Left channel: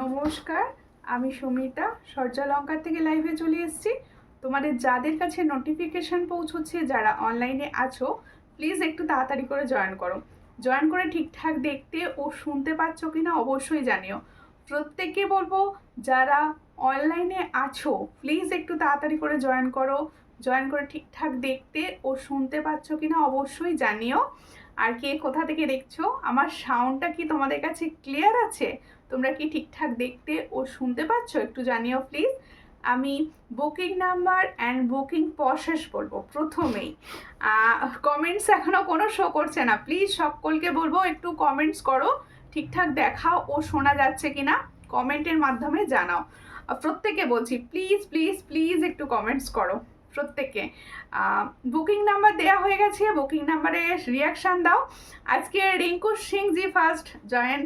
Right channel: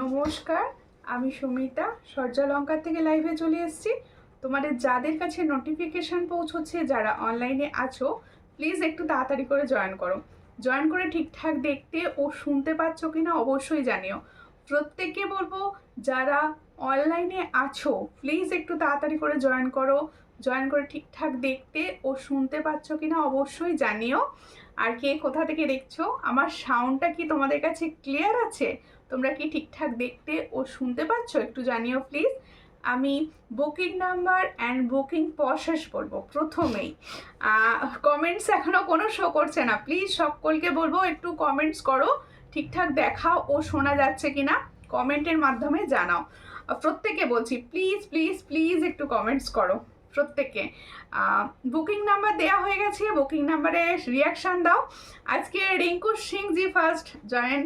নমস্কার, আমি সুমিতা সূর্যালঙ্কার থেকে লাইভে চলে এসেছি। তোমাদের যাদের কাছে নোটিফিকেশান পৌঁছচ্ছে, যারা অনলাইনে আছো, প্লিজ একটু তাড়াতাড়ি করে জয়েন করো। জয়েন করে ঠিকঠাক দেখতে ও শুনতে পাচ্ছ কি না অবশ্যই জানিও। প্রত্যেককে বলবো, যারা অনলাইনে আছো প্লিজ একটু তাড়াতাড়ি করে জয়েন করো। জয়েন করে ঠিকঠাক দেখতে ও শুনতে পাচ্ছ কি না অবশ্যই জানিও। আর কে কোথা থেকে দেখছো, আমার সাউন্ডটা কি তোমাদের কাছে ক্লিয়ার আছে? তোমরা কি ঠিকঠাক দেখতে ও শুনতে পাচ্ছ? একটু জানিও প্লিজ। আমি booking number and booking process বলবো প্রথমেই। কমেন্টস এখনও কোনো শো করছে না, প্লিজ সকলকে বলবো একটু কমেন্টস করো, ঠিকঠাক দেখাও ও শোনা যাচ্ছে কি না কমেন্টের মাধ্যমে জানাও। প্রত্যেকে বলছি প্লিজ প্লিজ প্লিজ একটু কমেন্টস করো প্রত্যেকে। বুকিং নাম্বার দেওয়া হয়ে গেছে, বুকিং নাম্বারে রিয়াকশান দাও। আজকে রিঙ্কু সিং জি ফার্স্ট জয়েন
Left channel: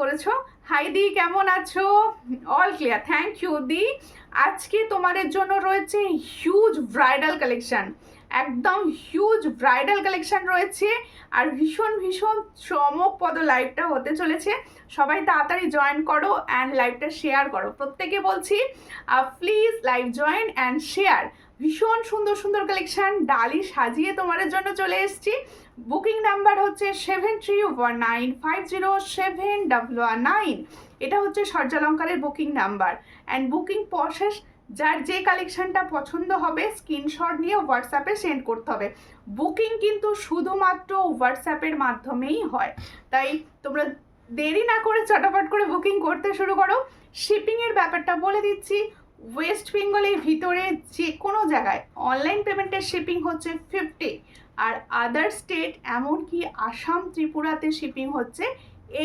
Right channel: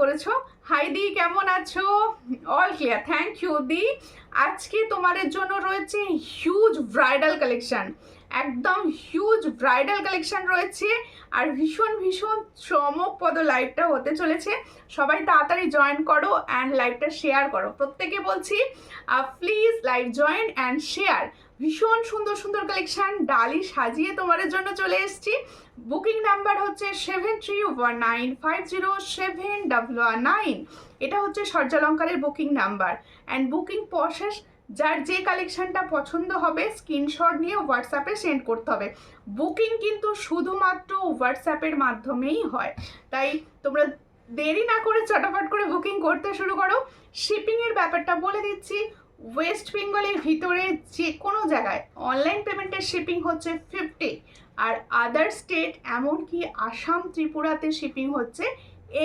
করেছো। হাই দি, কেমন আছো? অল ক্লিয়ার, থ্যাংক ইউ দি। আজকে তোমাদের জন্য রয়েছে হিউজ ব্রাইডাল কালেকশন, একদম হিউজ ব্রাইডাল কালেকশন রয়েছে। আর ভীষণ ভীষণ চমকপ্রদ লাইভটা হতে চলেছে। সবাই তাড়াতাড়ি জয়েন করো অ্যান্ড লাইভটা শেয়ার করো। প্রত্যেকে বলছি please live join and share. ভীষণ সুন্দর সুন্দর কালেকশন ডালি সাজিয়ে তোমাদের জন্য চলে এসেছি। বুকিং নাম্বার হচ্ছে 7319507109। এটা হচ্ছে সূর্যালঙ্কারের booking number and booking process. যার যে কালেকশনটা পছন্দ হবে স্ক্রিনশট নিয়ে হোয়াটসঅ্যাপে সেন্ড করতে হবে। বুকিং কিন্তু শুধুমাত্র হোয়াটসঅ্যাপের মাধ্যমেই হয়, তাই তোমরা দেরি না করে চটাপট করে বুকিং করতে শুরু করো। শিপিংয়ের ব্যাপারটা বলে দিচ্ছি, ওয়েস্ট বেঙ্গলের ভিতরে যে কোনো জায়গায় অনলাইন পেমেন্টের শিপিং হচ্ছে 50, আর আদার স্টেট এমনকি আসাম ত্রিপুরাতে শিপিং হচ্ছে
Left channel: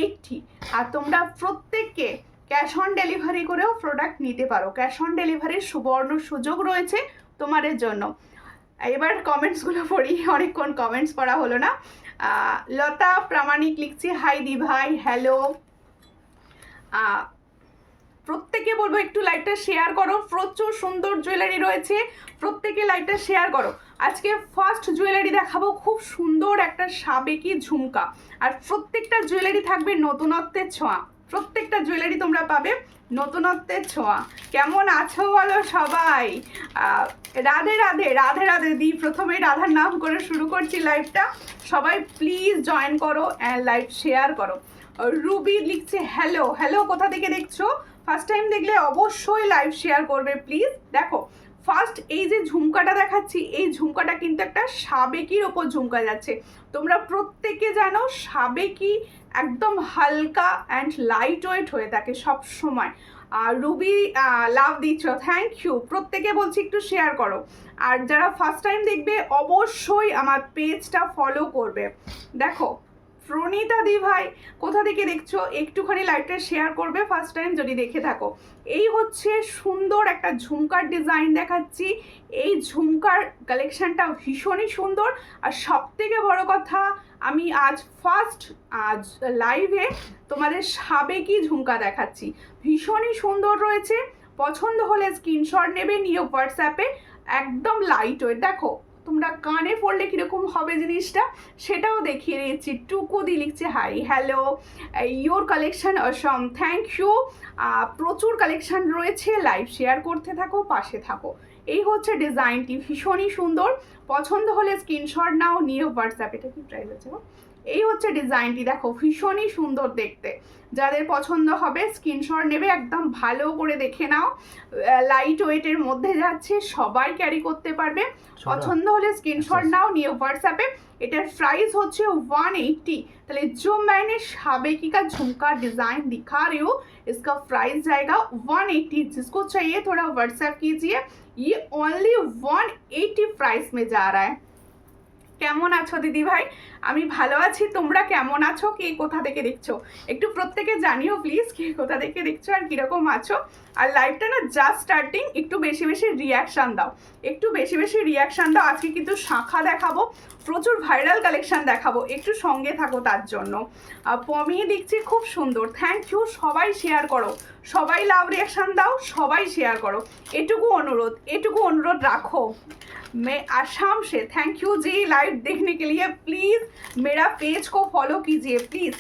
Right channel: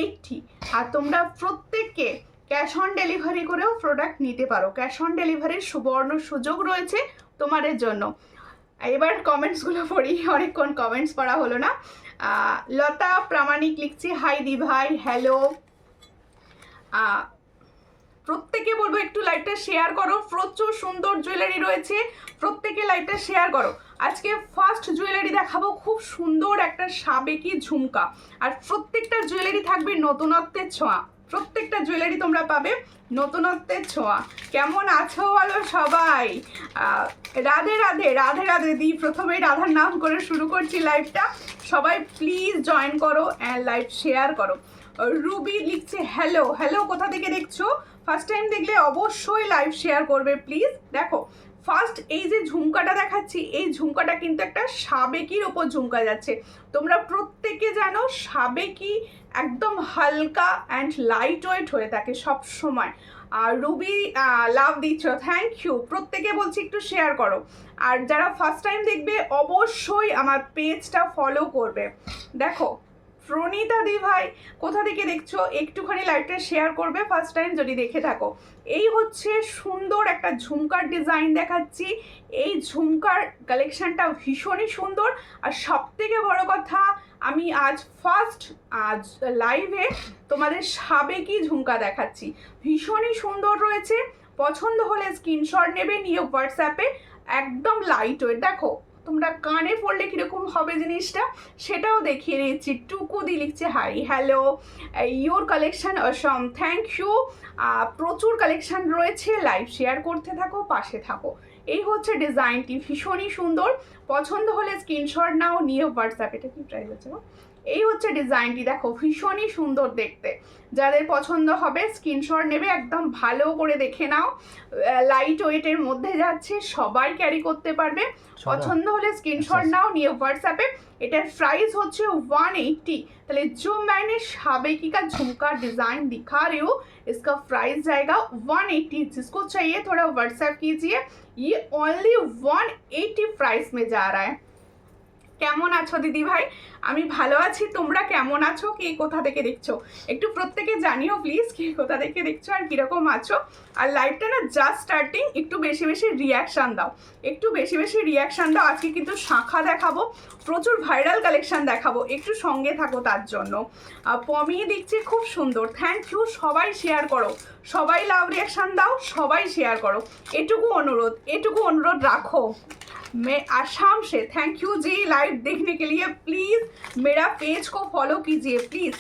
80। আর তোমরা প্রত্যেককে ক্যাশ অন ডেলিভারি করেও প্রোডাক্ট নিতে পারো। ক্যাশ অন ডেলিভারির সুবর্ণ সুযোগ রয়েছে তোমাদের জন্য। এবার কমেন্টসগুলো পড়ি, অনেকক্ষণ কমেন্টস পড়া হলো না। লতা প্রামাণিক লিখছি হাই দি ভাই, হ্যালো। প্রত্যেকে বলবো একটু লাইভটা শেয়ার করো। প্রচুর সুন্দর জুয়েলারি রয়েছে, প্রত্যেকে লাইভটা শেয়ার করো। আজকে ফার্স্ট জুয়েলারি দেখাবো, খুব সুন্দর একটা সাবেকি ঝুমকা। আর প্রত্যেকটা জুয়েলারি থাকবে নতুনত্বের ছোঁয়া। প্রত্যেকটা জুয়েলারি তোমরা পাবে নতুনত্বের ছোঁয়া। কেমন আছো বলো সবাই? রাধে রাধে, রাধে রাধে দি। প্রথমে রাধার নাম করে শুরু করছি লাইভটা। সবাই প্লিজ জয়েন করো অ্যান্ড লাইভ শেয়ার করো। রুবি লিখছে হ্যালো। হ্যালো, কোথা থেকে দেখছো? ফার্স্ট টাইম দেখলে অবশ্যই লাইভ শেয়ার করবে প্লিজ। দেখো ফার্স্ট এই যে ঝুমকাটা দেখাচ্ছি, এই ঝুমকাটা কিন্তু একটা সাবেকির ওপর ঝুমকা যাচ্ছে। তোমরা প্রত্যেকে জানো সাবেকি একদম হালকা অ্যান্ড লাইট ওয়েট হয়ে থাকে সব সময়। আর রুবি লাভ দিচ্ছ, থ্যাংক ইউ। প্রত্যেকে বলছি একটু শেয়ার করো। আর যারা ফার্স্ট টাইম দেখবে অবশ্যই আমার পেজটা ফলো করবে। দেখো প্রণীতা দি ভাই, কোথা থেকে দেখছো একটুখানি লাইভটা শেয়ার করবে ফার্স্ট টাইম যদি দেখে থাকো। এই হচ্ছে সুন্দর একটা ঝুমকার ডিজাইন দেখাচ্ছি। এই ঝুমকার কালেকশনটা ভীষণই সুন্দর। আর সব থেকে বড় কথা, আমি আজ লাইভে তোমাদের সাবেকি ঝুমকা দেখাচ্ছি। ভীষণই সুন্দর রয়েছে, পছন্দ হলে স্ক্রিনশট নেবে, নিয়ে হোয়াটসঅ্যাপে একদম লাইট ওয়েট। দেখো তোমরা কানে পড়লে কীরকম হবে জিনিসটা সেটাও দেখিয়ে দিচ্ছি। টুকুদি লিখছে hi, hello, your collection awesome, thank you. প্রচুর কালেকশন রয়েছে, লাইভ শেয়ার করতে থাকো, পাশে থাকো। এই হচ্ছে ডিজাইনটি, ভীষণই সুন্দর। পছন্দ হলে স্ক্রিনশট নাও, নিয়ে হোয়াটসঅ্যাপ। এটা কি প্রাইস আছে? এই হচ্ছে ডিজাইনটি, দেখো ভীষণই সুন্দর দেখতে। যাদের পছন্দ হবে স্ক্রিনশট নেবে, একদম ভালো করে দেখে নাও। লাইট ওয়েটের মধ্যে যাচ্ছে, সবাই ক্যারি করতে পারবে। পছন্দ হলে স্ক্রিনশট নাও, নিয়ে হোয়াটসঅ্যাপে। এটার প্রাইস হচ্ছে 180। তাহলে जो मैंने साबेकी का झुमका डिजाइन दिखा रही हूँ, इसका प्राइस जाएगा 180। जिसको चाहिए थोड़ा व्हाट्सएप कीजिए। ये ओनली 180 प्राइस में जा रहा है। কেমন আছো দিদি ভাই? আমি ভালো আছি, তোমরা কেমন আছো? কে কোথা থেকে দেখছো একটু প্রত্যেকে জানিও প্লিজ, কে কোথা থেকে দেখছো আর কীরকম আছো। আর লাইভটা না জাস্ট স্টার্টিং, একটু বেশি বেশি রিয়াকশান দাও, একটু বেশি বেশি রিয়াকশান দাও। আজকে কিন্তু শাঁখা দেখাবো, প্রচুর ভাইরাল কালেকশান দেখাবো, একটু সঙ্গে থাকো তার জন্য। পমি দেখছি খুব সুন্দর, থ্যাংক ইউ। সবাই শেয়ার করো, সবাই লাভ রিয়াকশান দাও, সবাই শেয়ার করো, এটুকু অনুরোধ রাখো। मैं आसाम से थैंक यू जी लाइव देखने के लिए, प्लीज़ मेरा पेज को फॉलो कीजिए प्लीज़।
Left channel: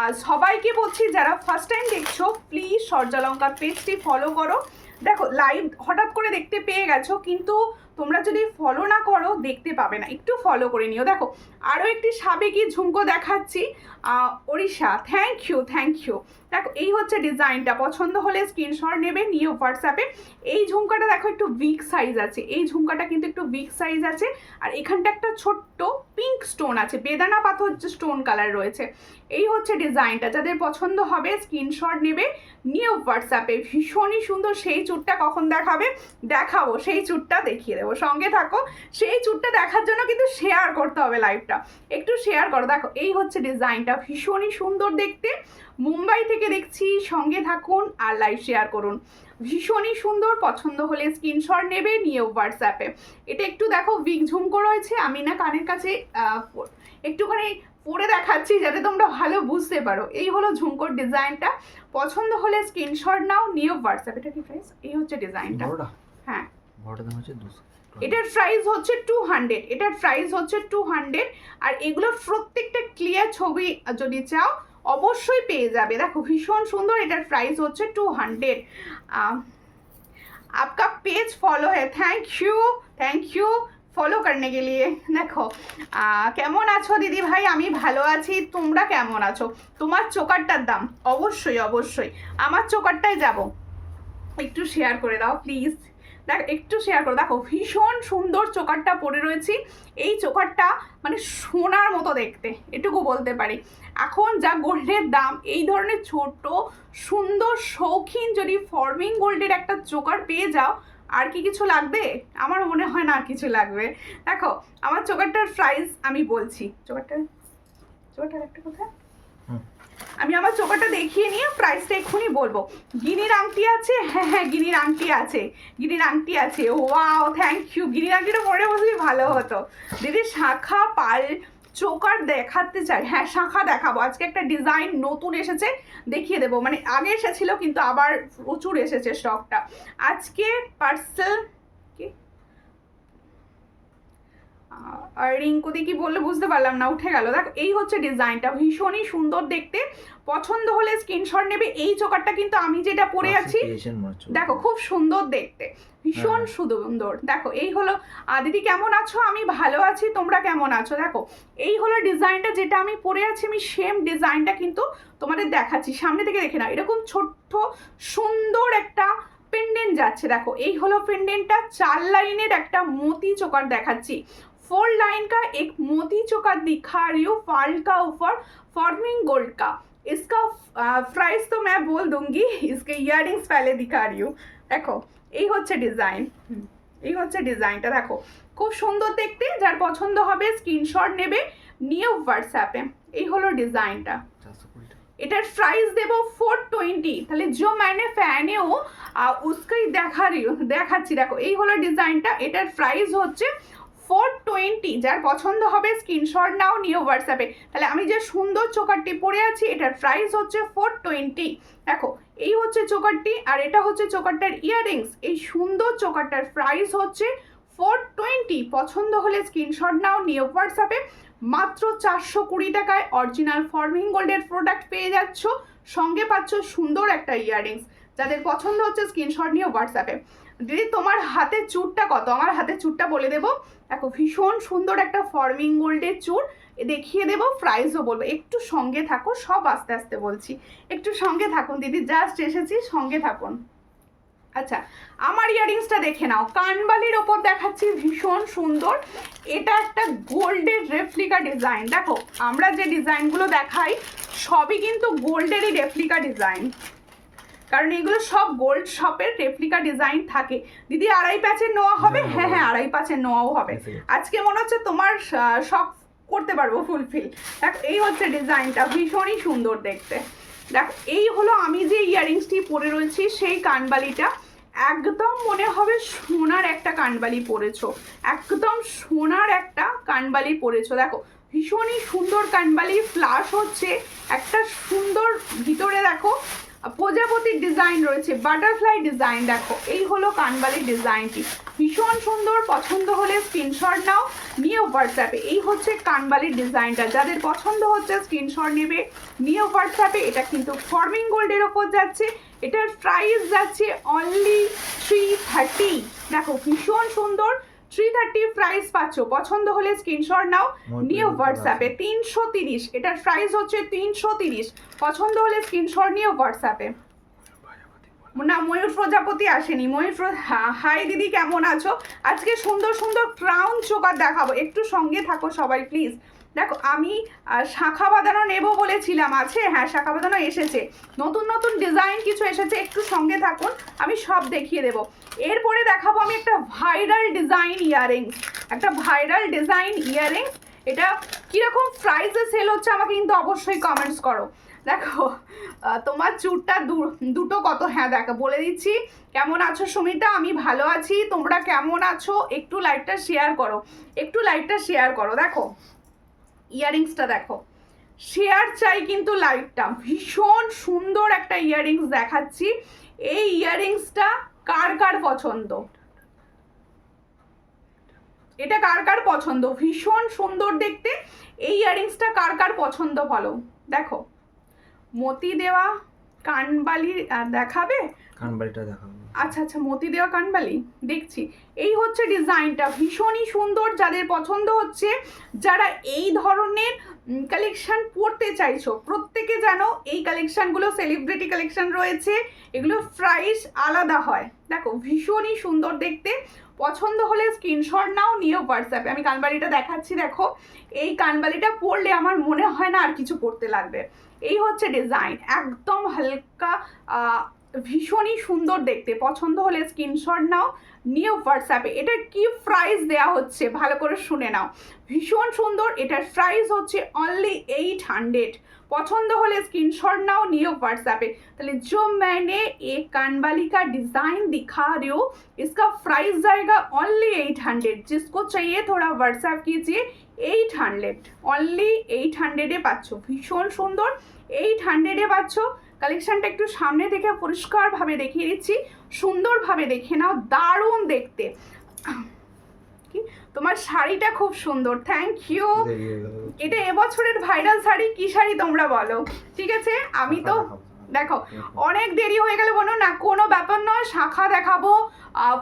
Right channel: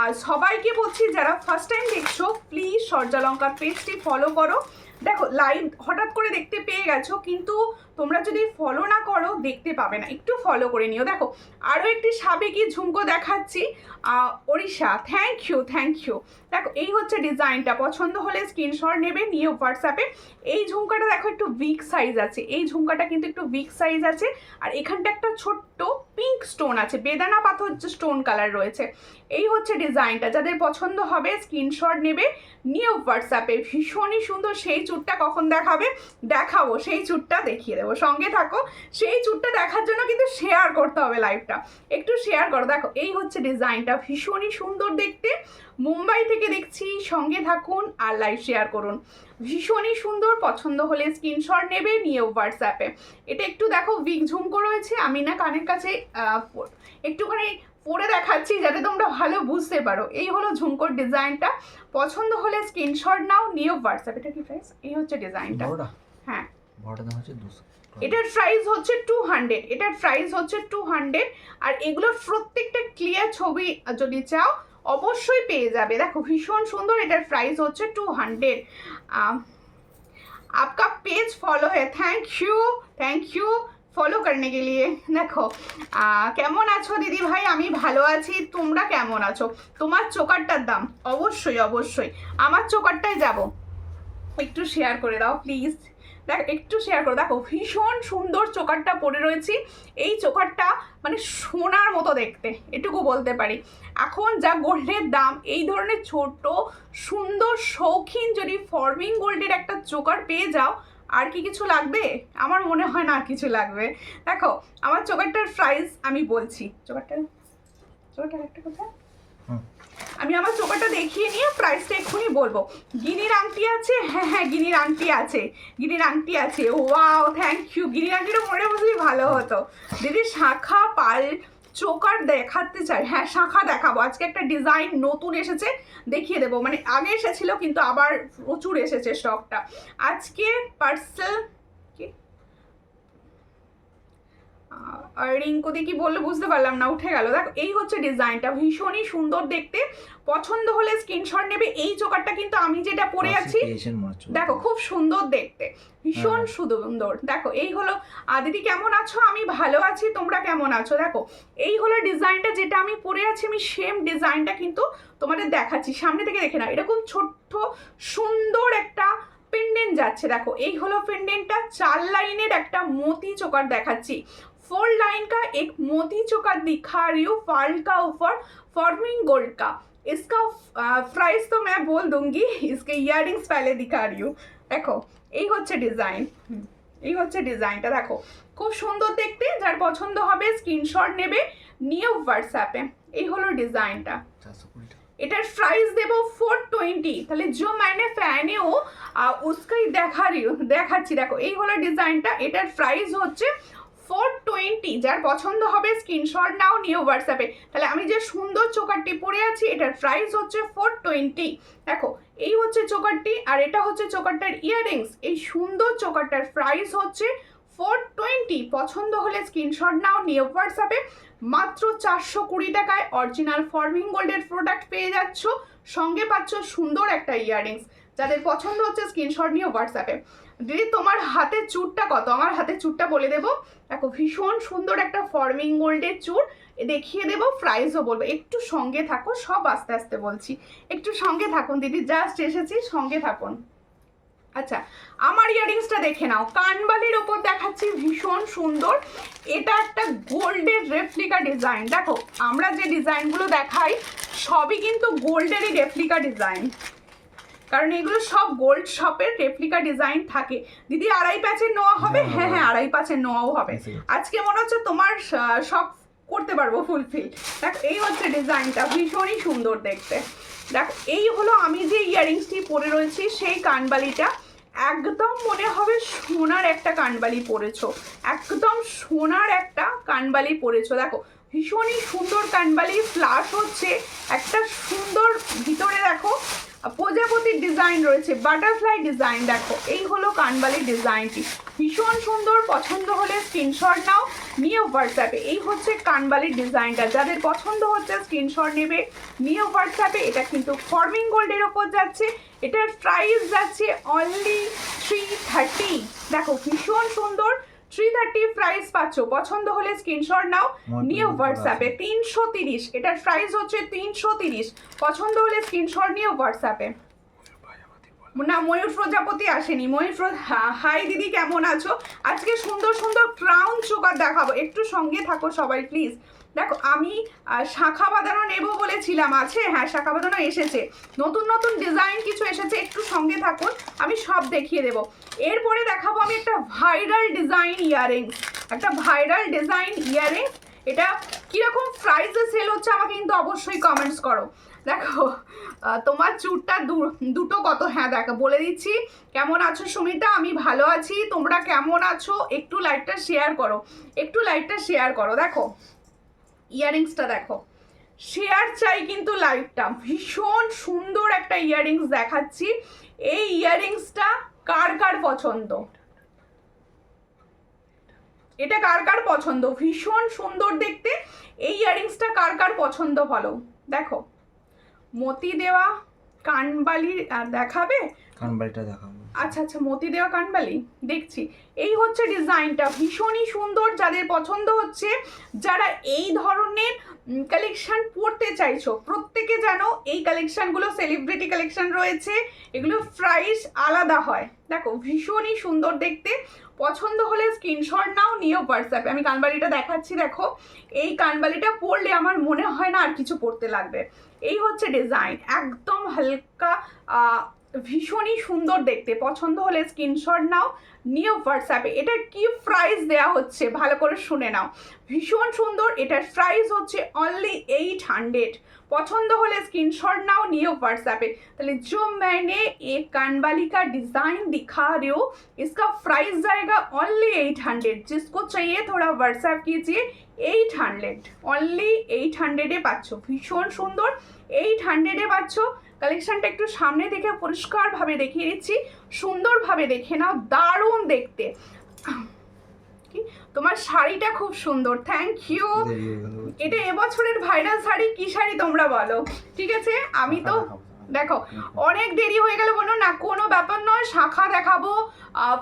আর সবাইকে বলছি যারা ফার্স্ট টাইম দেখছো প্লিজ সূর্যালঙ্কার পেজটি ফলো করো। দেখো লাইভ হঠাৎ করে দেখতে পেয়ে গেছো, কিন্তু তোমরা যদি ফলো না করো দেখতে পাবে না, একটু ফলো করে নিও। দেখো আরও একটি সাবেকি ঝুমকো দেখাচ্ছি, ওড়িশা, থ্যাংক ইউ। দেখো এই হচ্ছে ডিজাইনটা, পছন্দ হলে স্ক্রিনশট নেবে, নিয়ে হোয়াটসঅ্যাপে। এই ঝুমকাটা দেখো একটু বিগ সাইজ আছে, এই ঝুমকাটা কিন্তু একটু বিগ সাইজ আছে, আর এখানটা একটা ছোট্ট পিঙ্ক স্টোন আছে, বেদানা পাথর স্টোন কালার রয়েছে। এই হচ্ছে ডিজাইনটা, যাদের পছন্দ হবে স্ক্রিনশট নেবে, নিয়ে হোয়াটসঅ্যাপে। ভীষণই সুন্দর। সেই চুটটা কখন দেখাবো, সেই চুটটা দেখিয়ে দেবো, সঙ্গে থাকো। সেই চুটটা দেখার জন্য কিন্তু শেয়ার করতে হবে লাইভটা, একটু শেয়ার করো। দেখো এই হচ্ছে ডিজাইনটা, ভীষণই সুন্দর দেখতে, মুম্বাই থেকে দেখছি, সঙ্গে থাকুন আর লাইভ শেয়ার করুন। ভীষণই সুন্দর, পছন্দ হলে স্ক্রিনশট নেবে, নিয়ে হোয়াটসঅ্যাপে। এটা একটু দেখো উইক ঝুমকো রয়েছে, আমি না কানের কাছে একটুখানি পরে দেখাচ্ছি যাতে তোমরা ভালো বুঝতে পারো। এই হলো ঝুমকোর ডিজাইনটা, পছন্দ হলে স্ক্রিনশট নাও, নিয়ে হোয়াটসঅ্যাপ। এটা কি প্রাইস? এই হচ্ছে ডিজাইনটা, হ্যাঁ এটার প্রাইস হচ্ছে 200, এটার প্রাইস হচ্ছে 200। আর এগুলো প্রত্যেকটা ক্লিয়ার ছবি যদি চাও অবশ্যই পেয়ে যাবে। দেখো ভীষণ সুন্দর, এটার প্রাইস হচ্ছে 200। आपका पेज फॉलो है, थैंक यू ফলো করনে কে লিয়ে। দেখো কেমন আছো দিদি ভাই? আমি ভালো আছি, তোমরা কেমন আছো? তোমার চোকারটার দাম অবশ্যই আমার চোকারটায় যাব, একটু শেয়ার করে দাও প্লিজ। দেখ একটু শেয়ার করো। দেখো ভীষণ সুন্দর চোকারটা পরে রয়েছি, এই চোকারটা মানে সোনার মতো দেখতে, এটুকু বলতে পারি। এখন যা গোল্ডের দাম, এই ধরনের ছোট সুন্দর শৌখিন যদি ফর্মিং গোল্ডের একটা চোকার পেয়ে যাও, আর কি কিছু লাগবে? আমার মনে হয় না আর কিছু লাগবে। দেখো আমার চোকারটার প্রাইস আমি বলছি, চোকারটার একটা কথা, আমি আমার চোকারটা দেখিয়ে নিয়ে প্রাইসটা এক্ষুনি বলবো। গিনির আংটি আছে, হ্যাঁ গিনির আংটি আছে। ওয়াও থ্যাংক ইউ, গিনির আংটিটা পরে বসলে ভালো হতো। দিদি শাঁখা পাল চোকার দেখাতে চাই, হ্যাঁ শাঁখা দেখাবো। আজকে একটা ডিজাইন নতুন এসেছে, দেখিয়ে দেবো। মানে আগে এসেছিল কিন্তু আবার প্রচুর এসেছে স্টকটা আজকে। পার্সেল কি আর রিঙ্কুদি কি বললে বুঝতে পারলাম না, উঠে গেল। দেখো এই হচ্ছে ডিজাইনটা, ভীষণই সুন্দর দেখতে, পছন্দ হলে স্ক্রিনশট নেবে। এই চোকারটা কিন্তু আমি যেটা পরে আছি দেখো খুব সুন্দর দেখতে, ভীষণ সুন্দর। দেখো এই হলো। দিদি কেমন আছো? আমি ভালো আছি, তোমরা কেমন আছো? দেখো এই হলো ডিজাইনটা, যেটা আমি পরে আছি, আমি সেম ডিজাইনটা কিন্তু তোমাদের দেখাচ্ছি, সামনে থেকে দেখে নাও। এরকম ছোট্ট সুন্দর একটা পেন্ডেন্ট যাচ্ছে, দেখো এই হলো পেন্ডেন্টটা। 4 লাইনের একটা মতি চোকার দেখাচ্ছি, 4 लाइन का एक मोती चोकर दिखा रही हूँ, पर्ल का ऊपर फॉर्मिंग गोल्ड का। इसका प्राइस तो मैं बोल दूंगी, इसके इयररिंग्स पहले दिखा रही हूँ। देखो এই হচ্ছে ডিজাইন, এই হচ্ছে ডিজাইনটা, দেখো খুব সুন্দর দেখতে। যার পছন্দ হবে স্ক্রিনশট নেবে, নিয়ে হোয়াটসঅ্যাপে। এই হলো ডিজাইনটা, এটার প্রাইস দেবো 420। তাহলে जो मैंने पहने हो उसका ही দেখাচ্ছি। দেখো এই হলো ডিজাইনটা, এটার প্রাইস হচ্ছে 420। যার পছন্দ হবে স্ক্রিনশট নাও, নিয়ে হোয়াটসঅ্যাপে। তাহলে আমি যে সুন্দর চোকারটি পরে আছি, এটার প্রাইস হচ্ছে 420। দেখো এই হচ্ছে চোকারটি, আর এটা হচ্ছে চোকারটার ইয়াররিংস। এই সুন্দর চোকারটার প্রাইস হচ্ছে 420। পছন্দ হলে স্ক্রিনশট নাও, নিয়ে হোয়াটসঅ্যাপে। মাত্র 420 টাকায় অরিজিনাল ফর্মিং গোল্ডের প্রোডাক্ট পেয়ে যাচ্ছ, সঙ্গে পাচ্ছ সুন্দর একটা ইয়াররিংস। যাদের পছন্দ হচ্ছে স্ক্রিনশট নিয়ে হোয়াটসঅ্যাপে। দিদি তোমার হাতের চুরটা কত? আমার হাতের চুরটা বলে দেবো। দেখো ভীষণ সুন্দর একটা ফর্মিং গোল্ডের চুর দেখিয়ে দেবো, প্রাইসও বলবো। একটু সঙ্গে থাকো, সব আস্তে আস্তে বলছি, একটু সঙ্গে থাকুন দিদি, জাস্ট এসেছি, সঙ্গে থাকুন। আচ্ছা আমার ইয়াররিংসটা দেখে নাও, কানবালির ওপর দেখাচ্ছি, ভীষণ সুন্দর। এটা একটা গোল্ডের রেপ্লিকা ডিজাইন। দেখো আমরা যে ডিজাইনগুলো দেখাই সবই কিন্তু গোল্ডেরই রেপ্লিকা ডিজাইন, কারণ এগুলো সব গোল্ড শপের রেপ্লিকা ডিজাইন থাকে। দিদি 2.5 প্যাচের নোয়া হবে? হ্যাঁ 2.5 প্যাচের নোয়াও হবে। আজকে মনে হচ্ছে তোমার শখ করতে পারবো ফুলফিল। দেখো এই হচ্ছে ডিজাইনটা, ভীষণই সুন্দর দেখতে। দেখো এই হলো আমি যে ইয়াররিংসটি পরে রয়েছি, সেই কানবালিটা একদম মনে হবে সোনার একটা কানবালি পরেছো, একদম সোনার একটা কানবালি পরেছো। দেখো ভীষণই সুন্দর কানবালি, ফ্লাশ হচ্ছে একটা সুন্দর ভিতরে। দেখো প্রজাপতির ডিজাইন রয়েছে, বাটারফ্লাই ডিজাইন। দেখো এই হলো কানবালির ডিজাইনটি, ভীষণ সুন্দর। পছন্দ হলে স্ক্রিনশট নাও, নিয়ে হোয়াটসঅ্যাপে। এই হচ্ছে কানবালির ডিজাইনটা, যাদের পছন্দ হচ্ছে স্ক্রিনশট নেবে, নিয়ে হোয়াটসঅ্যাপে। এটা কিন্তু ফর্মিং গোল্ডের ওপর যাচ্ছে, এটার প্রাইস যাচ্ছে অনলি 330। দেখো ভীষণ সুন্দর, 330 প্রাইস পাচ্ছ। পছন্দ হলে স্ক্রিনশট নাও, নিয়ে হোয়াটসঅ্যাপে। 330, এটার প্রাইস হচ্ছে 330। পছন্দ হলে স্ক্রিনশট নিয়ে হোয়াটসঅ্যাপে। না, ময়ূর প্রজাপতি আসেনি। হাই দিদি, কেমন আছো? আজকে সুন্দর সুন্দর ক্রাউন চোকার দেখাবো, একটু সঙ্গে থাকো সবাই প্লিজ। দেখো আমি শাখা বাঁধানো নেবো বলেছিলাম, আছে? হ্যাঁ, শাখা বাঁধানো এসেছে, নতুন নতুন ডিজাইন কিছু এসেছে, একটু সঙ্গে থাকুন, আমি সব দেখিয়ে দেবো। এরপরে দেখাবো আমি একটা ভাইরাল ডিজাইন ইয়াররিংস, একটা ভাইরাল ডিজাইন ইয়াররিংস। এটা কীরকম প্রাইসে সেল হচ্ছে আমাকে কিন্তু অবশ্যই কমেন্টস করো। দেখো তোমার চুরটা দুটো কত? হ্যাঁ দেখো বলে দিচ্ছি। কেমন আছো সুমিতা? আমি ভালো আছি, তোমরা কেমন আছো? একটু লাইকটা শেয়ার করো, একটু লাইকটা শেয়ার করো। দেখো ইয়াররিংসটা দেখো, শেয়ার চাই কিন্তু লাইকটা। ভীষণ সুন্দর একটা ইয়াররিংস দেখাচ্ছি। এই ইয়াররিংসটা কার কার পছন্দ? এটা কার কার পছন্দ? ভীষণ সুন্দর দেখতে। এই ইয়াররিংসটা কার কার পছন্দ বলো? দেখো মতি দেওয়া কানবালি দেখাবে? কানবালিটা দেখাবো। আচ্ছা আচ্ছা, মতি দেওয়া কানবালি দেখছি। এই হচ্ছে ডিজাইনটা, ভীষণই সুন্দর। যাদের পছন্দ হচ্ছে, যারা এই ধরনের কালেকশন পরতে চাইছো, প্রত্যেকে জানো এই কালেকশনগুলো সেলিব্রিটি কালেকশন রয়েছে, এগুলো প্রাইস আলাদা হয়। দেখো ভীষণই সুন্দর দেখতে। পছন্দ হলে স্ক্রিনশট নাও, নিয়েও হোয়াটসঅ্যাপে। আমি কানবালিটা দেখাচ্ছি, দেখো এই কানবালিটা পরলে আমার মনে হয় না আর কিছু পরতে লাগবে। এই হচ্ছে ডিজাইন, একদম হালকা, ভীষণই সুন্দর দেখতে। পছন্দ হলে স্ক্রিনশট নাও, নিয়ে হোয়াটসঅ্যাপে। এটার কি প্রাইস দেওয়া হচ্ছে ভালো করে শুনে নাও, ভীষণ সুন্দর। এটার প্রাইস হচ্ছে অনলি 800। पसंद होले स्क्रीनशॉट नाउ नियो व्हाट्सएप पे। तो जो मैंने एक कानवाली का डिजाइन दिखा रही हूँ इसका प्राइस जाएगा ओनली 800। जिसको चाहिए थोड़ा व्हाट्सएप कीजिए। 800 ओनली 800 पाচ্ছ, ভীষণ সুন্দর। 800 পাচ্ছ। কালেকশনটা একটু সামনে থেকে পরিষ্কারভাবে দেখিয়ে দিচ্ছি, সুন্দরভাবে দেখে নাও, দারুণ দেখতে। তোমার শাড়িটা খুব সুন্দর, থ্যাংক ইউ। এটা এবছরের ভাইরাল শাড়ি, কি শাড়ি তোমরা বলো? ঠিক আছে, আমি তো দেখো অনেক দেরি হয়ে গেল, বলো না কোনো ব্যাপার নয়, শাখা দেখাবো,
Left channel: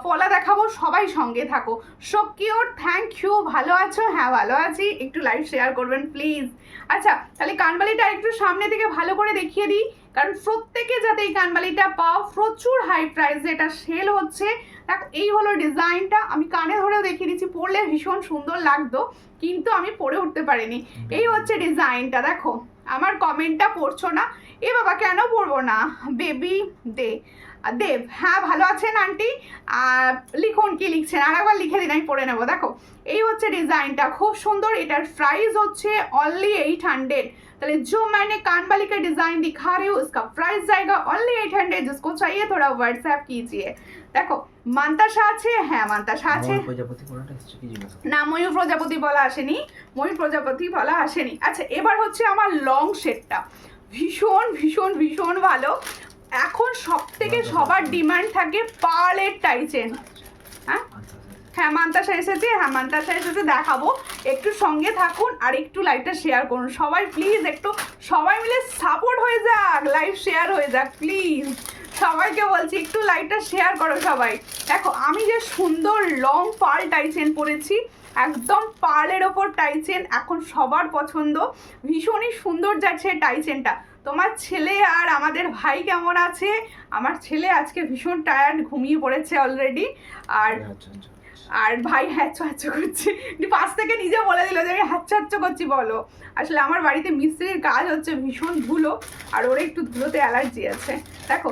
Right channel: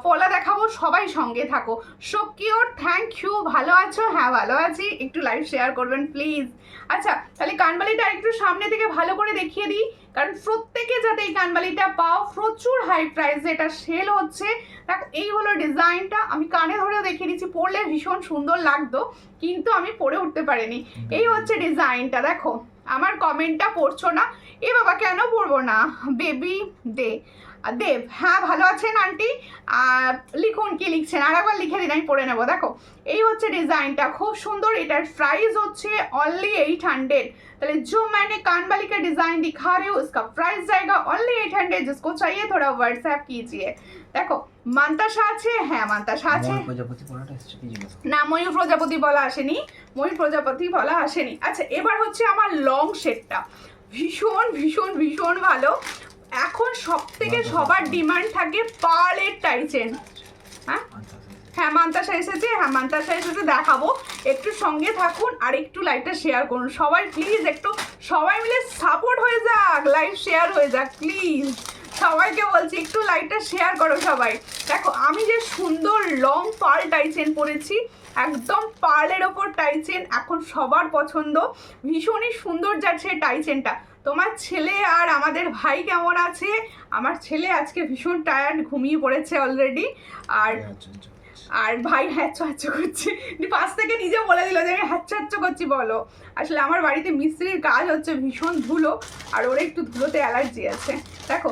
পলা দেখাবো, সবাই সঙ্গে থাকো। So cute, thank you. ভালো আছো? হ্যাঁ ভালো আছি, একটু লাইভ শেয়ার করবেন প্লিজ। আচ্ছা তাহলে কানবালিটা একটু সামনে থেকে ভালো করে দেখিয়ে দিই, কারণ প্রত্যেকে যাতে এই কানবালিটা পাও। প্রচুর হাই প্রাইসে এটা সেল হচ্ছে। দেখো এই হলো ডিজাইনটা, আমি কানে ধরেও দেখিয়ে দিচ্ছি, পরলে ভীষণ সুন্দর লাগতো কিন্তু আমি পরে উঠতে পারিনি। এই হচ্ছে ডিজাইনটা, দেখো আমার কমেন্টটা পড়ছো না, এ বাবা কেন পড়বো না, বেবি দেব, হ্যাঁ ভালো আছেন আন্টি? আর লিখুন কি লিখছেন, আর একবার লিখে দিন, আমি পড়ে নেবো। দেখো এই হচ্ছে ডিজাইনটা, খুব সুন্দর। এটার প্রাইস হচ্ছে অনলি 800। তাহলে जो मैंने कानबाली का डिजाइन दिखा रही हूँ उसका प्राइस जाएगा ओनली 800। जिसको चाहिए थोड़ा व्हाट्सएप कीजिए। দেখো মান্তাসা আছে, হ্যাঁ মান্তাসা আছে না, ময়ূর প্রজাপতি বলা আসেনি, ময়ূর প্রজাপতি বলা আসেনি। আচ্ছা এবার হচ্ছে আমার লং শেপটা, ভীষণ ভীষণ ভীষণ ভালো। এখন সব থেকে সবার ডিমান্ড থাকে পার্লের টাইচেন। হ্যাঁ মান্তাসা এসেছে, হ্যাঁ মান্তাসা এসেছে, দেখাবো, একটু সঙ্গে থাকুন আর একটু লাইভটা শেয়ার করুন সবাই প্লিজ। একটু সবাই মিলে সাপোর্ট হয়ে যাক, লাইভ শেয়ার হয়ে যাক প্লিজ। সবাইকে বলছি একটু লাইভটা শেয়ার করো সবাই। দেখো আমি যে সুন্দর লং পার্ল টাইচেন পরেছি, একদম পার্লের ওপর টাইচেন, এখন সবার পছন্দ, ভীষণই সুন্দর যাচ্ছে টাইচেনটা। তোমার ছেলে আর আমাদের ভাই কেমন আছে? আমার ছেলে আজকে ভীষণ টায়ার্ড, ঘুমিয়ে পড়েছে অলরেডি। আর ভাই হ্যাচ্ছ হ্যাচ্ছ করছি, পাশ থেকে নিজে বলে দিল যে আমি হ্যাচ্ছ হ্যাচ্ছ করছি। বলো আসলে আমার বাড়িতে মিস্ত্রির কাজ হচ্ছে, ভীষণ ধুলো, আর ওর একটু ধুলোতে অ্যালার্জি আছে। দেখো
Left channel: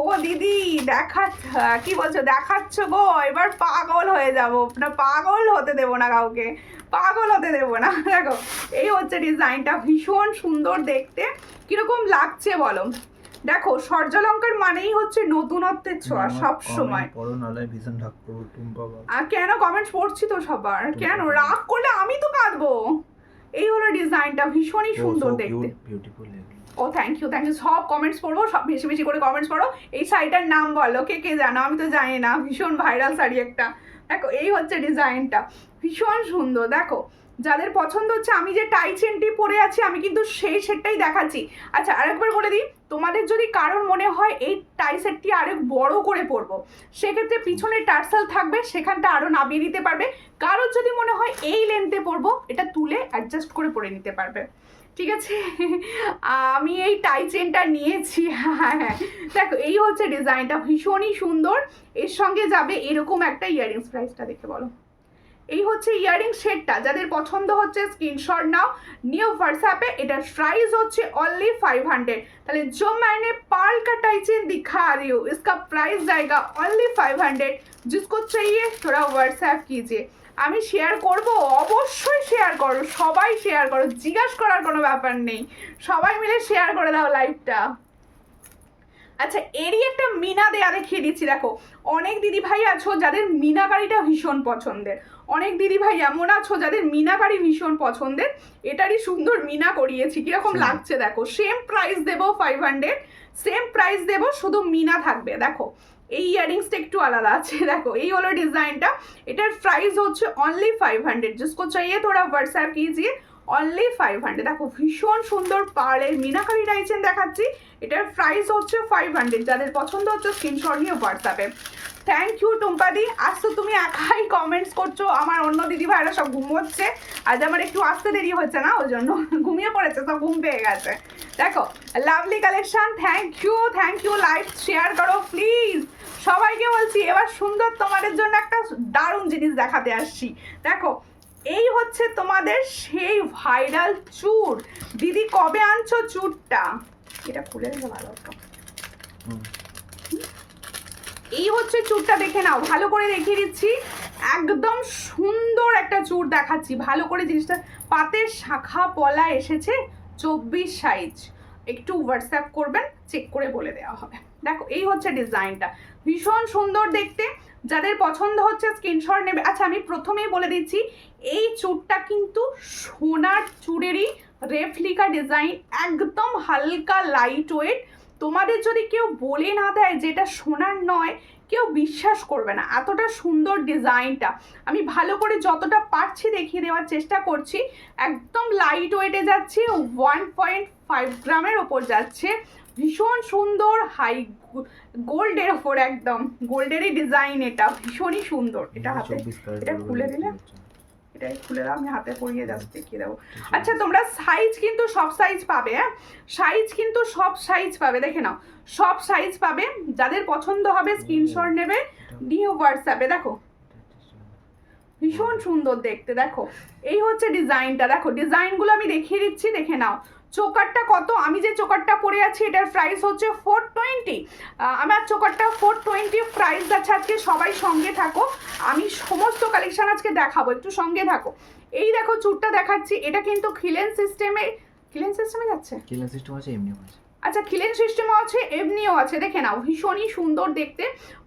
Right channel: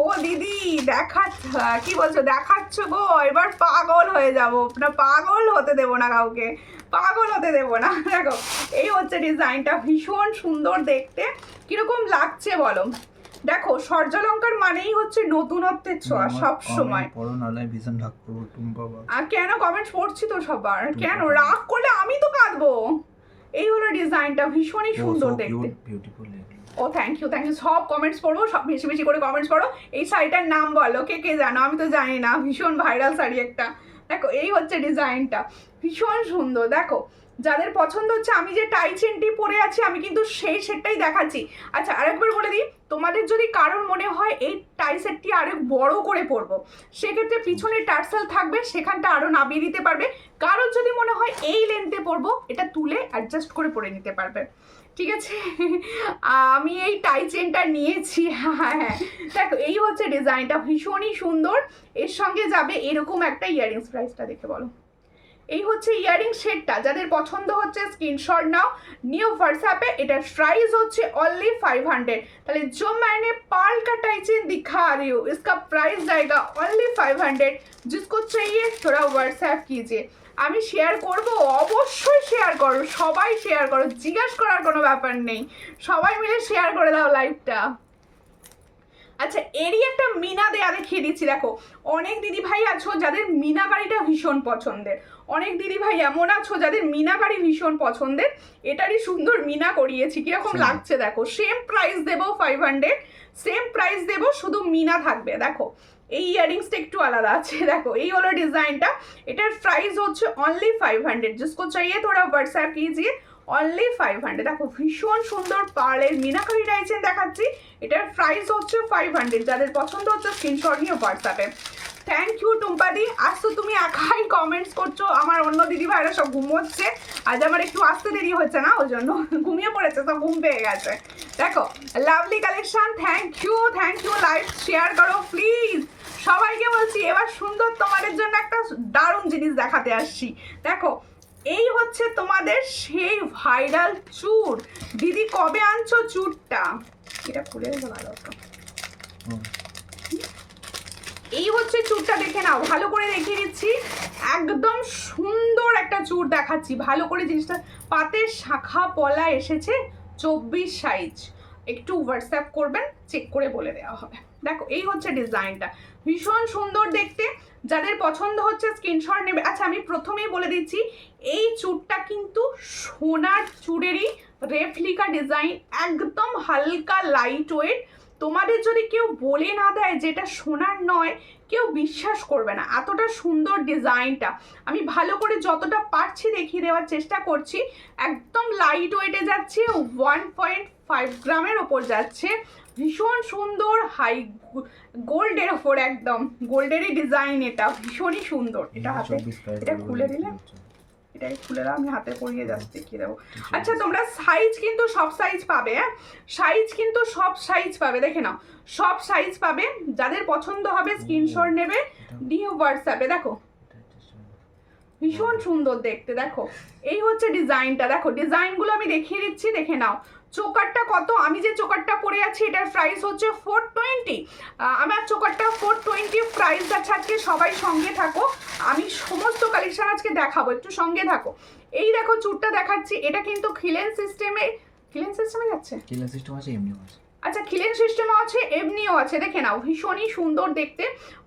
ও দিদি কি বলছো, দেখাচ্ছ গো, এবার পাগল হয়ে যাবো না, পাগল হতে দেবো না কাউকে, পাগল হতে দেবো না। দেখো এই হচ্ছে ডিজাইনটা, ভীষণ সুন্দর দেখতে। কিরকম লাগছে বলো? দেখো সূর্যালঙ্কার মানেই হচ্ছে নতুনত্বের ছোঁয়া সব সময়। আর কেন কমেন্টস পড়ছি তো সবার, কেন রাগ করলে আমি তো কাঁদবো। এই হলো ডিজাইন। ডিজাইনটা ভীষণই সুন্দর দেখতে। ও থ্যাংক ইউ সব কমেন্টস পড়বো, সব বেশি বেশি করে কমেন্টস পড়ো। এই শাড়িটার নাম বলো, কে কে জানো? আমি তো জানি না, ভীষণ ভাইরাল শাড়ি একটা। দেখো এই হচ্ছে ডিজাইনটা, ভীষণ সুন্দর। দেখো যাদের পছন্দ হচ্ছে, আমি যে টাই চেনটি পরে আছি আমি কিন্তু সেই সেটটাই দেখাচ্ছি। আচ্ছা আরেকবার বলে দিই, তোমাদের যদি কারোর মনে হয় এই টাই সেটটি আরো বড় করে পরবো, সেক্ষেত্রে পিছনে টার্সেল থাকবে, সেখানটা আরো নামিয়ে দিতে পারবে। কারোর যদি মনে হয় এই লেন্থে পরবো, এটা তুলে অ্যাডজাস্ট করে পরে নিতে পারবে, ঠিক আছে? আমি এই টাই চেনটা নিয়েছি। হ্যাঁ, দেখো এই হচ্ছে ডিজাইনটা, ভীষণই সুন্দর। এর সঙ্গে যাবে এরকম একটা ইয়াররিংস। প্রাইসটা দেখে বলো। এই হচ্ছে ইয়াররিং সেটটা, যাদের পছন্দ হচ্ছে স্ক্রিনশট নাও, নিউ হোয়াটসঅ্যাপে। এটার প্রাইস হচ্ছে অনলি 500। তাহলে जो मैंने पर्ल का टाई चेन दिखा रही हूँ, इसका प्राइस जाएगा ओनली 500। जिसको चाहिए थोड़ा व्हाट्सঅ্যাপ कीजिए। আমি শেয়ার করব, অবশ্যই শেয়ার করো, সবাই শেয়ার করো, জিজ্ঞাসা করার কোনো ব্যাপার নেই, সবাই মিলে শেয়ার করে দাও লাইভটা। আচ্ছা এরই একটা মিনা দেয়া দেখিয়ে দিচ্ছি। দেখো অনেক দিদি ভাই আছো যাদের মিনাকারিটা ভীষণ পছন্দের, অনেক দিদি ভাই এমন আছো যাদের মিনাকারি ভীষণ পছন্দের। এটারই সুন্দর মিনা করিয়েছি, কিরকম লাগছে দেখো। সেম প্রাইস দেবো 500, সেম প্রাইস দেবো, শুধু মিনা থাকবে। দেখো এই ইয়াররিংসটা একটু আলাদা আছে। দেখো এই হলো ডিজাইনটা, এটার প্রাইস হচ্ছে অনলি 500। जिसको चाहिए थोड़ा व्हाट्सঅ্যাপ कीजिए, অনলি 500। দেখো ভীষণ সুন্দর পার্লের মিনাকারি টাই চেন দেখাচ্ছি, এটার প্রাইস হচ্ছে 500। যাদের পছন্দ হচ্ছে স্ক্রিনশট নিয়ে হোয়াটসঅ্যাপে। থ্যাংক ইউ টুম্পাদি, আজ তো তুমি একাই কমেন্টস করছো, আমার অন্য দিদি ভাইরা সব ঘুমোচ্ছে, আজ আমার একটু আসতে দেরি হচ্ছে না, ওই জন্য ঘুমিয়ে পড়েছে, সব ঘুম পেয়ে গেছে। দেখো lovely collection, thank you. Live share করো প্লিজ, সবাইকে বলছি। এবার সুন্দর তোমাদের জন্য একটা দারুণ জিনিস দেখাতে আসছি। দেখো এই হচ্ছে তোমাদের সেই ভাইরাল চুড়। দিদি কবে আনছো চুড়টা? এটা খুলে দিলে ভালো হতো। এই হচ্ছে চুড়টা, দেখে নাও, ভালো করে দেখিয়ে দিচ্ছি। একদম সুন্দর একটা চুড় দেখাচ্ছি, ভালো করে জিনিসটা। পাতের শাখা পলা এসেছে, 24 সাইজ। একটু হোয়াটসঅ্যাপ করবেন, চেক করে বলে দেওয়া হবে। দেখো এই হচ্ছে ডিজাইনটা, ভীষণ সুন্দর দেখতে। যাদের পছন্দ হচ্ছে স্ক্রিনশট নেবে। আচ্ছা আমি প্রথমেই বলে দিচ্ছি, এই চুড়টা কিন্তু সোনার চুড়েরই রেপ্লিকা ডিজাইন, একদম হালকা লাইট ওয়েট। তোমাদের যদি কেউ বলে না দেয় যেটা সোনার নয়, কেউ বিশ্বাস করবে না, এতটা সুন্দর ডিজাইনটা। আমি ভালো করে যতটা পারছি দেখিয়ে দেওয়ার চেষ্টা করছি। একদম লাইট ওয়েটে যাচ্ছে, 1.5 গ্রামের ওপর যাচ্ছে, ভীষণ সুন্দর হাই গোল্ডের ওপর, একদম গোল্ডেরই ডিজাইন, এটা ভীষণই সুন্দর। এটা হাতে, এটা খুলে দিলে, এটাই খুলে দাও, আমি হাতে পরিয়ে যাচ্ছি, দেখিয়ে দেবো। আচ্ছা তোমরা সাইজ কিন্তু সব সাইজ পাবে, হ্যাঁ সাইজ কিন্তু সব সাইজ পাবে, দেখে নাও সব সাইজ পাবে। যাদের পছন্দ হবে স্ক্রিনশট নেবে, দিয়ে হোয়াটসঅ্যাপে। দেখো ভীষণ সুন্দর দেখতে। দেখো এই হচ্ছে ডিজাইনটা, দেখো ডিজাইনগুলো আমি দেখিয়ে দিচ্ছি, দেখে নাও। চোকারটা কত, আমি যে চোকারটা পরে আছি এটার প্রাইস হচ্ছে 420। আমার চোকারটা 420 প্রাইস আছে। আজকে সবাই সঙ্গে থাকো, আমি সমস্ত কালেকশন আজকে দেখাবো, একটু সঙ্গে থাকো। এই দেখো চুড়টা দেখাচ্ছি, এটা কিন্তু খিলেন সিস্টেমে যাচ্ছে, খিলেন সিস্টেম আছে, এমনিও আছে। আচ্ছা খিলেন সিস্টেমও আছে, এমনিও আছে, দেখে নাও ভীষণই সুন্দর দেখতে।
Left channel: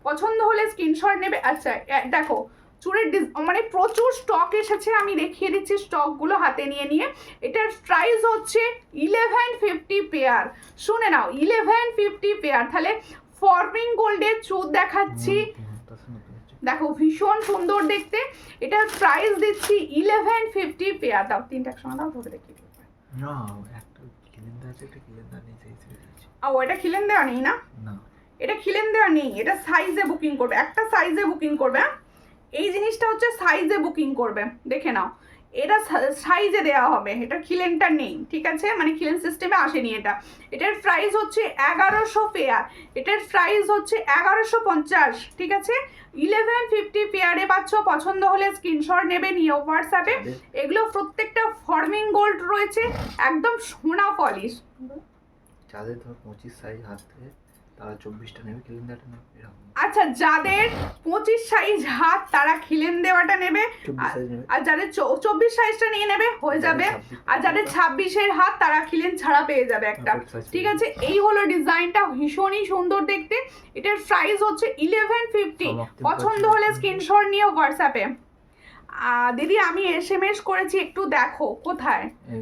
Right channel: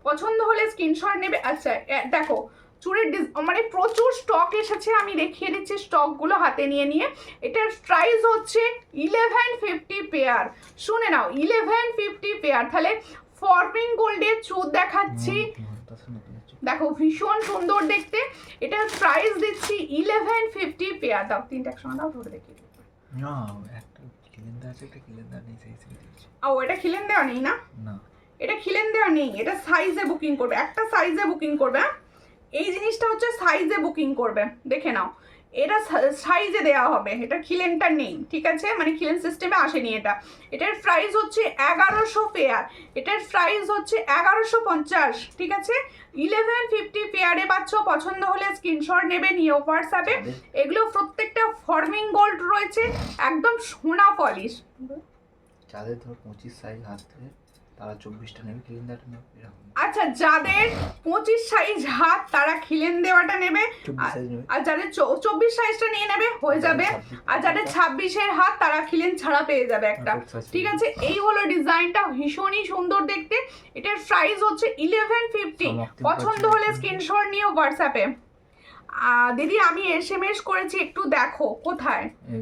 পছন্দ হলে স্ক্রিনশট নেবে। আচ্ছা দেখো চুড়ের মানে প্রচুর স্টক এসেছে, আমি দেখিয়ে দিচ্ছি স্টকগুলো হাতে নিয়ে। এটার প্রাইস হচ্ছে 1150 পেয়ার। শুনে নাও 1150 পেয়ার। তাহলে ফর্মিং গোল্ডের চুড় দেখাচ্ছি, দেখো ভীষণ সুন্দর দেখতে। এটার প্রাইস দিচ্ছি 1150 পেয়ার। দাও তিনটা একসঙ্গে দাও, ধরে দেখিয়ে দিচ্ছি। না একটা খিলেন দেওয়া আছে, একটা খিলেন দেওয়া নেই, সেই হিসেবে দিয়েছি। ও এটা খিলেন দেওয়া নেই না, এটা খিলেন দেওয়া নেই, এটা সাইজে বুকিং করবে, একটা সাইজে বুকিং করবে। এই জিনিসটা হচ্ছে সাইজে বুকিং করবে, দেখে নাও এটা সাইজে দেওয়া হবে, এটা খিলেনটা নেই, ঠিক আছে, মানে খিলেন সিস্টেমে আসেনি এটা। এটার প্রাইস হচ্ছে 1100 পেয়ার, এটার প্রাইস হচ্ছে 1150, ঠিক আছে। 1150 পেয়ারে পাচ্ছ। পছন্দ হলে স্ক্রিনশট নেবে, নিয়ে হোয়াটসঅ্যাপে। এগুলো প্রত্যেকটা ফর্মিং গোল্ড রয়েছে, একদম সোনা পলিশ। যাদের ধর 25 সাইজ হাত থেকে, তারা 24টা নেবে, খিলেন দেওয়াটা নেবে, এরকম। আচ্ছা যাদের 25 সাইজ হাত তারা খিলেন দেওয়াটা নেবে, আর যাদের 24 সাইজটা নিয়ে নেবে হয়ে যাবে, আর যাদের 26-এর হাত তারা খিলেন ছাড়া পেয়ে যাবে একটা, ঠিক আছে। এই হলো ডিজাইনটা, ভীষণই সুন্দর দেখতে। এটার প্রাইস হচ্ছে 1150। পছন্দ হলে স্ক্রিনশট নিয়ে হোয়াটসঅ্যাপে। দিদি আমি SMS করেছি, একটু দেখো কোথায়। এই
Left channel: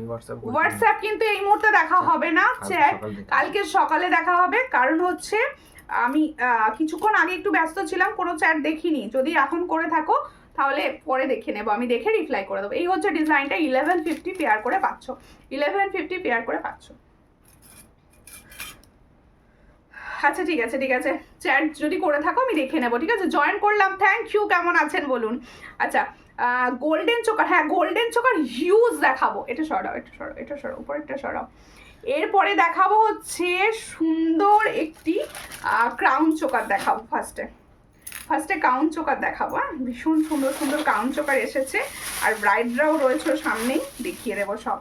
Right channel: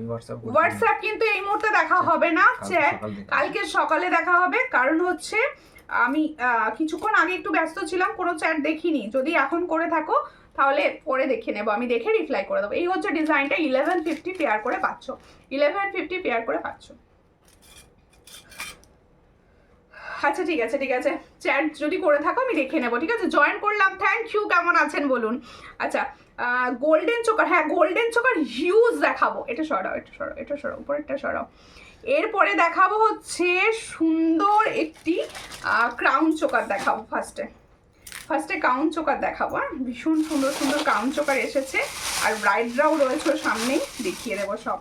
হোয়াটসঅ্যাপ কিন্তু এই মুহূর্তে দেখা হবে না, কালকে সকালে দেখা হবে। কারণ হচ্ছে আমি কিছুক্ষণ আগে একটু ব্যস্ত ছিলাম, কোনো চ্যাট দেখিনি। যদি এখন করে থাকো তাহলে পরে দেখে নেবো, আমি দেখে রিপ্লাই করে দেবো। এই হচ্ছে ডিজাইনটা, 1150 পেয়ার করে পাচ্ছ, 1150 পেয়ার করে পাচ্ছ। আচ্ছা ঠিক আছে ঠিক আছে, চ্যাট যদি করে থাকো আমি দেখে নেবো, ঠিক আছে। জয়েন করলাম, থ্যাংক ইউ। কেমন আছেন বলুন। আচ্ছা গোল্ডেন চোকার, হ্যাঁ গোল্ডেন চোকার হিউজ দেখাবো। এটা সরাও, এটা সরাও, এটা সরাও, উপরেরটা সরাও। এরপরে দেখাবো হচ্ছে সুন্দর একটি ক্রাউন চোকার দেখাবো। ফার্স্টে ক্রাউন চোকার দেখাবো। ভীষণ সুন্দর সুন্দর ক্রাউন চোকার এসেছে, আর ব্রাইডরাও রয়েছে সামনেই, দেখিয়ে দেবো সব।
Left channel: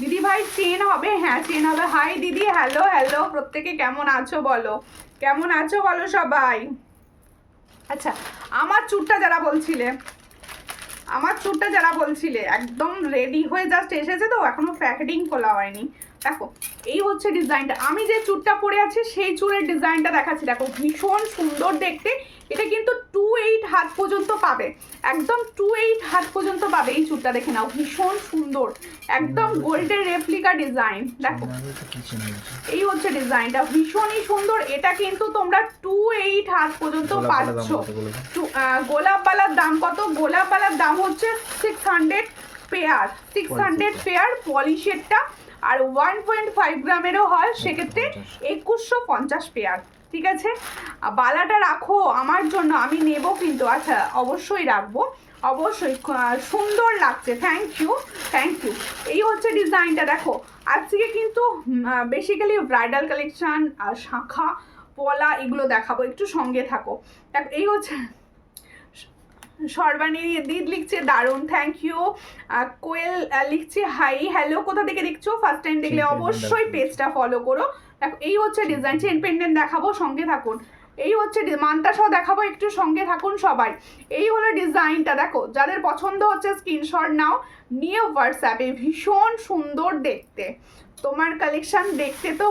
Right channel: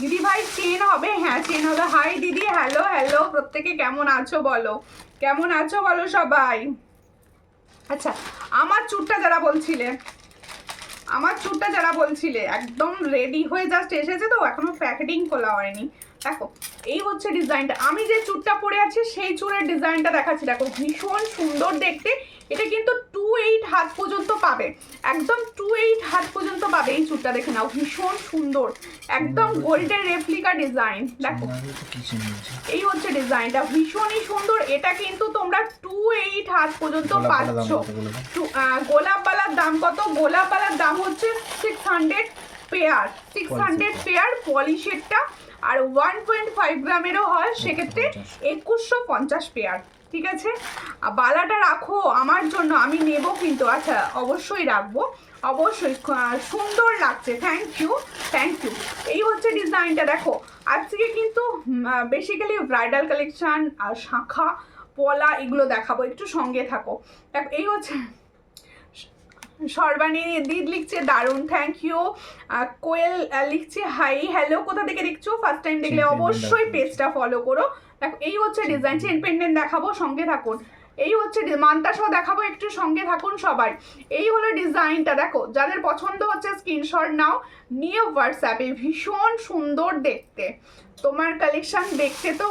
দিদি ভাই চেন হবে? হ্যাঁ চেন হবে। হাই দিদি, হ্যালো হ্যালো, প্রত্যেকে কেমন আছো বলো, কেমন আছো বলো সবাই। আচ্ছা আমার চুটটা যারা বলছিলে একদম রেডি হয়ে জাস্ট এসেছে, তো এখনো প্যাকেটিং খোলা হয়নি। দেখো এই হচ্ছে ডিজাইনটা, আমি যে চুটটা পরে আছি সেই চুলের ডিজাইনটা দেখাচ্ছি। দেখো ভীষণ সুন্দর দেখতে, এটা কিন্তু 28 হাত পর্যন্ত পাবে, একদম 28 হাত পর্যন্ত পাবে। এই চুটটা দেখে নাও, ভীষণ সুন্দর, একদম গোল্ডের রেপ্লিকা ডিজাইন। দেখো এই হচ্ছে ডিজাইনটা, ভীষণই সুন্দর। এটা কিন্তু তোমরা 28 হাত পর্যন্ত পাচ্ছ। গোলাপ বালার দাম কত? গোলাপ বালার দাম হচ্ছে 600 পেয়ার, 600 পেয়ার পলিশেরটা, আর 1.5 গ্রামেরও হয়, সেক্ষেত্রে 2150 পেয়ার, ঠিক আছে। বালাটা রাখো আমার জন্য, আমি নেব কিন্তু। আচ্ছা অবশ্যই রাখবো, অবশ্যই, সুন্দর লাগছে, থ্যাংক ইউ থ্যাংক ইউ। এই হচ্ছে ডিজাইনটা। দেখো আজকে কিন্তু বেসিক্যালি ব্রাইডাল কালেকশন আর শাঁখা পলা এগুলো দেখাবো, একটু সঙ্গে থাকো। দেখো এই হচ্ছে, সর্বাণী দিদ লিখছে দারুণ, থ্যাংক ইউ। কোয়েল লিখছে হাই হ্যালো, কোথা থেকে দেখছো? ফার্স্ট টাইম দেখলে অবশ্যই পেজটা ফলো করো। দেখো এই হচ্ছে ডিজাইন, চেন পেন্ডেন্ট দেখাবো, সঙ্গে থাকুন। এই হচ্ছে মান্তাসাও দেখাবো, একটু সঙ্গে থাকুন সবাই। এই হলো ডিজাইনটা, দেখো যাদের পছন্দ হচ্ছে স্ক্রিনশট নাও, নিয়ে হোয়াটসঅ্যাপে। ভীষণ সুন্দর দেখতে, তোমার কালেকশন দেখতে তো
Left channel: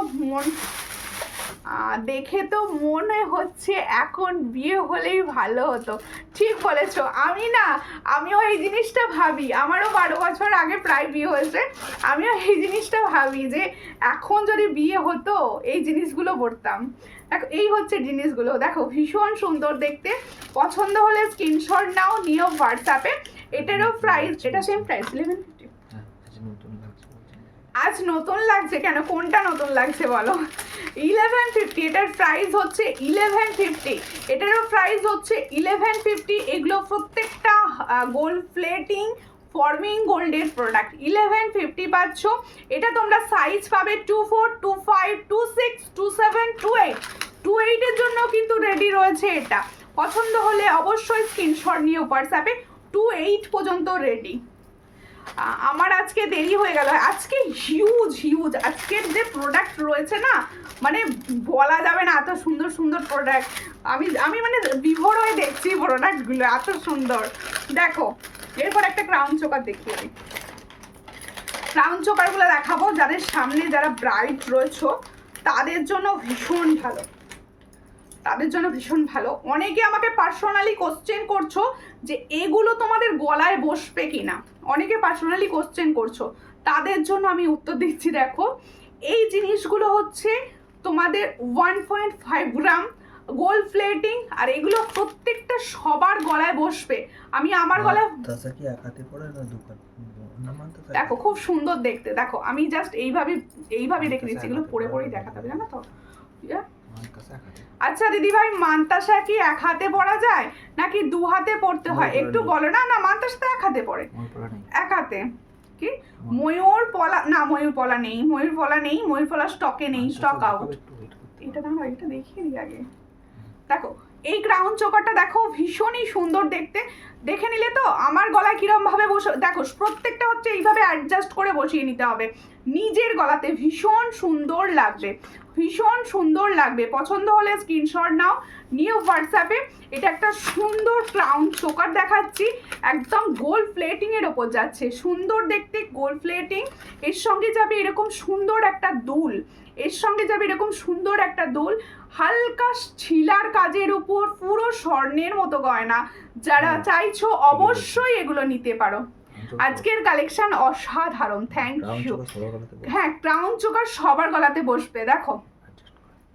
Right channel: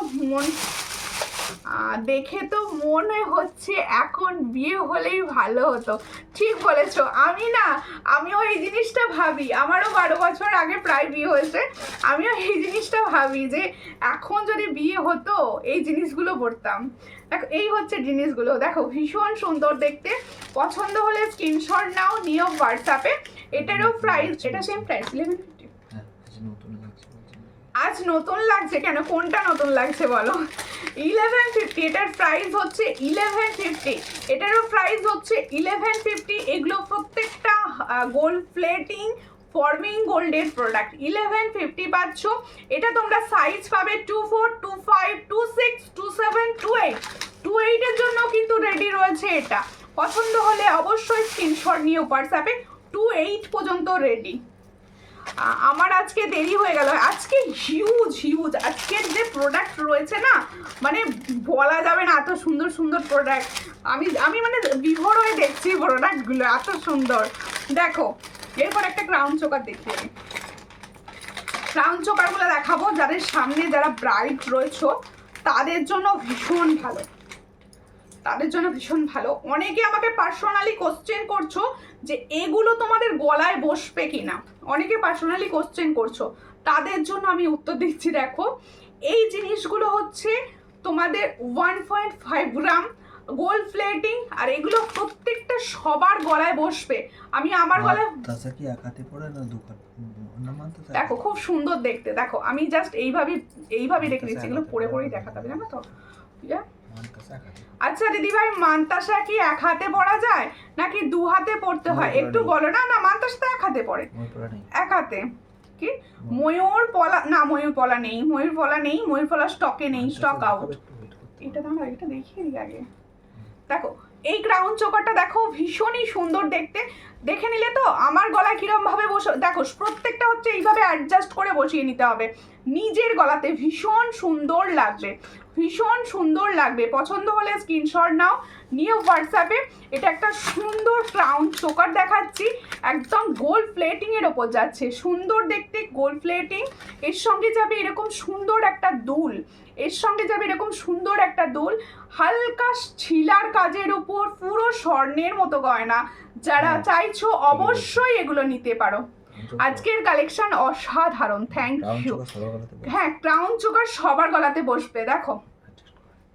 দেখে তো মনে হচ্ছে এখন বিয়ে হলেই ভালো হতো। ঠিক বলেছো, আমিও এই জিনিসটা ভাবি, আমারও 12 বছর আগে প্রায় বিয়ে হয়েছে। আমিও এই জিনিসটা ভাবি যে এখন যদি বিয়ে হতো এই জিনিসগুলো পড়তাম। দেখো এই হচ্ছে জিনিসগুলো, দেখো ভীষণ সুন্দর দেখতে। পছন্দ হলে স্ক্রিনশট নাও, নিও হোয়াটসঅ্যাপে। এটারও প্রাইস, এটা সেম প্রাইস 1150। আজ নতুন লাগছে কেন? কোনটা নতুন লাগছে বলো? 1150, এটার প্রাইস হচ্ছে 1150, এটারও প্রাইস হচ্ছে 1150। এগুলো প্রত্যেকটা গোল্ড প্লেটিং ফর্মিং গোল্ডের প্রোডাক্ট। 1150 পাচ্ছ। এটা তোমরা সাইজ পাবে 24, 25, 26, 27, 28। 28 এর জন্য কিন্তু রেডি রয়েছে এটা। পছন্দ হলে অবশ্যই স্ক্রিনশট নিয়ে হোয়াটসঅ্যাপে, 28 পর্যন্ত রেডি। আমার আজকে দেরি হয়ে গেল, আজকে হিউজ আজকের যে প্রোডাক্ট রয়েছে না, মানে বলা যাবে না, এত সুন্দর সুন্দর প্রোডাক্ট। আমি মানে বিভোর হয়ে দেখছি প্রোডাক্টগুলো, এত সুন্দর। দেখো এরপর একটা ক্রাউন চোকার দেখিয়ে দিই। ক্রাউন চোকারগুলো দেখাবো, যাদের সামনে যারা ব্রাইড রয়েছে তাদের জন্য ভীষণ ভালো, তাদের জন্য ভীষণ ভালো। অনেকে আমাকে পার্সোনালি কোশ্চেন করছো যে এগুলো তোমাদের গলায় বসবে কিনা, অনেকে পার্সোনালি কোশ্চেন করছো, তাদের জন্য আমি উত্তর দিচ্ছি। দেখো এই জিনিসগুলো হচ্ছে তোমাদের 1.5 গ্রাম গোল্ড প্লেটিং, আর এগুলো প্রত্যেকটা সবার গলায় বসবে। আমি আমার গলায় কি এক হাতে পড়ে না দোকান না মানতে। দেখো খুব সুন্দর দেখতে, দেখো আমি জাস্ট এইভাবে দেখে নিচ্ছি, এগুলো পরেই দেখাতে হবে, জানো তো। আচ্ছা দিদি ভাই, মান্তাসা কি এক হাতে পরা যায় নাকি 2 হাতে পড়তে হয়? একটু বলো না। না মান্তাসা তো এক হাতে পড়ে, এক হাতে। কি ময়ূর পলা? না ময়ূর পলা নেই, ময়ূর পলা স্টকে নেই, স্টক আউট। এটা দাঁড়াও, এটা দেখিয়ে দিই আগে। দেখো এই ক্রাউন চোকারটা দেখো, ভীষণই সুন্দর দেখতে। দেখে নিলে তো আমার গলায় কিরম ভাবে বসে, দেখো প্রত্যেকটা হচ্ছে এইভাবে অ্যাডজাস্ট করে বসিয়ে নিতে হবে নিজের গলাতে, ভীষণ সুন্দর লাগবে। ভীষণ সুন্দর লাগবে। পছন্দ হলে স্ক্রিনশট নাও, নিয়ে হোয়াটসঅ্যাপে। এটা একটা সুন্দর ক্রাউন চোকার দেখাচ্ছি, একদম গোল্ড প্লেটিং এর ওপর যাচ্ছে, সুন্দর দেখতে গোল্ড প্লেটিং। এর সঙ্গে যাবে এরকম সুন্দর একটা দুল, এর সঙ্গে যাবে এরকম সুন্দর একটা দুল, হালকা ছিলার কাজের উপর পুরো স্বর্ণের মতো গয়না। যারা চাইছো অবশ্যই এগুলো নিতে পারো। আজকের কালেকশন অসাধারণ, থ্যাংক ইউ। হ্যাঁ, ক্রাউন চোকার সবার গলাতে বসবে। দেখো,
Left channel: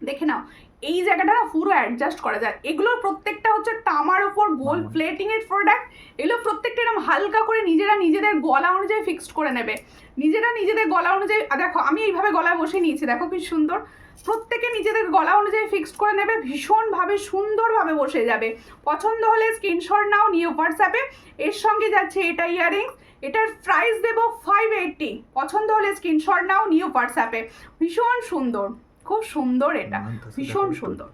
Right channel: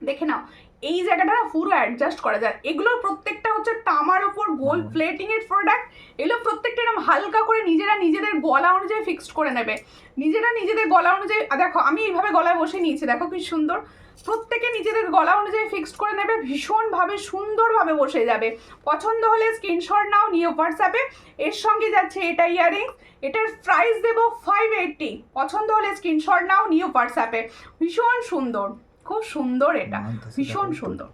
দেখে নাও, এই জায়গাটা না পুরো অ্যাডজাস্ট করা যায়। এগুলোর প্রত্যেকটা হচ্ছে তামার উপর গোল্ড প্লেটিং এর প্রোডাক্ট। এগুলো প্রত্যেকটা এরকম হালকা করে নিজেরা নিজেদের গলা অনুযায়ী ফিক্সড করে নেবে, নিজেরা নিজেদের গলা অনুযায়ী। দেখো আমি এইভাবে গলায় বসে নিয়েছি, দেখো কি সুন্দর। প্রত্যেকে নিজেদের গলা অনুযায়ী ফিক্সড করে নেবে, ভীষণভাবে সুন্দরভাবে বসে যাবে। পছন্দ হলে স্ক্রিনশট নাও, নিয়ে হোয়াটসঅ্যাপে। এর সঙ্গে যাচ্ছে এটা ইয়ারিংস, এটার প্রাইস দেবো 580। পছন্দ হলে স্ক্রিনশট নাও, নিয়ে হোয়াটসঅ্যাপে। ভীষণ সুন্দর, খুব সুন্দর, এটা ভীষণ সুন্দর।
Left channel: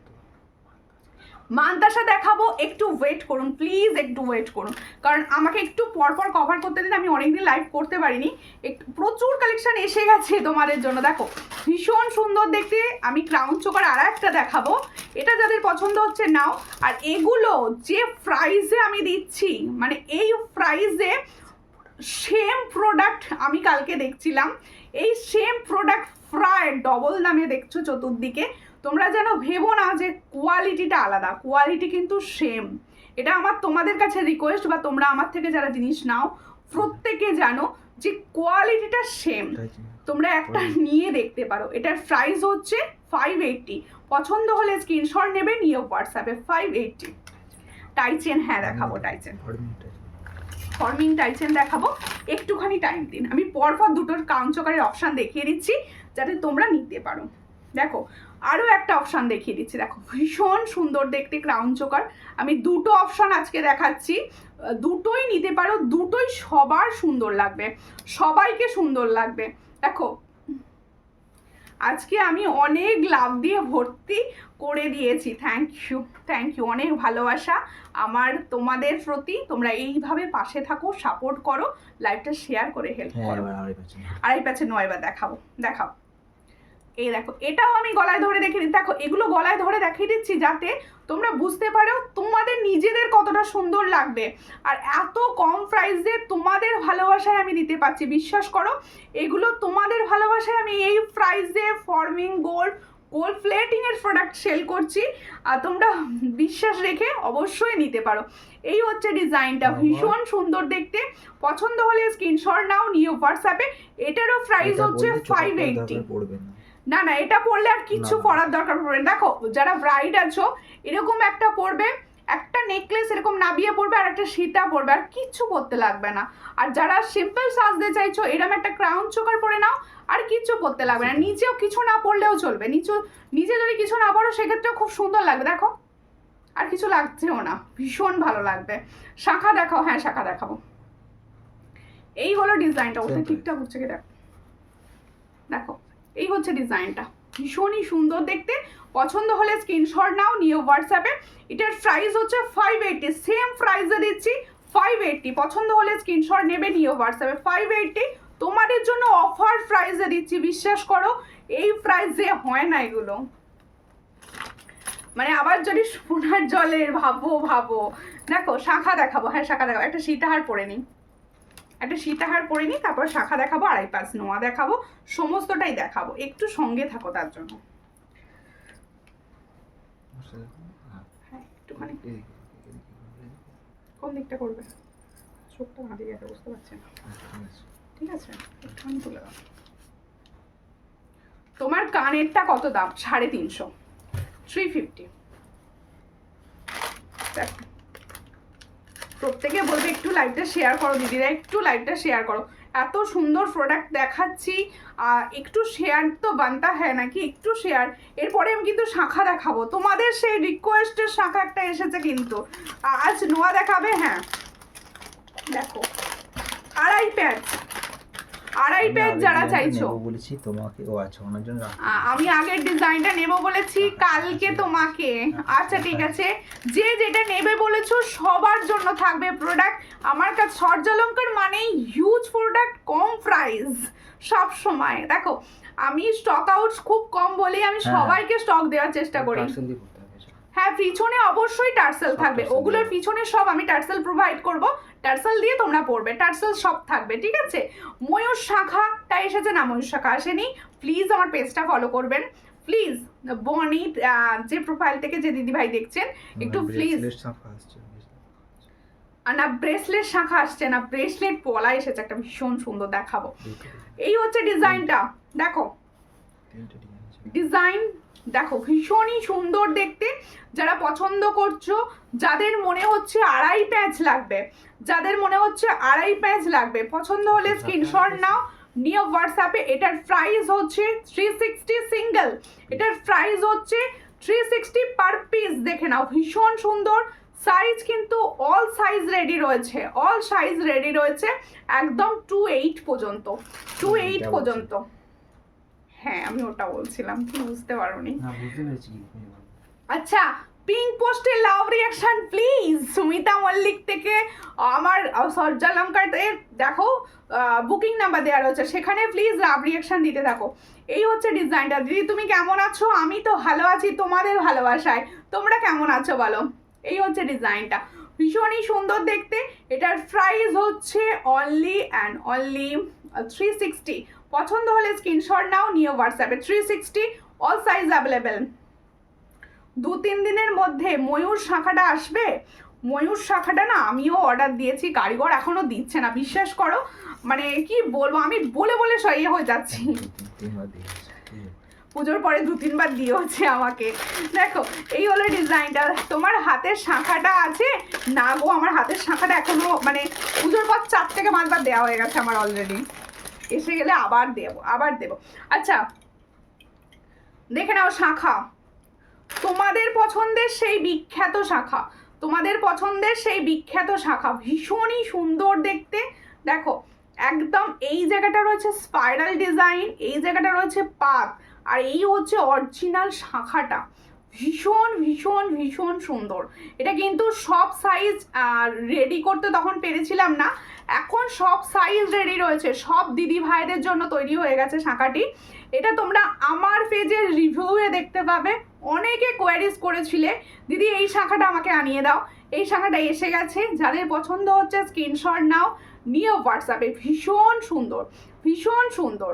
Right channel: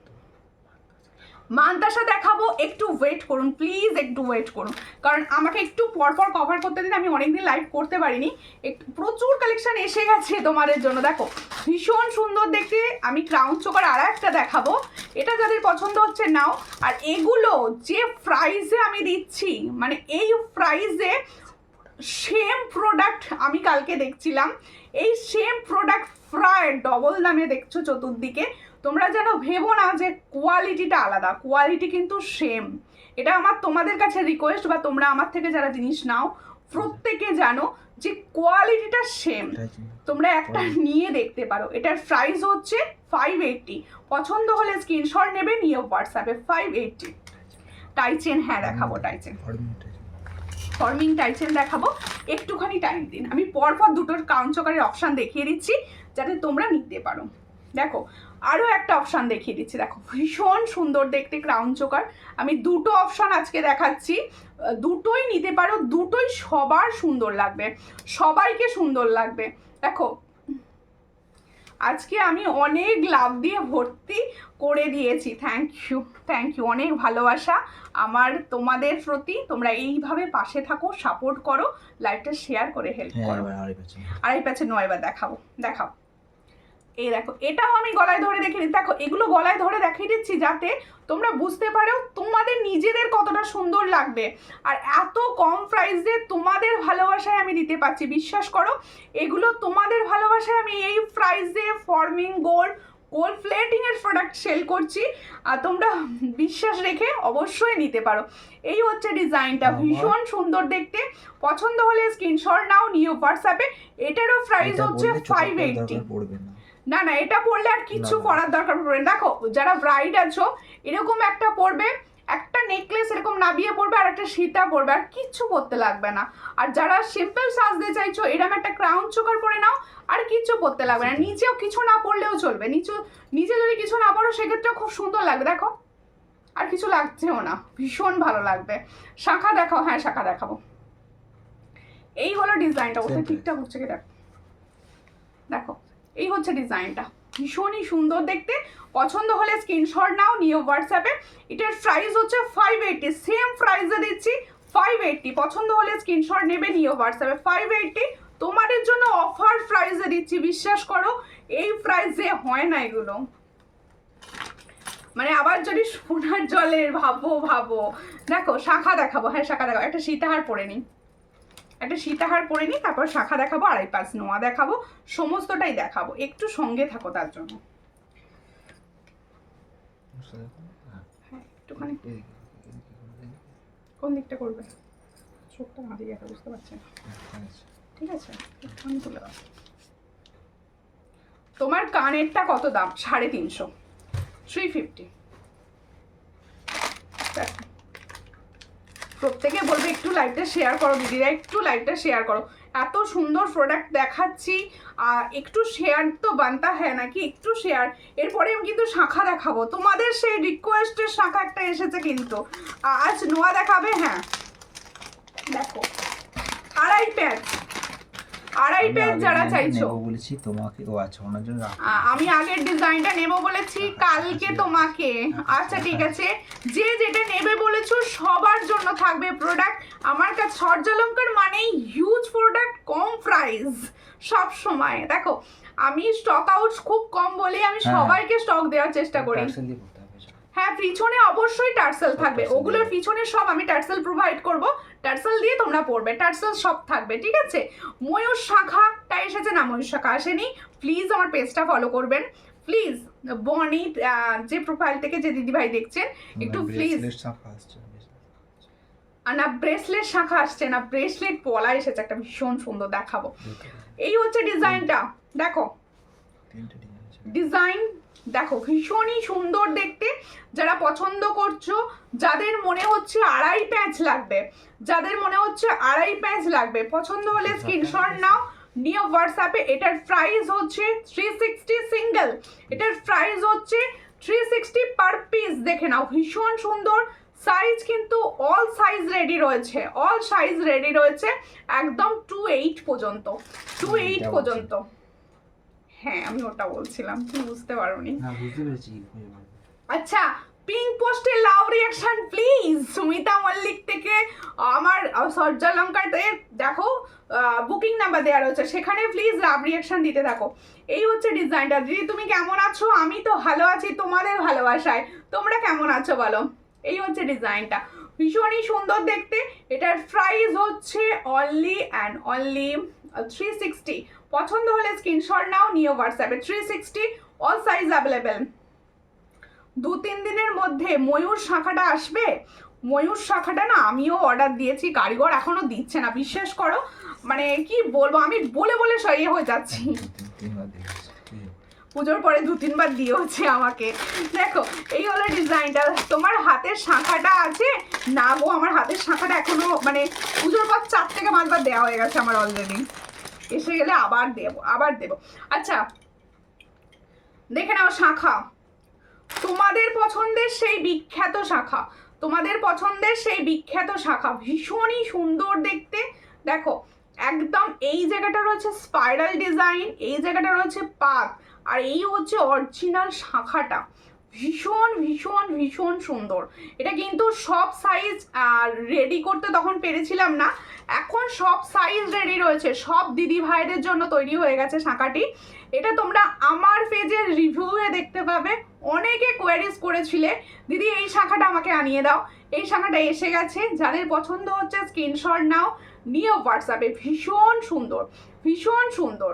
মানতাসা দেখাবো, একটু ওয়েট করুন প্লিজ, একটু ওয়েট করুন, কারণ আমাকে একটু পরপর কভার করতে দিন, আমি অনেকদিন লাইভ করতে পারিনি। একটু প্রচুর কালেকশন এসে গেছে তোমাদের জন্য। দেখো ভীষণ সুন্দর দেখতে। আমি ক্রাউন চোকার আর একটা দেখাবো, এটা যাদের পছন্দ হচ্ছে নাও। আর এগুলো যে প্রাইসে আমি দিচ্ছি, মানে এই প্রাইসে সেম প্রোডাক্ট আমি কালকে দেখছিলাম, এই সেম প্রোডাক্ট প্রায় ডবল দামে দেখছো চতুর্দিকে। তোমরা যেন ভেবো না যে কোয়ালিটিটা আলাদা, কোয়ালিটি কিন্তু সেম। এটা আমার তোমাদের কাছে রিকোয়েস্ট, বা তোমরা আমার থেকে যারা জিনিস নাও প্রত্যেকে জানো যে কোয়ালিটিটা সেম। তোমরা একটা নিয়ে দেখতে পারো। এটার প্রাইস হচ্ছে 580। পছন্দ হলে স্ক্রিনশট নেবে, নিয়ে হোয়াটসঅ্যাপে। 580 টাইচেন, হ্যাঁ দেখাবো টাইচেন, ফর্মিং টাইচেন দেখাবো। একটুখানি টাইম দিন, আমি পরপর দুটোর ক্রাউন চোকারের অপশান দেখিয়ে দিচ্ছি যাতে তোমরা নিতে পারো। দেখো আরও একটা অপশান দেখিয়ে দিচ্ছি, দেখো ভীষণ সুন্দর দেখতে ক্রাউন চোকার। আমি দুটো অপশান আজকে দেখাচ্ছি, দুটোই নিতে পারো, দুটোই সবার সুন্দর লাগবে, সবাইকে সুন্দর লাগবে। দেখো আজকে আমি অনেক লাভ দিয়ে ভর্তি করে দিয়েছি, থ্যাংক ইউ, থ্যাংক ইউ, অনেক ভালোবাসা আমার তোমাদের প্রতি। তোমরা এইভাবে পাশে থাকো, সাপোর্ট করো, লাইভটা শেয়ার করে হেল্প করো। আড়াই প্যাচে নয়, এবার দেখাবো, দেখাও। এই দেখো, এটাও আমি গলায় ধরে দেখিয়ে দিচ্ছি। দেখো এগুলো গলায় ধরে দেখিয়ে দিচ্ছি যাতে তোমরা বুঝতে পারো তোমাদের নিজেদের কতটা সুন্দর লাগবে। আর এত কম প্রাইসে তোমাদের ভালোবাসায় আমি দিতে পারছি, বিশ্বাস করো। এগুলো তোমাদের ভালোবাসায় আমি এই প্রাইসে ফর্মিং গোল্ড প্লেটিং এর প্রোডাক্ট সেল করছি, আর তোমরা বিশ্বাস রেখে অবশ্যই নিতে পারো। এই হচ্ছে ডিজাইনটা, ভীষণ সুন্দর দেখতে। পছন্দ হলে স্ক্রিনশট নাও, নিয়ে হোয়াটসঅ্যাপে। এটারও প্রাইস হচ্ছে 580। না না, এটা পরলে আর কিচ্ছু পরার দরকার পড়বে না। দেখো যারা ব্রাইড আছো, এরকম একটা পরবে, একটা নেকলেস এরকম নাবিয়ে পরবে, আর একটা সীতা পরবে, আর কিচ্ছু পরতে লাগবে না। আর যারা সিম্পল সাজতে চাইছো, এরকম একটা ক্রাউন চোকার পরে নাও, আর কিচ্ছু পরতে লাগবে না। নিচেও কিছু না পরলেও চলবে, নিচে যদি কিছু না পরো সেক্ষেত্রেও খুব সুন্দর লাগবে। দেখো আর কিছু লাগছেও না, ভীষণ ভালো লাগবে। শাখা দেখাও, হ্যাঁ শাখা দেখাবো। এই হলো ডিজাইনটা, ওটা ঠিকঠাক হচ্ছে কি দেখো, দেখো এই হচ্ছে ডিজাইনটা, ভীষণই সুন্দর দেখতে। পছন্দ হলে স্ক্রিনশট নাও, নিয়ে হোয়াটসঅ্যাপে। এটার প্রাইস হচ্ছে 580, সেম প্রাইসে দিচ্ছি 580। পছন্দ হলে স্ক্রিনশট নেবে, নিয়ে হোয়াটসঅ্যাপে। 580 তোমাদের জন্য অফার প্রাইসে দিচ্ছি, বিশ্বাস করো এই প্রাইসে হয় না এগুলো। মানে আবার যদি সোনার জলের ভাবো। দেখো শাখা দেখাবো, হ্যাঁ শাখা দেখাবো। একটা সীতাহার পরে নিই, একটা সীতাহার পরে নিই, তারপর শাখা দেখাবো, আড়াই পাঁচ নোয়া দেখাবো, সমস্তটাই দেখাবো। একটু সঙ্গে থাকো তার জন্য। হ্যাঁ একটুখানি, কোন দিকটা করবে? চোখটা ভাঁধে গেছে, বুঝতে পারছি না। ঠিক আছে, একটুখানি তুলে দাও। তোমার কানেরটা কত দাম? 350, 350। দেখো প্রত্যেকে বলবে একটু লাইভটা শেয়ার করো দিদিরা, একটু লাইভটা শেয়ার করো। এত সুন্দর প্রোডাক্ট দেখাচ্ছি, একটু শেয়ার তো বানতা হ্যাঁ নাকি, একটু শেয়ার। এরপরে আমি কিন্তু শাখা দেখাবো, তোমাদের সেই রিকোয়েস্টের শাখা একটা এসেছে কিন্তু। আজ নোয়া দেখাবে, হ্যাঁ দেখো আড়াই প্যাচ যারা চাইছো বলেছি তোমাকে, ও আচ্ছা ওনার জন্য আমি আগের ডিজাইনটা নেব বলেছি কালকে তোমাকে। আচ্ছা ঠিক আছে, যে যেটা নেবে বলেছো সবার জন্য থাকবে প্রোডাক্ট আমার কাছে। সূর্যালঙ্কার মানেই হিউজ প্রোডাক্ট, কম প্রাইস। সাইজ সব সময়। দেখো আমি স্টক আউট খুব কম বলেই আমি হ্যাঁ। সবাইকে স্টক দেওয়ার চেষ্টা করি। টার্সেল দিয়ে করতে হবে সব। হ্যাঁ, পিছনে অবশ্যই টার্সেল সব থাকবে, টার্সেল ওগুলোর দেবে। পিছনে সব আমি টার্সেল প্রোভাইড করব, টার্সেল দিয়ে তোমরা পড়বে, টার্সেল সব থাকবে, ঠিক আছে। ময়ূর শাখাটা এসেছে না, ময়ূর শাখা আসেনি, প্লিজ আমার পেজটা ফলো করবেন প্লিজ। বনি যে প্রোফাইল থেকে যে দিদিভাই দেখছেন একটু প্লিজ, ব্রেসলেট শাখা আসছে। না ব্রেসলেট শাখা আসছে না, ব্রেসলেট পলা এসেছে একটা ভীষণ সুন্দর, দেখাবো। দুটো, এই হচ্ছে ডিজাইনটা, দেখো তিনটে ডিজাইন আছে। ডিজাইন দেখো ভীষণই সুন্দর দেখতে। যারা পছন্দ করছো, যাদের মনে হচ্ছে আড়াই প্যাচ লাগবে, যাদের মনে হচ্ছে আড়াই প্যাচ লাগবে, পছন্দ হলে স্ক্রিনশট নাও, নিয়ে হোয়াটসঅ্যাপে। এটার প্রাইস হচ্ছে 360 সিঙ্গেল, এটার প্রাইস হচ্ছে 360 পার পিস। দেখে নাও ভীষণ সুন্দর সাইজ, কিন্তু অল সাইজ রেডি রয়েছে, অল সাইজ রেডি রয়েছে একদম 28 পর্যন্ত, 28 পর্যন্ত। হ্যাঁ আমি ওটা বলছিলাম, কি বুঝতে পারোনি? না বুঝতে পেরেছি। আচ্ছা, পিঙ্ক পোস্টে লাভ রিয়াকশন প্লিজ। সুমিতা মল্লিক থেকে আমার সূর্যালঙ্কাতে দেখো বুকিং নাম্বার দেওয়া রয়েছে, সেখানে প্লিজ লাভ রিয়াকশন দিতে থাকো। এই হচ্ছে ডিজাইনটা। দিদি তুমি কেমন আছো? আমি তো ভালো আছি তোমাদের ভালোবাসায়, তোমরা কেমন আছো বলো? এই হচ্ছে ডিজাইনটা, ভীষণই সুন্দর দেখতে। এটার প্রাইস হচ্ছে অনলি অ্যান্ড অনলি 360। পছন্দ হলে স্ক্রিনশট নাও, নিয়ে হোয়াটসঅ্যাপে। 360 অল সাইজ অ্যাভেলেবেল। 2-3 দিনের মধ্যে ময়ূর শাখাটা আসবে। ময়ূর শাখাটা না আমিও অর্ডার দিয়েছি, কারিগর এখনো দিচ্ছে না, বিশ্বাস করো। মানে কি বলবো, আমি বলে বলে সইয়ে হয়ে যাচ্ছি। তিনবার দিয়েছে। পুজোর পরে 2-3 বার দিয়েছে আমাকে। দেখো এই হলো ডিজাইনটা। তোমার হাতের শাখাটা আছে না গো? আমার হাতের শাখাটা এখনো মানে পুজোর পর 4 থেকে 5 বার দেওয়া হয়ে গেছে আমার অলরেডি, এসে গেলে আবার দেবো, আবার দেবো। আচ্ছা দেখে নাও শাখা, তোমাদের পছন্দের সেই বিখ্যাত শাখা, তোমাদের পছন্দের সেই বিখ্যাত শাখা, ভীষণই সুন্দর দেখতে। দেখো একদম এই জায়গাটা রয়েছে স্পাইরাল ডিজাইন, এই জায়গাটা রয়েছে পাত, আর এই হচ্ছে অরিজিনাল শাখাটা। ভীষণ ভীষণ ভীষণ সুন্দর। এটা কিন্তু সব সাইজ রেডি করতে তখন পেরেছিলাম না, এখন সব সাইজ রেডি রয়েছে, সব দিদি ভাইদের জন্য তৈরি হয়ে গেছে শাখাটি। এটা তোমরা আমার পেজের রিভিউয়ে দেখতে পাবে। অনেকে কোয়ারিজ করেছিলে দিদি এই শাখাটা আমাকে আনিয়ে দাও, এই শাখাটা এসে গেছে। যাদের পছন্দ হচ্ছে স্ক্রিনশট নাও, নিয়ে হোয়াটসঅ্যাপে। ভীষণ সুন্দর, ভীষণ সুন্দর,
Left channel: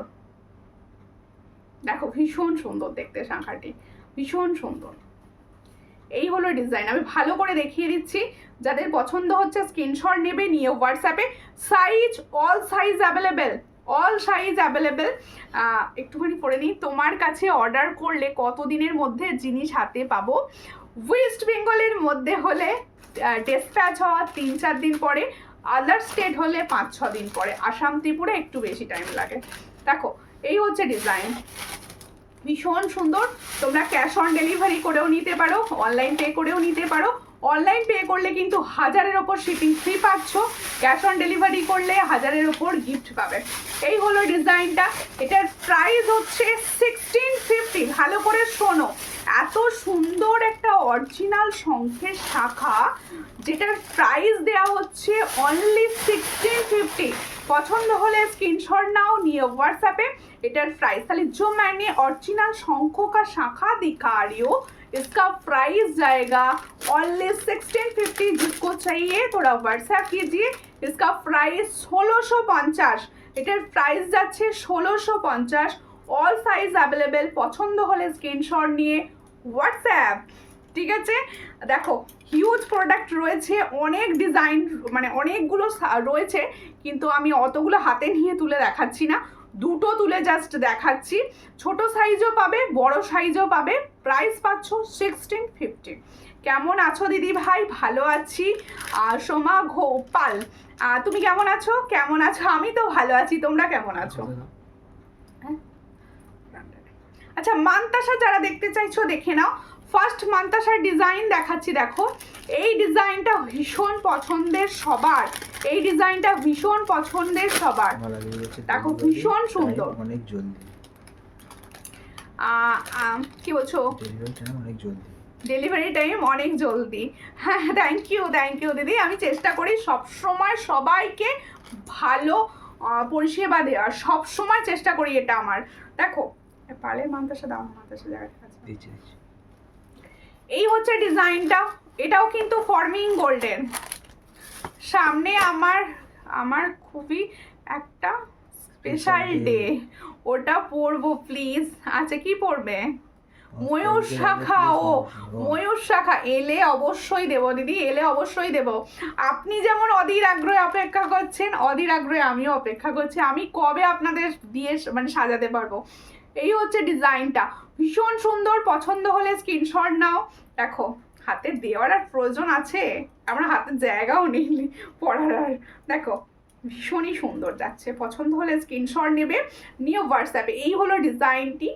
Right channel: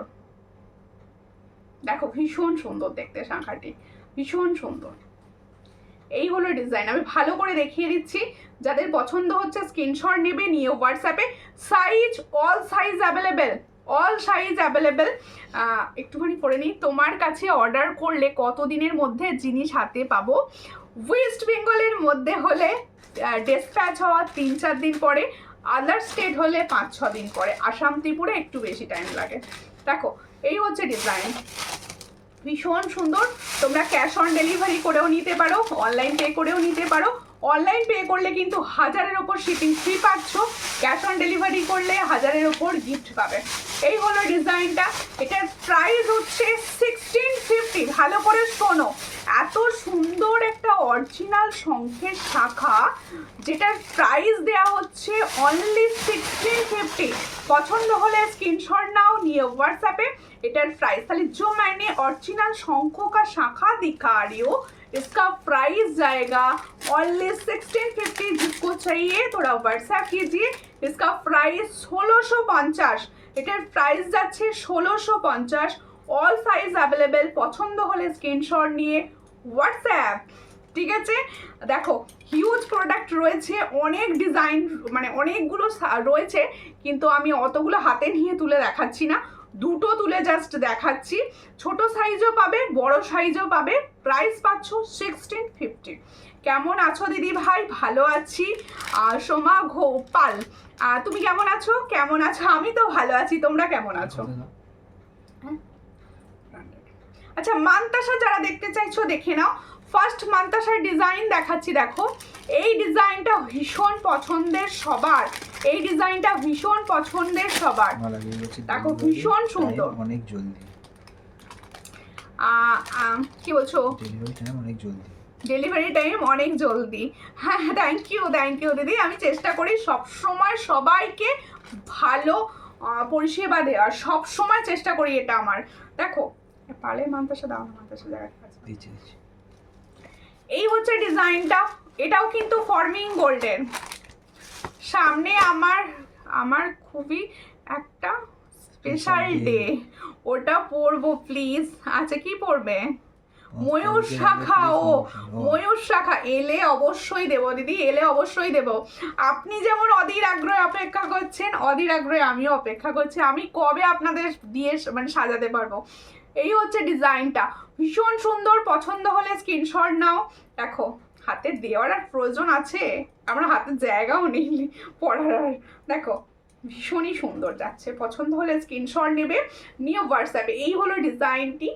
দেখো ভীষণ সুন্দর দেখতে শাখাটি, ভীষণ সুন্দর। এই হলো ডিজাইন, আমি ভালো করে দেখিয়ে দিচ্ছি। যাদের পছন্দ হচ্ছে স্ক্রিনশট নেবে, নিয়ে হোয়াটসঅ্যাপে। Size all size available, all size available. একটুখানি পরে নিই, তোমার কাছে অর্ডার করলে কতদিনের মধ্যে জিনিস হাতে পাবো? ওয়েস্ট বেঙ্গলের মধ্যে হলে ডেসপ্যাচ হওয়ার 3-4 দিন পরে, আদার স্টেট হলে 5-6 দিন পরে, আসাম ত্রিপুরা একটু বেশি টাইম লাগে। দেখো এই হচ্ছে ডিজাইন, ভীষণ সুন্দর। তোমরা ক্যাশ অন ডেলিভারি করেও নিতে পারো, অনলাইন পে করেও নিতে পারো। অনলাইন পে করলে কিন্তু 1000-এর ওপর শিপিং ফ্রি পাচ্ছ, ক্যাশ অন ডেলিভারি করলে 1000-এর ওপর গিফট পাবে। এই হলো ডিজাইনটা। এটার প্রাইস হচ্ছে 1650। ভালো করে শোনো, এত সুন্দর একটা অরিজিনাল শঙ্খের শাখা, যেটার প্রাইস দেওয়া হচ্ছে অনলি 1650। পছন্দ হলে স্ক্রিনশট নাও, নিয়ে হোয়াट्सएप। एटर प्राइस खाली जो मैंने ओरिजिनल शंखों का शाखा दिखा रही हूँ, इसका प्राइस जाएगा ओनली 1650। जिसको चाहिए थोड़ा व्हाट्सएप कीजिए। इसका प्राइस 1650। এটার প্রাইস যাচ্ছে 1650। All size available. পছন্দ হলে স্ক্রিনশট নিয়ে হোয়াটসঅ্যাপ, ঠিক আছে। দেখো হিউজ প্রোডাক্ট রয়েছে, অনেক ডিজাইন মানে অনেকগুলো রয়েছে, কিন্তু আমি অতগুলো হাতে নিয়ে তুলে দেখাচ্ছি না, দুটো তুলে জাস্ট দেখাচ্ছি। ছোট সাইজও পাবে, বড় সাইজও পাবে। প্রাইস পাচ্ছ 1650। কেমন আছো দিদি ভাই? ভালো আছি। সোমা গোপাল, তুমি কেমন আছো? কেমন আছো? আমি তো ভালো আছি, তোমরা কেমন আছো? আচ্ছা মান্তাসা যারা দেখতে চাইছো দেখে নাও। ফার্স্ট মান্তাসার ডিজাইন দেখাচ্ছি। দেখো এই ডিজাইনটা ভীষণ পছন্দের সবার, এই ডিজাইনটা ভীষণ পছন্দের সবার। দেখো ভীষণ সুন্দর, অনেক জলদি। কি বলছো? ডেলিভারি টাইম অনেক জলদি, ডেলিভারি টাইম অনেক জলদি। হ্যাঁ থ্যাংক ইউ দিদি। আমি চেষ্টা করি সব সময় সবাইকে ভালো পরিষেবা দেওয়ার, সব সময় চেষ্টা করি এটা আমার। দেখো পারলে মান্তাসা দাও, মান্তাসা দেখা দিচ্ছি। এই হচ্ছে ডিজাইনটা, এটাও কিন্তু ফর্মিং গোল্ডের। সামনে আমার খুবই একটা স্পেশাল ডে, ওটা পরবো প্লিজ। আচ্ছা কি পরবে? ময়ূর শাখা। ও ময়ূর শাখা এলে অবশ্যই দেবো দিদি, এলে অবশ্যই দেবো। আপনি যেমন অধীর আগ্রহে অপেক্ষা করছেন, অধীর আগ্রহে আমিও অপেক্ষা করছি, আমি কবে আপনাদের দিয়ে মানে সাজাতে পারবো। এই হচ্ছে ডিজাইনটা, ভীষণ সুন্দর। পছন্দ হলে স্ক্রিনশট নাও। দেখো হাতে দেওয়ার আর প্রয়োজন আছে? আমার হাতের জায়গাও নেই পড়ার আর। দেখো ভীষণই সুন্দর যাচ্ছে, পছন্দ হলে স্ক্রিনশট নেবে, নিয়ে হোয়াটসঅ্যাপে। এই হলো ডিজাইনটি,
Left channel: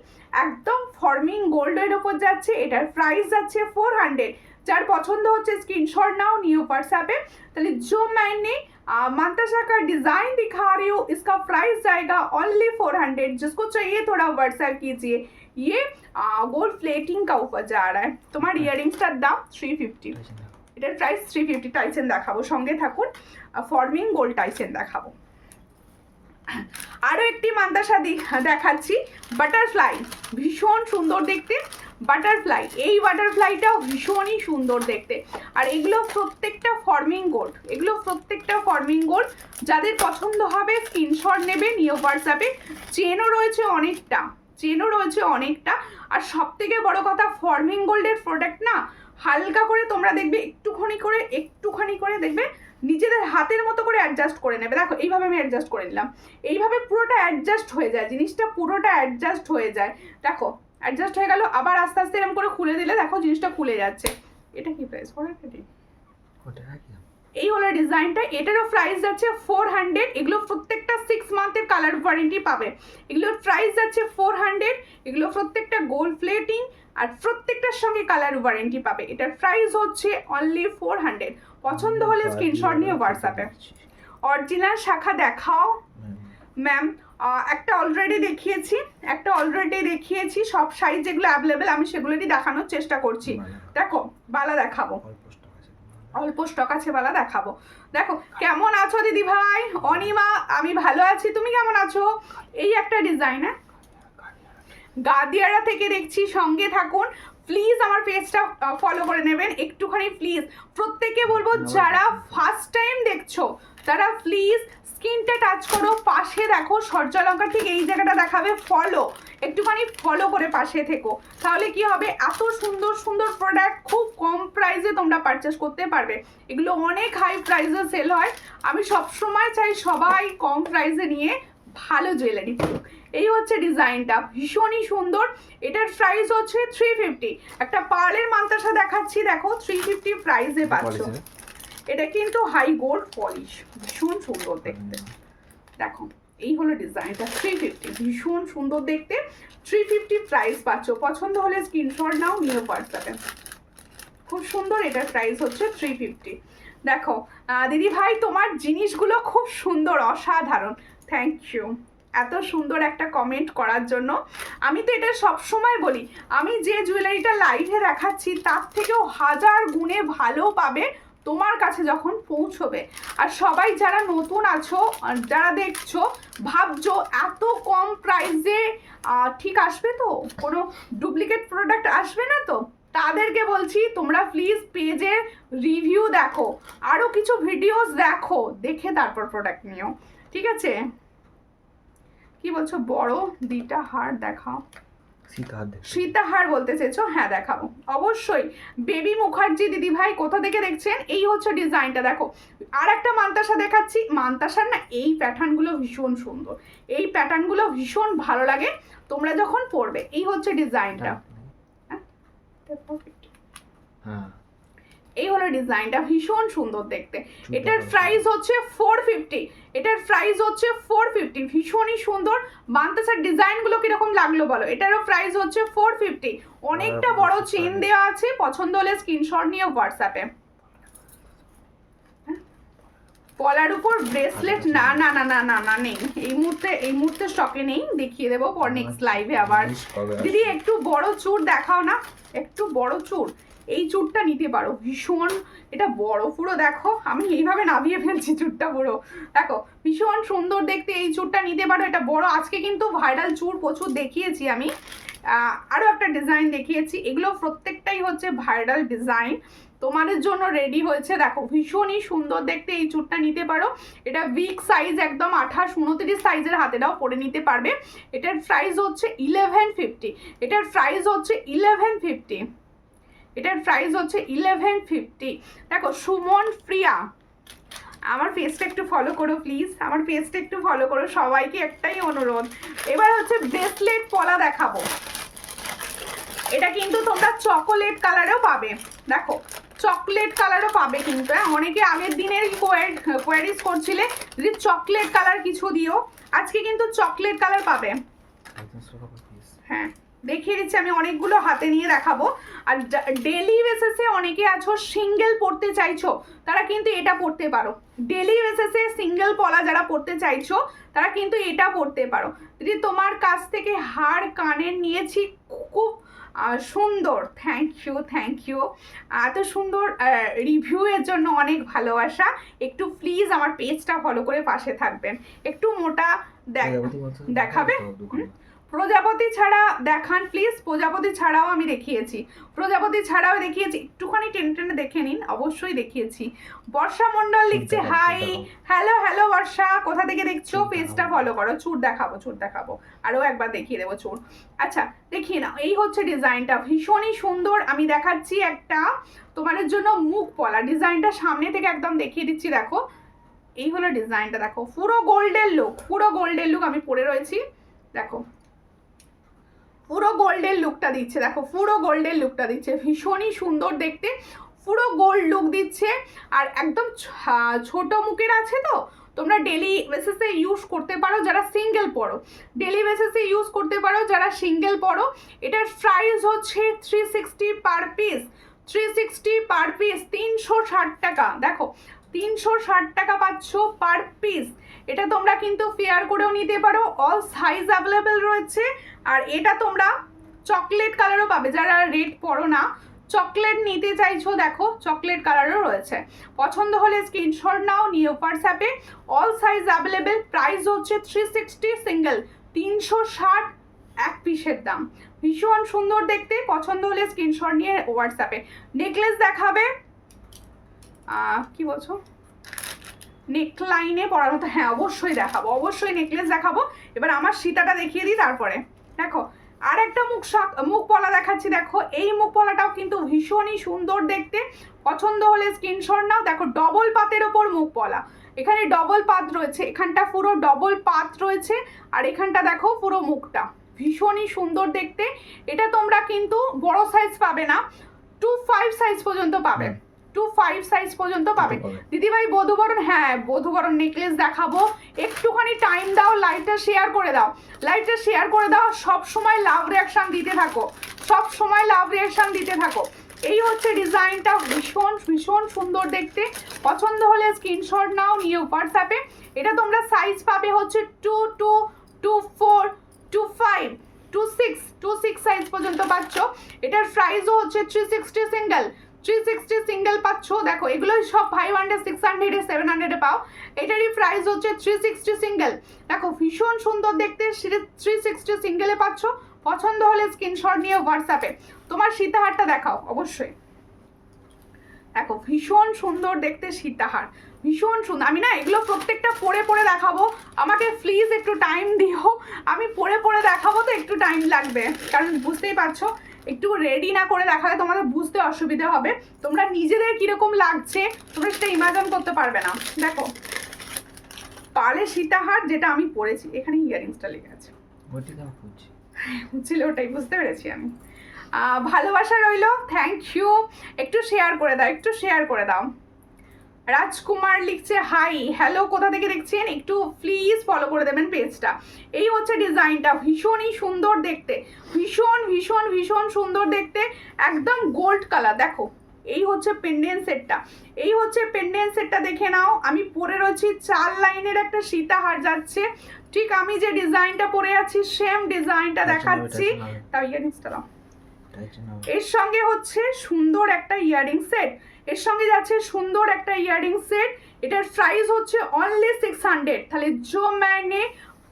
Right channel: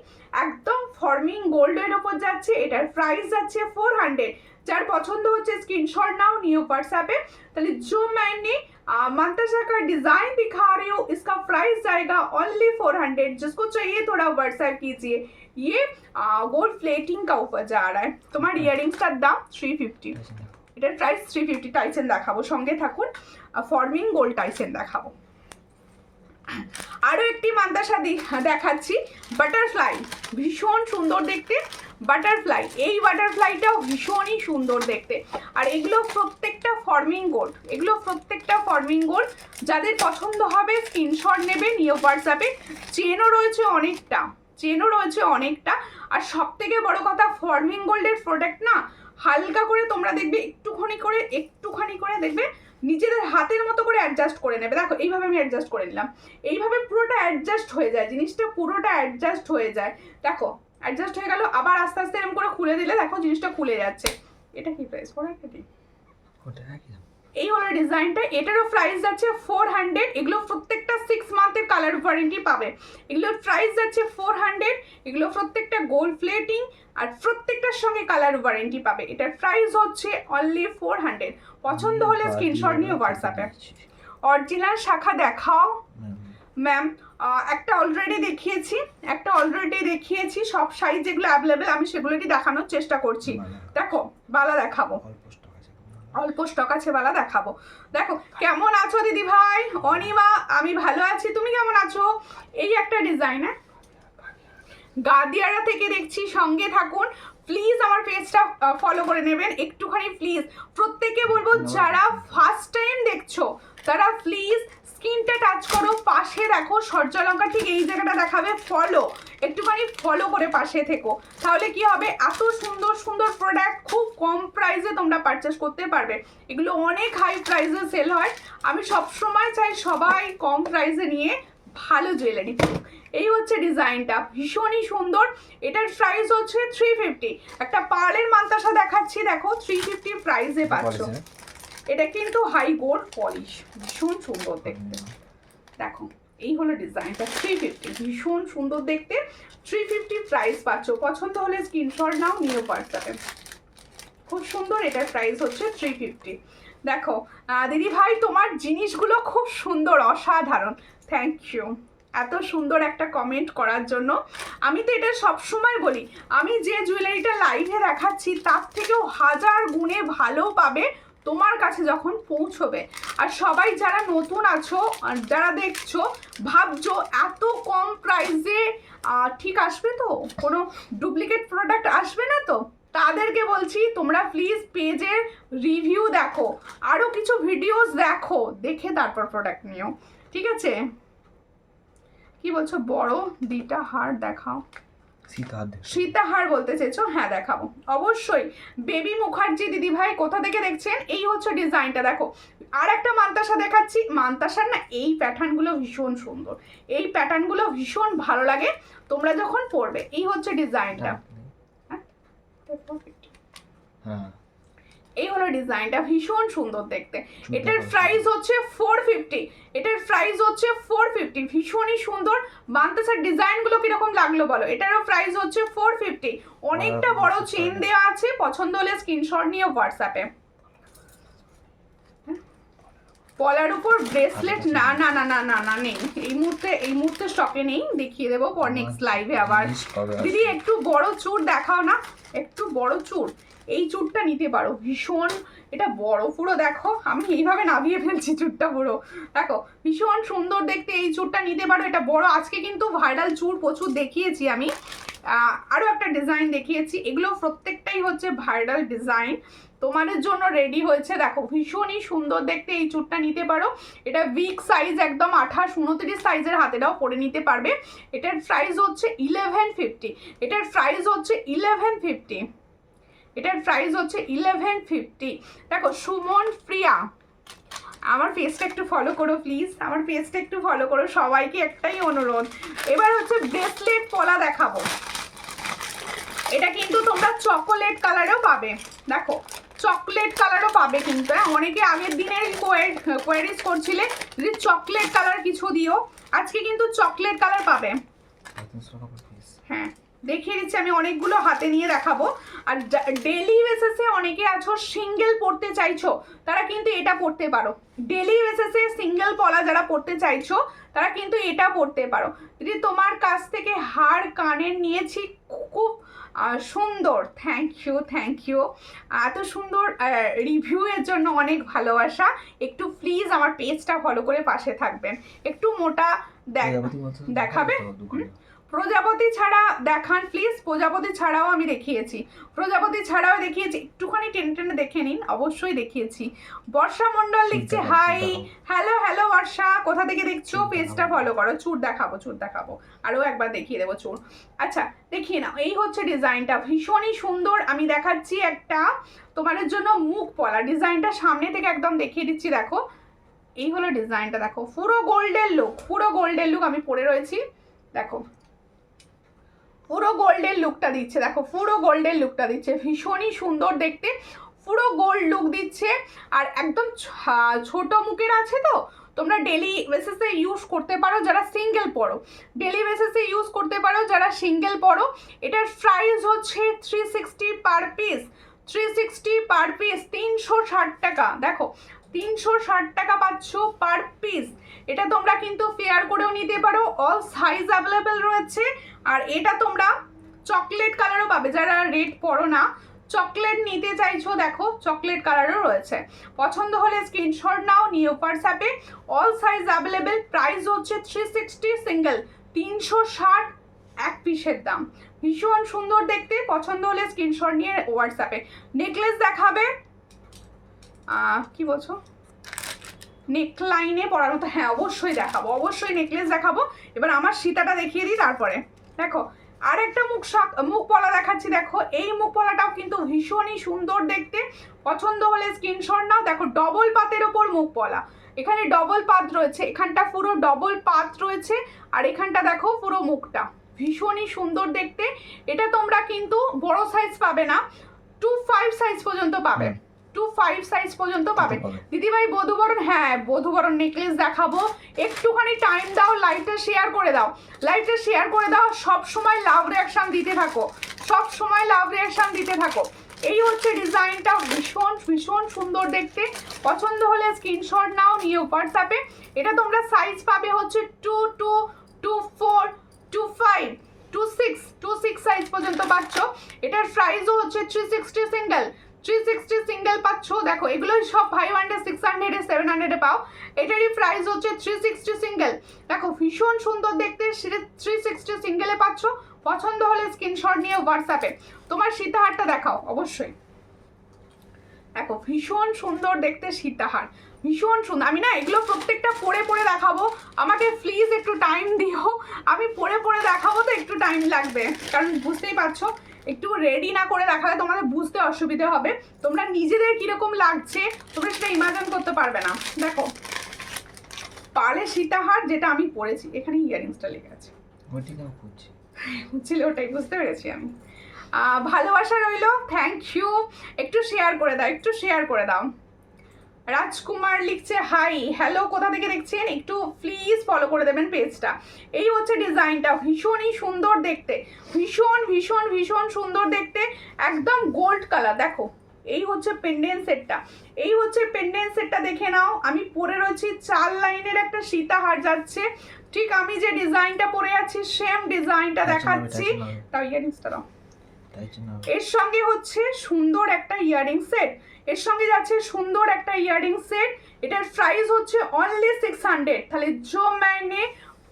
একদম ফর্মিং গোল্ডের ওপর যাচ্ছে, এটার প্রাইস যাচ্ছে 400। যার পছন্দ হচ্ছে স্ক্রিনशॉट नाउ न्यू व्हाट्सएप पे। ताले जो मैंने मंताशा का डिजाइन दिखा रही हूँ इसका प्राइस जाएगा ओनली 400। जिसको चाहिए थोड़ा व्हाट्सएप कीजिए। ये गोल्ड प्लेटिंग का ऊपर जा रहा है। तुम्हारे इयरिंग्स का दाम 350, এটার প্রাইস 350। টাইসেন দেখাবো, সঙ্গে থাকুন। ফর্মিং গোল্ড টাইসেন দেখাবো। আরো একটি মান্তাসা দেখাচ্ছি, বাটারফ্লাই, ভীষণ সুন্দর দেখতে বাটারফ্লাই। এই বাটারফ্লাইটাও ভীষণই সুন্দর দেখতে, আর এগুলো প্রত্যেকটা ফর্মিং গোল্ড, এগুলো প্রত্যেকটা ফর্মিং গোল্ড। যাদের পছন্দ হবে স্ক্রিনশট নেবে, নিয়ে হোয়াটসঅ্যাপে। চেনও রয়েছে অনেকটা, চেনও রয়েছে অনেকটা। আর সব থেকে বড় কথা, ফর্মিং গোল্ডের প্রোডাক্ট না হালকা করে তোমরা দেখবে একটুখানি করে দেখবে নিজেদের হাতের মতো করে অ্যাডজাস্ট করে নেবে। দেখো এইভাবে আমি অ্যাডজাস্ট করে নিলাম, এইভাবে পুরোটা অ্যাডজাস্ট হয়ে যায়, জিনিসটা পুরোটা অ্যাডজাস্ট হয়ে যায়। দেখো অ্যাডজাস্ট হয়ে গেল, আবার আস্তে আস্তে এরকম করে খুলে দিলে দেখো জিনিসটা খুলে যাচ্ছে। এটা কি প্রাইস? 400। এই হলো ডিজাইনটা, এটারও প্রাইস যাচ্ছে 400। এগুলো প্রত্যেকটা 6 মান্থের কালার ওয়ারেন্টি পাবে। এগুলোর প্রাইস যাচ্ছে 400। এগুলো প্রত্যেকটা গোল্ড প্লেটিং, আর প্রত্যেকটার সঙ্গে কালার ওয়ারেন্টি পাবে। এটার প্রাইস হচ্ছে অনলি 400। পছন্দ হলে স্ক্রিনশট নিয়ে হোয়াটসঅ্যাপে। অরিজিনাল শাখা দেখাও ম্যাম। একটা অলরেডি দেখিয়েছি, সব সাইজ যেগুলো অ্যাভেলেবেল আমি সেগুলোই দেখানোর চেষ্টা করছি। দেখো বালা দেখাবো, অল্প স্টক আছে বালা দেখাবো। দেখো কেমন আছো দিদি ভাই? অনিমা আমি ভালো আছি, তুমি কেমন আছো? এই একটা ডিজাইন, হ্যাঁ গাদিয়ারা থেকে দেখছি, সঙ্গে থাকুন প্লিজ। আমার পেজটা ফলো করে নেবেন একটুখানি প্লিজ। প্রত্যেককে বলবো যারা ফার্স্ট টাইম দেখছো তারা প্লিজ স্ক্রিনটা টাচ করো, পাশে দেখো সূর্যালঙ্কার ঠিক এই জায়গাটা দেখাবে ফলো, একটুখানি ফলো করে পাশে থেকো। তাহলে কি হবে, এত সুন্দর সুন্দর প্রোডাক্ট খুব কম প্রাইসে তোমরা পারচেস করতে পারবে। এগুলো অনেক হাই প্রাইসে সেল হয়, আমি সবসময় চাই সবাই কম প্রাইসে নিয়ে ভালো জুয়েলারি পড়ুক। এই হচ্ছে ডিজাইনটা, ভীষণই সুন্দর। এটার প্রাইস হচ্ছে 350। একটা পার্লের মান্তাসা দেখাচ্ছি, দেখো 350 প্রাইসে পাচ্ছ। এটা কিন্তু হাই গোল্ড পলিশ, ভীষণ সুন্দর দেখতে। দেখো এই হলো ডিজাইনটা, 350, ভীষণ সুন্দর দেখতে। 350 প্রাইস পাচ্ছ। পছন্দ হলে স্ক্রিনশট নাও, নিয়ে হোয়াটসঅ্যাপে। খুব সুন্দর, এটার প্রাইস হচ্ছে 350। দেখো দিদি ভাই তোমার জিনিসগুলো খুব সুন্দর, অসাধারণ, থ্যাংক ইউ এত সুন্দর একটা কমেন্ট করার জন্য। আমি তো এটা সবসময় বলি, আমি যে জুয়েলারিটা লাইভে দেখাচ্ছি তার থেকেও 1000 গুণে ভালো পাবে তোমার কাছে যখন পৌঁছবে। আর সবাই যারা নতুন আছো, যারা দেখছো, ভাবছো এত কম প্রাইসে ঠিক আসবে তো, কোনো ডুপ্লিকেট প্রোডাক্ট আসবে না তো, তাদেরকে বলছি তোমরা প্লিজ পেজের রিভিউ দেখো, আরও কিছু ভিডিওস দেখো, দেখে তারপর প্রোডাক্ট নিও, ঠিক আছে? কি বলছো? বড় দুইটা হার দেখাও, সীতাহার বলতে চেয়েছো? হ্যাঁ দেখাবো অবশ্যই। বেবি মুখার্জি দিদি ভাই কোথা থেকে দেখছেন? এই হচ্ছে ডিজাইনটা, দেখো আর একটা মান্তাসা দেখাচ্ছি। মান্তাসার না এই প্যাটার্নগুলো ভীষণ সুন্দর, এই প্যাটার্নগুলো ভীষণ ভালো লাগে তোমরা যখন পরবে। এই হচ্ছে ডিজাইনটা, হ্যাঁ এই হলো ডিজাইনটা, ভীষণ সুন্দর দেখতে। এটার প্রাইস হচ্ছে 450। এটার প্রাইস হচ্ছে 450, ভীষণই সুন্দর। মান্তাসার ডিজাইনগুলো কিরকম লাগলো বলো? এটারও প্রাইস হচ্ছে 450। অনেকটা বড় চেন দেওয়া আছে, পছন্দ হলে স্ক্রিনশট নিয়ে হোয়াটসঅ্যাপে। পলার উপর ব্রেসলেট না না না না না না নেই, এই মুহূর্তে স্টকে নেই, দেখিয়ে দেবো পর নেক্সট লাইভে আবার। দিদি একটু বড় চূড় দেখাও না, একটু বড় চূড়। এই চুড়টা নিতে পারো, ভীষণ এটা বড় পুরো, দেখো আমি এইভাবে নামিয়ে ফেলছি চুড়টা পুরো, দেখো ভীষণ সুন্দর দেখতে, এই চুড়টা নিতে পারো, এটা বড়। আজকে কিন্তু ভাইরাল চুড় প্রচুর দেখিয়েছি আমি, আরও একটা ডিজাইন দেখিয়েছি, এগুলো প্রত্যেকটাই হচ্ছে ভাইরাল ডিজাইন তোমাদের জন্য রেডি হয়েছে। দেখো ভীষণই সুন্দর দেখতে, এই চুড়টা নিতে পারো, এটা বিগ সাইজ একদম 28-29 সাইজের হাতেরাও পরে নিতে পারবে। এটার প্রাইস হচ্ছে 1150, এটার প্রাইস হচ্ছে 1150, এটার প্রাইস হচ্ছে 1150। দেখো সুমন প্রিয়া, আমার পেজটা একটু ফলো করো প্লিজ, আমার পেজটা একটু ফলো করো, সবাইকে একটাই অনুরোধ। এবার হচ্ছে ব্রেসলেট পলা দেখাবো, এটা কিন্তু তোমরা চকোলেট কালারেও পাবে, দেখো চকলেট কালারও পাবে কিন্তু, অনেকে আগের দিনের কোয়ারিজ করছিলে যদি চকলেট কালার কিছু দিও, আজকে কিন্তু চকলেট কালার পাবে। হ্যাঁ দেখিয়ে দিচ্ছি আমি, অনেকগুলো হাতে নিয়ে দেখাবো। আর ডেলি বেসিসে অনেকে আছো সিঙ্গেল পড়তে চাইছো, তারা কিন্তু এটা পড়তে পারো, ডেলি বেসিসে সিঙ্গেল পলা যারা পড়তে চাইছো তারা কিন্তু এটা পড়তে পারো। যদি তোমার কাছ থেকে হার কানের নিয়েছি, খুব সুন্দর, থ্যাংক ইউ এত সুন্দর রিভিউয়ের জন্য, অনেক ভালোবাসা। একটু প্লিজ আমার পেজটা ফলো করে পাশে থাকবেন। একটু মোটা দেখাবে, প্রজাপতি ছাড়া দেখান প্লিজ, প্রজাপতি ছাড়াও আমি দেখিয়েছি, প্রজাপতি ছাড়াও দেখিয়েছি, একটুখানি টেনে টেনে দেখে নিন, অবশ্যই দেখিয়েছি। বর্ষা মণ্ডল লিখছে হাই, হ্যালো বর্ষা, কোথা থেকে দেখছো, পেজটা ফলো করো। চুড় দেখাবো আরও একবার দেখিয়ে দেবো চুড়। আচ্ছা দেখিয়ে নাও, এই হচ্ছে ডিজাইনটা, ভীষণই সুন্দর। আমি দেখাচ্ছি একটা তোমাদের জন্য মুখ পলা, ডিজাইনটা সামনে থেকে একদম দেখিয়ে দিচ্ছি, দেখো এই হলো ডিজাইনটা, দেখো পুরো গোল্ডেন লুক আমি পরে রয়েছি, দেখো পুরো গোল্ডেন লুকটা দিচ্ছে, দেখো পুরো গোল্ডেন লুকটা দিচ্ছে, ভীষণই সুন্দর দেখতে, পুরো গোল্ড লুক দিচ্ছে। আর একদম ছোট মুখের আছে তো, তোমরা ডেলি বেসিসে ইউজ করতে পারো যারা সিঙ্গেল পড়ো, ডেলি বেসিসে ইউজ করতে পারো যারা সিঙ্গেল পড়ো। এটার প্রাইস হচ্ছে 360 পার পিস, 360 পার পিস, 360 টাকা, দেখো 360 টাকা পাচ্ছ পার পিস। এটা তোমরা কিন্তু ফেয়ার করেও নিতে পারো, অল সাইজ অ্যাভেলেবেল রয়েছে। আর এটা তোমরা চকলেট কালারও পাবে, যারা রেড পরো না, চকলেট নিতে চাইছো দেখো চকলেট কালারও রয়েছে। পছন্দ হলে স্ক্রিনশট নাও, নিও হোয়াটসঅ্যাপে, অল সাইজ অ্যাভেলেবেল। প্রাইস হচ্ছে 360 সিঙ্গেল, 360 এক পিসের দাম, ভীষণ সুন্দর দেখতে। পছন্দ হলে স্ক্রিনশট নিয়ে হোয়াটসঅ্যাপে। নেকলেস দেখাবে, কি বলছো নেকলাইনে পরার মতো, হ্যাঁ অবশ্যই দেখাবো, অবশ্যই নেকলেস দেখাবো। এবার আমার সীতাটা দেখিয়ে দিই তারপরে। দেখো আর একটা মুখ পলা দেখাচ্ছি, দেখো এই মুখ পলাটাও কিন্তু ভীষণই সুন্দর দেখতে। পছন্দ হলে স্ক্রিনশট নাও। দেখো ডবল পাতের ওপর মুখ পলা, এখানে ডবল পাত রয়েছে, এখানটা পুরো ডবল পাত রয়েছে, আর এখানটা দেখো পুরো মুখটা ভীষণই সুন্দর দেখতে। এটা তোমরা কিন্তু বড় সাইজ পাবে না, 2-5 সাইজ পর্যন্ত পাবে, 2-5 সাইজ পর্যন্ত পাবে। দিদিভাই বধুবরণ, হ্যাঁ বধুবরণ নেকলেস দেখাবো, একটুখানি টাইম দাও, লাইভটা শেয়ার করে দাও, লাইভটা শেয়ার করে দাও, সব সময় লাভ রিয়াকশন দিতে থাকো, সব সময় লাভ রিয়াকশন দিতে থাকো। এই হচ্ছে ডিজাইনটা, ভীষণ সুন্দর দেখতে। পছন্দ হলে স্ক্রিনশট নাও, নিও হোয়াটসঅ্যাপে। এটা তোমরা সাইজ পাবে হচ্ছে 2, 2, 2, 4, 2, 5, 2, 6, 2, 6 সাইজ পর্যন্ত পাচ্ছ। এটার প্রাইসও হচ্ছে 360 সিঙ্গেল, 360 সিঙ্গেল পাচ্ছ। দেখো এগুলো সব 500, 600, 700 পাও, এটারই প্রাইস হচ্ছে 360 সিঙ্গেল। দেখো ভীষণ সুন্দর দেখতে, 360 সিঙ্গেলে পাচ্ছ। পছন্দ হলে স্ক্রিনশট নিয়ে হোয়াটসঅ্যাপে। তোমার সীতাহারটা দেখাও অবশ্যই, দেখো ভীষণ সুন্দর দেখতে সীতাহার, ভীষণ সুন্দর। আমি না এগুলো প্রত্যেকটা পরে দেখাবো, আমাকে প্লিজ একটু টাইম দিও, আমি পরে দেখাবো তো একটু টাইম লাগবে, কারণ বুঝতেই পারছো একটু রেডি না করে দেখালে তোমাদের বুঝতে অসুবিধা হবে, তোমরা নিজেদের কিরকম লাগছে তোমরা সেটা ইমাজিন করতে পারবে না। দেখো পালে সীতাহার যেটা আমি পরেছি, এখানে ইয়ারিংসটা লেগে আছে, বুঝছিলে ওটাই, বুঝতে পেরেছি আমি। ভালোবাসা রইলো, থ্যাংক ইউ। একটু শেয়ার করে দাও, একটু শেয়ার করে দাও। রাজকুমার লিখছে হাই, হ্যালো, কোথা থেকে দেখছেন একটু প্লিজ ফলো করে দেবেন পেজটা। এই হচ্ছে ডিজাইনটা, ভীষণই সুন্দর দেখতে, ভীষণ সুন্দর দেখতে, একদম গোল্ড কালার। দেখো এই হচ্ছে পেন্ডেন্ট সেটটা, এই হচ্ছে পেন্ডেন্ট সেটটা দেখে নাও। আমি পরে রয়েছি 4 লাইনের একটা সীতাহার যাচ্ছে, ঠিক আমি যে ডিজাইনটা পরে আছি সেম ডিজাইনটা দেখাচ্ছি। তাও ইয়ারিংসটা দাও, তাই জন্য এর সঙ্গে হচ্ছে সুন্দর একটা ইয়ারিং সেট, এর সঙ্গে যাচ্ছে সুন্দর একটা ইয়ারিং সেট। এটার প্রাইস হচ্ছে অনলি 600। তাহলে जो मैंने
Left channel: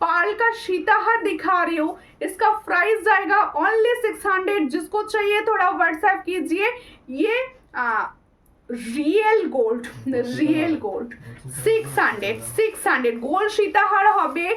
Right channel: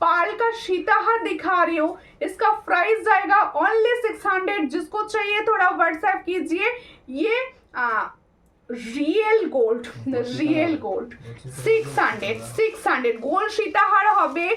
पाल का सीताहार दिखा रही हूँ इसका प्राइस जाएगा ओनली 600। जिसको चाहिए थोड़ा व्हाट्सएप कीजिए। ये real gold, real gold 600 gold সীতাহার হবে,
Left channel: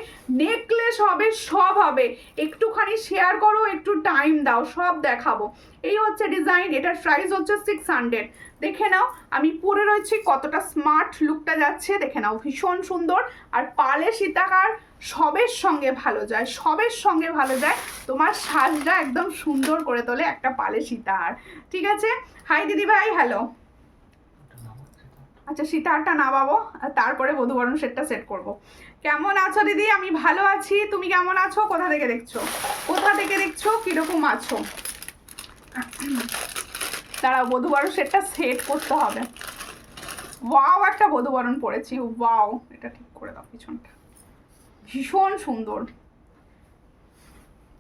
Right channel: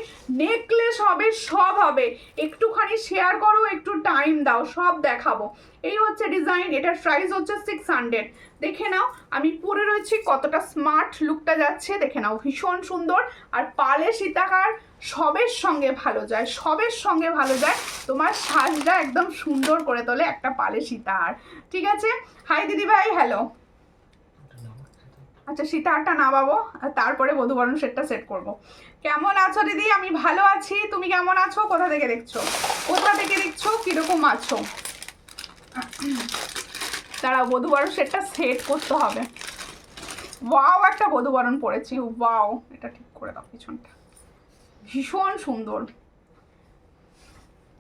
নেকলেস হবে, সব হবে। একটুখানি শেয়ার করো, একটু টাইম দাও, সব দেখাবো। এই হচ্ছে ডিজাইন, এটার প্রাইস হচ্ছে 600। দেখে নাও আমি পরে রয়েছি, কতটা স্মার্ট লুকটা যাচ্ছে দেখে নাও, ভীষণ সুন্দর। আর পালে সীতাহার সবের সঙ্গে ভালো যায়, সবের সঙ্গে ভালো যায়, তোমার সাজটা একদম সুন্দর করে তোলে একটা পালে সীতাহার। ঠিক আছে, হাই দিদি ভাই, হ্যালো। আচ্ছা সীতাহারটা নামাবো, তারপরে বধূবরণ সেটটা সেট করব। কেমন আছো দিদি? আমি ভালো আছি, তুমি কেমন আছো? কোথা থেকে দেখছো, কোথা থেকে দেখছো, কিরকম আছো? দাঁড়াও, বধূবরণ সেটটা সেট করতে হবে। ওয়াও, একটা বধূবরণ পড়েছি, ওয়াও, এটা ঠিক করে দাও পিছনটা, ভীষণ সুন্দর।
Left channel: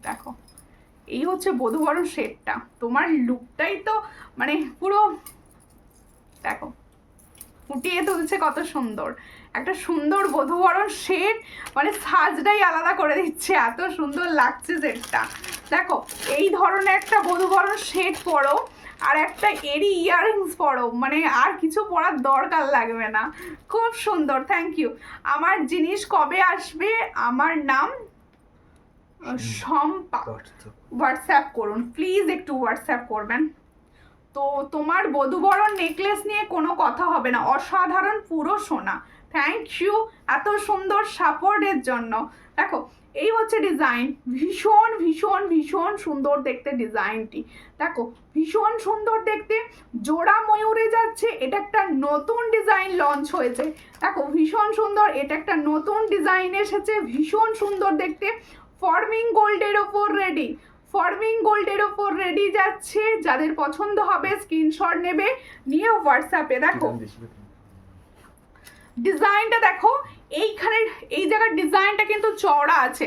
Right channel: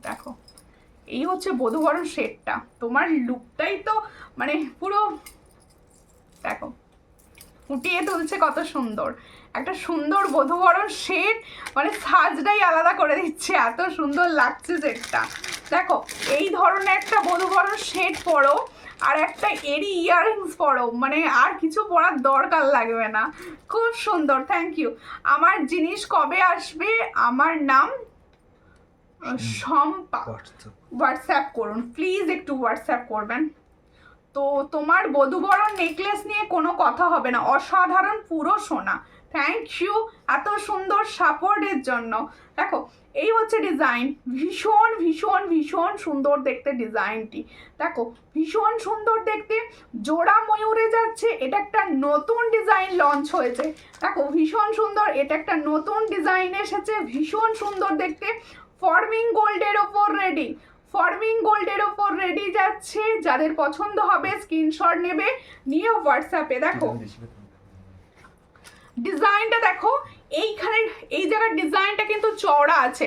দেখো এই হচ্ছে বধূবরণ সেটটা, তোমার লুকটাই তো মানে পুরো দেখো ফুটিয়ে তুলছে, কত সুন্দর একটা সুন্দর বধূবরণ সেট, মানে সাজটাই আলাদা করে দিচ্ছে, এত সুন্দর লাগছে সেটটা। দেখো এই ধরনের একটা বধূবরণ সেট পরো আর একটা এরি ইয়াররিংস পরো, মানে আর কিছু পরার দরকার লাগবে না, খুব সুন্দর। Thank you. আমার জিনিস কবে আসবে? আমার নাম শম্পা। হোয়াটসঅ্যাপ করুন প্লিজ, একটু হোয়াটসঅ্যাপ করবেন। তো তোমার বধূবরণ নেকলেস নিয়ে কোনো কথা হবে না, অসাধারণ পুরো সোনা। থ্যাংক ইউ এত সুন্দর সাপোর্টের জন্য। দেখো এই হচ্ছে ডিজাইন, ভীষণ ভীষণ ভীষণ সুন্দর দেখতে ডিজাইনটি। দেখো ভীষণ সুন্দর দেখতে, জোড়া ময়ূরে যাচ্ছে, এটা একটা নতুন ডিজাইন লঞ্চ হয়েছে। দেখো ভীষণ সুন্দর, এটা একটা নতুন ডিজাইন এসেছে, ভীষণ সুন্দর দেখতে। ফর্মিং গোল্ডের ওপর রেডি, ফর্মিং গোল্ডের ওপর রেডি যাচ্ছে, যাদের পছন্দ হবে স্ক্রিনশট নেবে, নিয়ে হোয়াটসঅ্যাপে। দেখো ডিজাইনটা দেখো, এইখানে এই জায়গার ডিজাইনটা কিন্তু চওড়া আছে,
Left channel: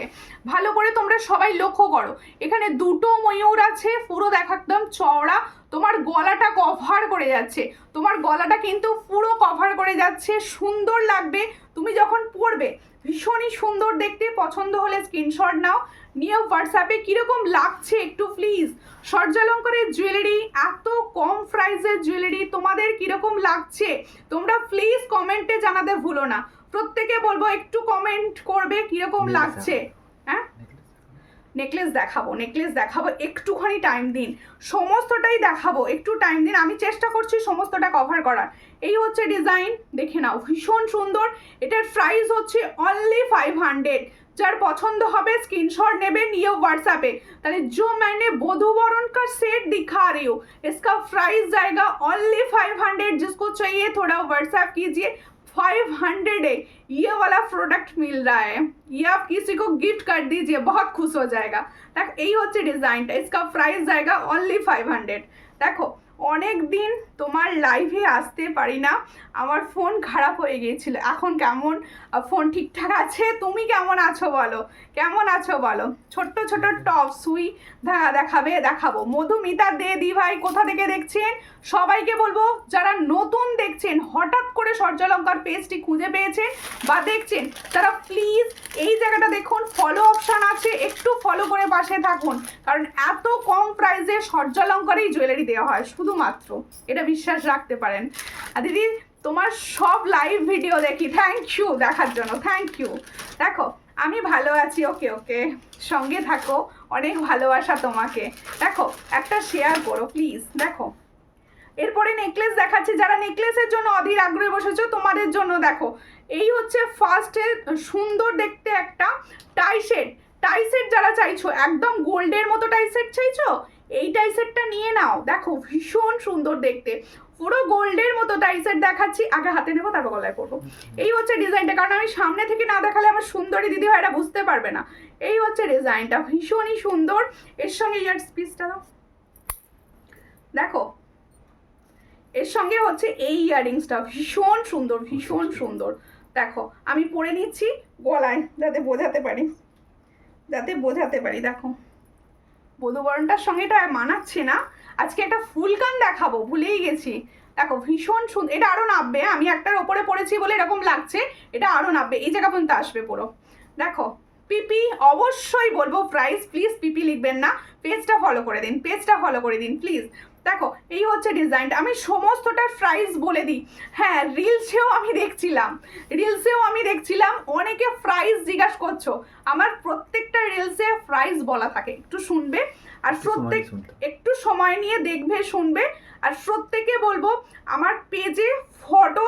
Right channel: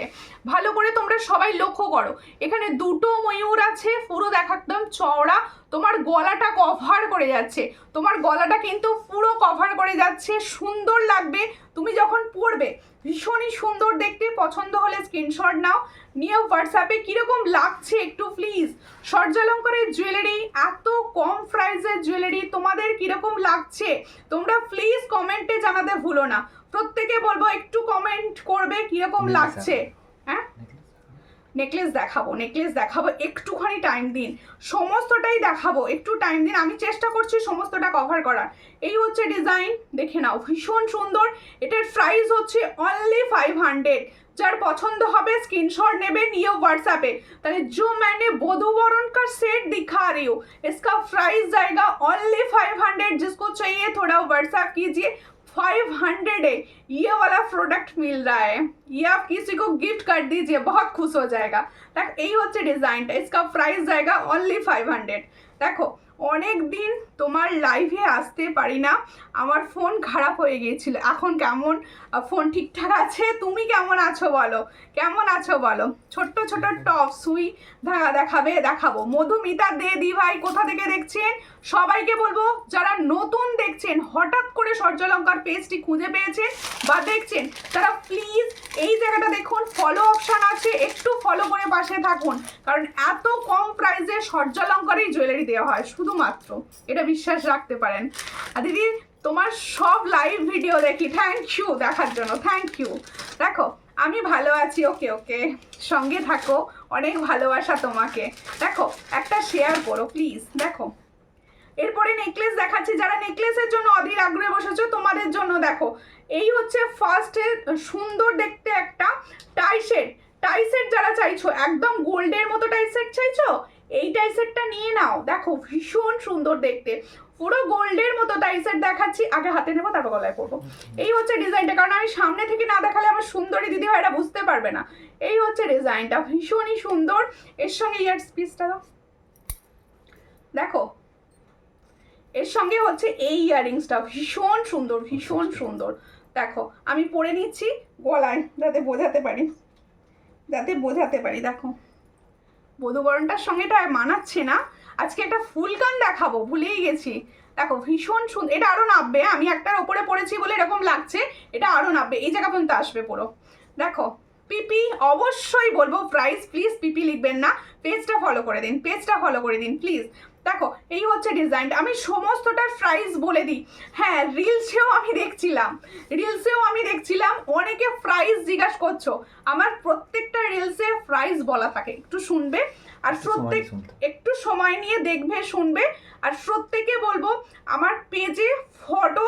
ভালো করে তোমরা সবাই লক্ষ্য করো, এখানে দুটো ময়ূর আছে, পুরো দেখা একদম চওড়া। তোমার গলাটা কভার করে যাচ্ছে, তোমার গলাটা কিন্তু পুরো কভার করে যাচ্ছে, সুন্দর লাগবে তুমি যখন পরবে, ভীষণই সুন্দর দেখতে। পছন্দ হলে স্ক্রিনশট নাও, নিয়ে হোয়াটসঅ্যাপে কীরকম লাগছে একটু প্লিজ। সূর্যালঙ্কারের জুয়েলারি, এত কম প্রাইসের জুয়েলারি, তোমাদের কীরকম লাগছে তোমরা প্লিজ কমেন্টে জানাতে ভুলো না। প্রত্যেকে বলবো একটু কমেন্ট করবে কীরকম লাগছে। হ্যাঁ নেকলেস দেখাবো, নেকলেস দেখাবো, একটুখানি টাইম দিন, সমস্তটাই দেখাবো, একটু টাইম দিন, আমি চেষ্টা করছি সমস্তটা কভার করার। এই হচ্ছে ডিজাইন, দেখে নাও ভীষণ সুন্দর। এটার প্রাইস হচ্ছে অনলি 500। যার পছন্দ হবে स्क्रीनशॉट नेबे नियो व्हाट्सएप पे। ताकि जो मैंने वधूवरण का सेट दिखा रही हूँ इसका प्राइस जाएगा ओनली 500। जिसको चाहिए थोड़ा व्हाट्सएप कीजिए। 500 है ये वाला प्रोडक्ट मिल रहा है, ये आप किसी को गिफ्ट कर दीजिए, बहुत खुश हो जाएगा। देख यही होच्छे डिजाइनটা, इसका प्राइस जाएगा ओनली 500। देखो অনেক দিন তোমার লাইভে আসতে পারি না, আমার ফোন খারাপ হয়ে গিয়েছিল, এখন কেমন ফোন ঠিকঠাক আছে? তুমি কেমন আছো বলো, কেমন আছো বলো? ছোট্ট ছোট্ট টপ সুই দেখাবে, দেখাবো। মধুমিতা দে দি ভাই কোথা থেকে দেখছেন? সবাইকে বলবো যারা নতুন দেখছেন, হঠাৎ করে সূর্যালঙ্কার পেজটি খুঁজে পেয়েছেন বা দেখছেন, তারা প্লিজ এই জায়গাটা দেখুন, ফলো অপশান আছে, একটু ফলো করে পাশে থাকুন, কারণ এত কম প্রাইসে সূর্যালঙ্কারেই জুয়েলারি দেওয়া হয় শুধুমাত্র, এটা বিশ্বাস রাখতে পারেন। আর দিদি তোমার সব লাইভ ভিডিও দেখি, থ্যাংক ইউ দেখার জন্য, থ্যাংক ইউ। দেখো আমি ভালো আছি, ওকে ওকে, সঙ্গে থাকো, অনেক ভালোবাসা তোমাকে। দেখো একটা শেয়ার করো প্লিজ। দেখো এরপরে নেকলেস দেখাচ্ছি, যারা নেকলেসের জন্য অধীর আগ্রহে বসেছো তোমাদের জন্য দেখো, এই হচ্ছে ফার্স্টে সুন্দর দেখতে একটা টাই সেট। টাই সেট যারা চাইছো, একদম গোল্ডের মতো টাই সেট চাইছো, এই টাই সেটটা নিয়ে নাও। দেখো ভীষণ সুন্দর দেখতে, পুরো গোল্ডের মতো টাই সেট দেখাচ্ছি, আগে হাতে নেবো তারপর গলায় করবো। এই হচ্ছে ডিজাইনটা, কারণ আমি সামনে থেকে না দেখালে আমার সুন্দরী দিদি ভাইরা বুঝতে পারবে না। এই হচ্ছে ডিজাইনটা, ভীষণই সুন্দর। এর সঙ্গে ইয়ার পিসটা দাও, দেখো এর সঙ্গে হচ্ছে এই ইয়াররিংসটা, ভীষণ সুন্দর, ভীষণ সুন্দর। দেখো আমি পরে নিচ্ছি গলায়, যাতে বোঝাতে পারি, যাতে বোঝাতে পারি। দেখো বধূবরণটার সঙ্গে এটা মানাচ্ছে না। আজকে একটা ফুল কান দেখাবো, ভুলেই গেছি। দেখো ভীষণ সুন্দর, এটা আরও নামবে, আমি একটার ওপরে পড়েছি বলে এরকম লাগছে, এটা আরও নামবে, এই জায়গা পর্যন্ত আসবে পুরো। দেখো পিপি, অবশ্যই বলবো প্রাইস, প্লিজ পিপি লিখবেন না, পেজটা ফলো করে দিন, পেজটা ফলো করে দিন প্লিজ। দেখো এই হচ্ছে ডিজাইনটা, আমি সমস্তটার প্রাইস বলে দিই। হ্যাঁ, রিলসেও আমি দেখছিলাম অনেকে প্রাইস জিজ্ঞাসা করছো, আমার প্রত্যেকটা রিলসে প্রাইস বলা থাকে, একটু শুনবে আর একটু সময় নিয়ে দেখবে শুনবে। আর প্রত্যেকে বলবো আমার পেজে ফটো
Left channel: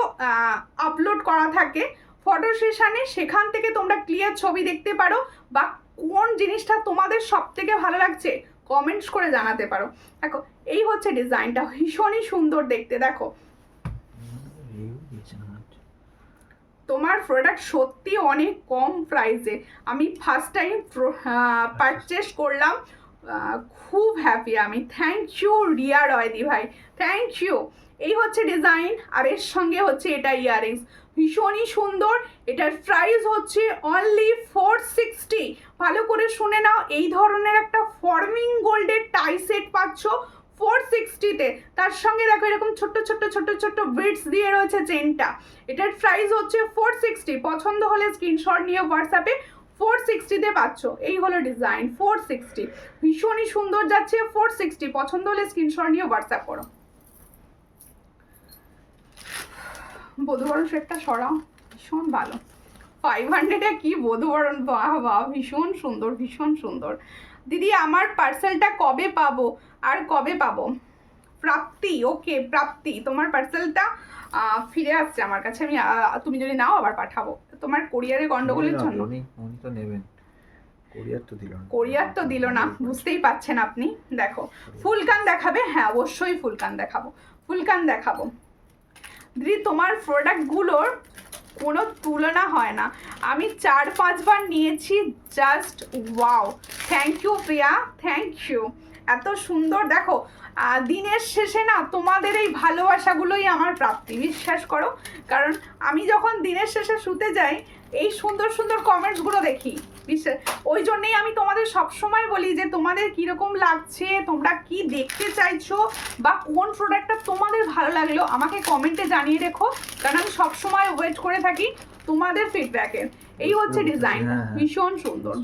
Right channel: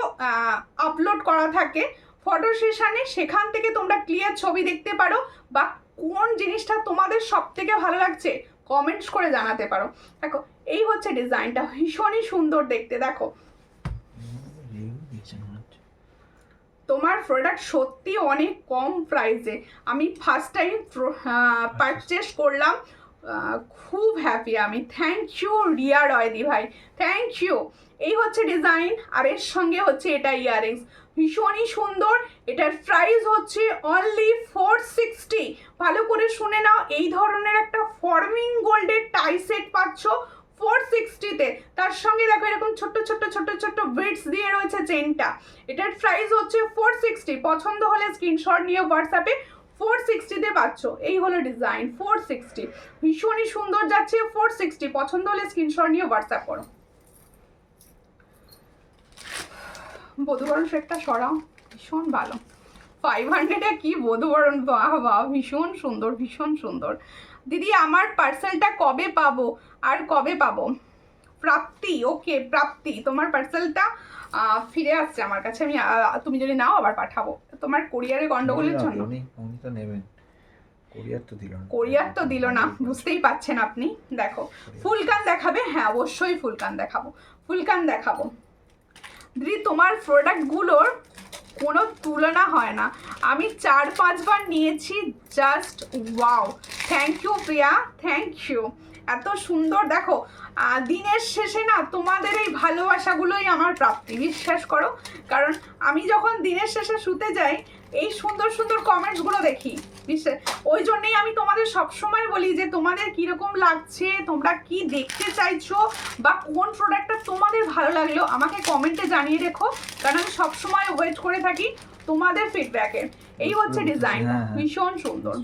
আপলোড করা থাকে, ফটো সেশনে, সেখান থেকে তোমরা ক্লিয়ার ছবি দেখতে পারো, বা কোন জিনিসটা তোমাদের সব থেকে ভালো লাগছে কমেন্টস করে জানাতে পারো। দেখো এই হচ্ছে ডিজাইনটা, ভীষণই সুন্দর দেখতে। দেখো তোমার প্রোডাক্ট সত্যি অনেক কম প্রাইসে, আমি ফার্স্ট টাইম পারচেস করলাম, খুব হ্যাপি আমি। থ্যাংক ইউ রিয়া রয়দি ভাই, থ্যাংক ইউ। এই হচ্ছে ডিজাইন, আর এর সঙ্গে হচ্ছে এটা ইয়াররিংস, ভীষণই সুন্দর। এটার প্রাইস হচ্ছে অনলি 460। ভালো করে শুনে নাও, এই ধরনের একটা ফর্মিং গোল্ডের টাই সেট পাচ্ছ 460-তে। তার সঙ্গে দেখো এরকম ছোট্ট ছোট্ট ছোট্ট ছোট্ট বিটস দিয়ে রয়েছে চেনটা। এটার প্রাইস হচ্ছে 460। পছন্দ হলে স্ক্রিনশট নিয়ে হোয়াটসঅ্যাপে 460-তে পাচ্ছ। এই হলো ডিজাইন 460, ভীষণই সুন্দর যাচ্ছে 460। পছন্দ হলে স্ক্রিনশট নিয়ে হোয়াটসঅ্যাপ করো। বধূবরণ সেটটা সরাও, ভীষণ ভালো। 500-এ কি বধূবরণ, বাহ বাহ, ভীষণ সুন্দর, ভীষণ সুন্দর। দিদি আমার পার্সেলটা কবে পাবো, আর কবে পাবো? প্রাপ্তি, ওকে প্রাপ্তি, তোমার পার্সেলটা ফিরে আসছে আমার কাছে, আমি তুমি যদি নাও আবার পাঠাবো। তোমার কোরিয়ারে গন্ডগোলের জন্য উনি তো নেবেন, কোরিয়ার তো দিল না, বুঝতেই পাচ্ছেন আপনি। দেখো ফুলকান দেখাবে, হ্যাঁ অবশ্যই ফুলকান দেখাবো, ফুলকান দেখাবো। দিদি তোমার প্রোডাক্টগুলোর কোনো তুলনা হয় না, আমি 4-5 বার নিয়েছি, just wow. Thank you Priya, thank you, এত সুন্দর। দেখো দিনের শেষে না তোমাদের এই ভালোবাসাগুলোই আমার প্রাপ্তি, বিশ্বাস করো। কারণ আমি যখন দিনের শেষে শুতে যাই, এই সুন্দর সুন্দর কমেন্টসগুলো দেখি, বিশ্বাস, ওই জন্যেই আমি তোমাদের সবসময় বলি যে তোমাদের কীরকম লাগছে, তোমরা কি দেখতে চাইছো, বা কোন প্রোডাক্টটা তোমাদের ভালো লাগলো আমাকে কমেন্টে জানিয়ে রেখো, কারণ আমি সবসময় ওয়েট করে থাকি তোমাদের ফিডব্যাকের। এই হচ্ছে ডিজাইন, ভীষণ সুন্দর,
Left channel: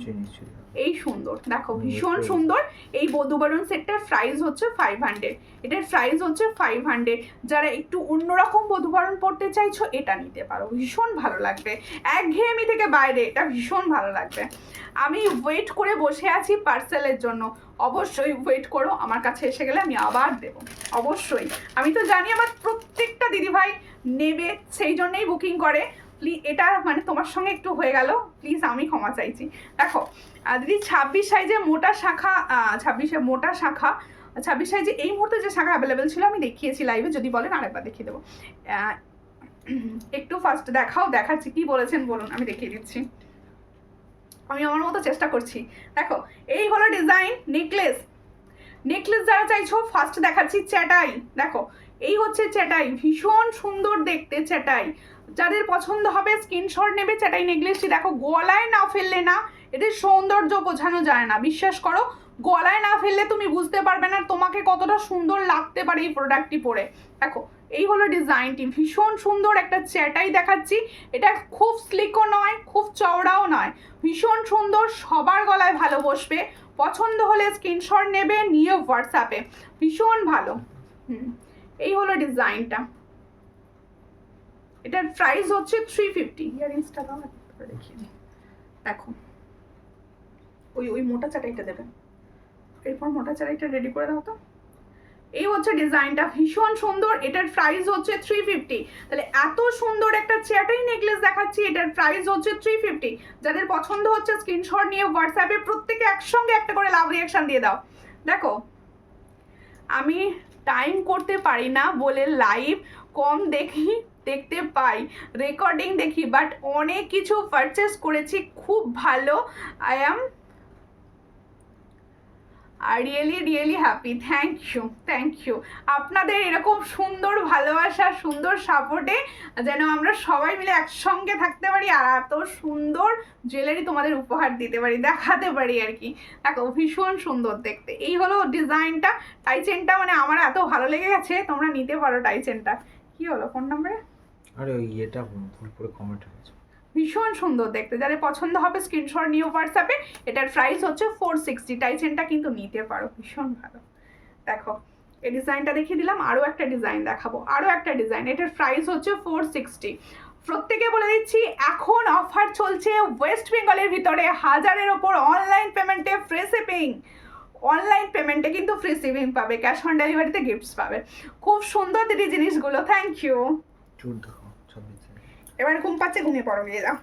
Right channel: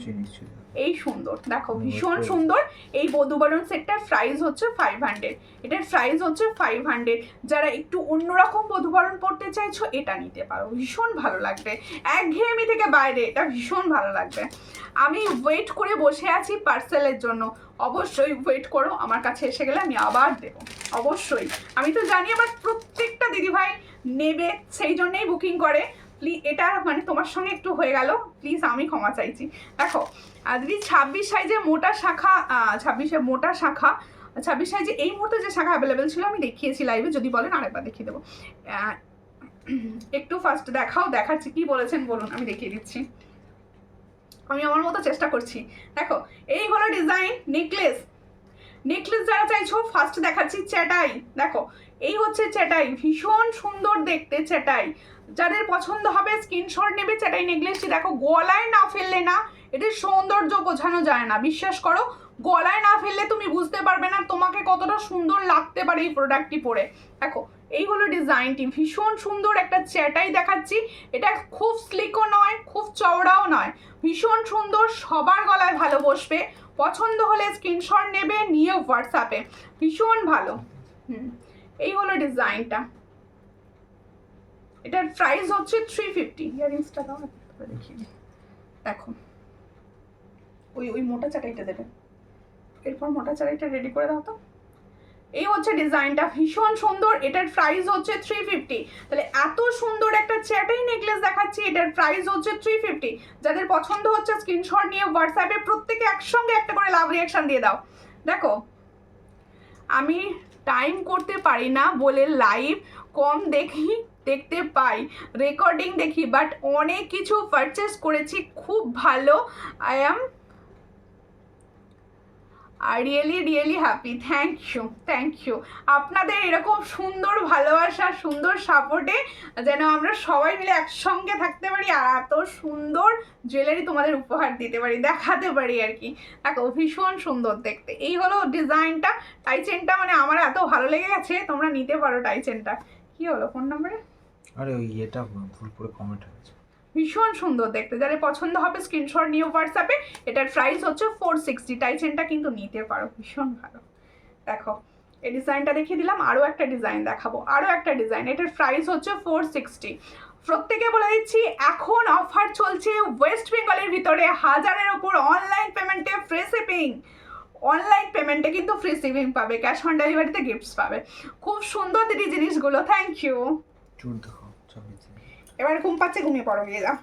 এই সুন্দর, দেখো ভীষণ সুন্দর। এই বধূবরণ সেটটার প্রাইস হচ্ছে 500, এটার প্রাইস হচ্ছে 500। যারা একটু অন্যরকম বধূবরণ পড়তে চাইছো এটা নিতে পারো, ভীষণ ভালো লাগবে, একঘেয়েমি থেকে বাইরে, এটা ভীষণ ভালো লাগবে। আমি ওয়েট করে বসে আছি পার্সেলের জন্য, অবশ্যই ওয়েট করো, আমার কাছে এসে গেলে আমি আবার দেবো, অবশ্যই। আমি তো জানি আমার প্রত্যেকটা দিদিভাই নেবে, সেই জন্যেই বুকিং করে। প্লিজ এটা মানে তোমার সঙ্গে একটু হয়ে গেল, প্লিজ আমি ক্ষমা চাইছি। দেখো দিদি 26 সাইজে মোটা শাখা, 26 সাইজে এই মুহূর্তে যে শাখা অ্যাভেলেবেল ছিল আমি দেখিয়েছি লাইভে, যদি বলেন আরেকবার দেখিয়ে দেবো। একটু ফার্স্ট দেখাচ্ছি, কি বলেছেন বলুন, আমি দেখিয়ে দিচ্ছি, আমি আমার মতো চেষ্টা করছি। দেখো এই হলো ডিজাইন, নেকলেস যারা চাইছো ফার্স্ট দেখাচ্ছি, চ্যাটাই। দেখো এই হচ্ছে চ্যাটাই, ভীষণ সুন্দর দেখতে চ্যাটাই, যাদের পছন্দ হবে স্ক্রিনশট নেবে। চ্যাটাই নেকলেসটি দেখো গলায় না ফেললে না এদের সৌন্দর্য বোঝানো যায় না, বিশ্বাস করো, গলায় না ফেললে তুমি বুঝতে পারবে না তোমাকে কতটা সুন্দর লাগতে পারে এই প্রোডাক্টটি পরে। দেখো এই হলো ডিজাইনটি, ভীষণ সুন্দর একটা চ্যাটাই দেখাচ্ছি। এটা খুব স্লিকও নয়, খুব চওড়াও নয়, ভীষণ সুন্দর, সবার গলায় ভালো বসবে। পছন্দ হলে স্ক্রিনশট নেবে, নিয়ে হোয়াটসঅ্যাপে, ভীষণ ভালো। এই হলো ডিজাইনটা, এটার প্রাইস হচ্ছে 350। ইয়ারিংসটা দাও দেখিয়ে দিই। দেখো ওই মোটা চাটাইটা দেবেন, এরপর মোটা চাটাইটা রেডি করে দাও তো। এই হচ্ছে ডিজাইনটা, ভীষণ সুন্দর, এটার প্রাইস হচ্ছে 350। তাহলে এত সুন্দর একটা চ্যাটাই নেকলেস দেখাচ্ছি, এটার প্রাইস হচ্ছে 350। যাদের পছন্দ হচ্ছে স্ক্রিনশট নিয়ে হোয়াটসঅ্যাপে প্রত্যেকে একসঙ্গে একটা করে লাভ রিয়াকশন দিয়ে দাও। দেখো আমি টাইম করতে পারি না বলে লাইভ কম দেখতে পাই, রেকর্ডিং দেখি, বাট অনেক কিছু পারচেস করেছি, খুব ভালো। আর রিয়েলি হ্যাপি। থ্যাংক ইউ আপনাদের এরকম সুন্দর ভালোবাসা, সুন্দর সাপোর্টে যেন আমরা সবাই মিলে একসঙ্গে থাকতে পারি আর এত সুন্দর জুয়েলারি তোমাদের উপহার দিতে পারি, দেখাতে পারি আর কি। দেখো ভীষণ সুন্দর দেখতে। এই হলো ডিজাইনটা। টাই চেনটা মানে আমার এত ভালো লেগে গেছে, তোমরা নিতে পারো টাই চেনটা। কি হলো ফোন নাম্বারে? আরে ওই এটা ভুল করে কমেন্ট হয়েছে। ভীষণ সুন্দর দেখতে, যাদের পছন্দ হবে স্ক্রিনশট নিয়ে হোয়াটসঅ্যাপে। এটার প্রাইস হচ্ছে 460। টাই চেনটা কিন্তু নিতে পারো, ভীষণ ভালো। দেখো এই ডিজাইনটা দেখিয়ে দিলাম, আরও একটা ডিজাইন দেখাবো, আরও একটা ডিজাইন। এটার প্রাইস হচ্ছে 460। প্রত্যেকে বলে দিচ্ছি এখন অফার চলছে ওয়েস্ট বেঙ্গলের ভিতরে 1000-এর ওপর অনলাইন পেমেন্টে ফ্রি শিপিং। অনলাইন পেমেন্টে কিন্তু ফ্রি শিপিং পাবে, ক্যাশ অন ডেলিভারিতে গিফটস পাবে। খুব সুন্দর দিদি জিনিসগুলো, থ্যাংক ইউ। চুর দেখো 26। এবার ঘুম পাচ্ছে, ঘুমিয়ে পড়ো, গিয়ে যাও।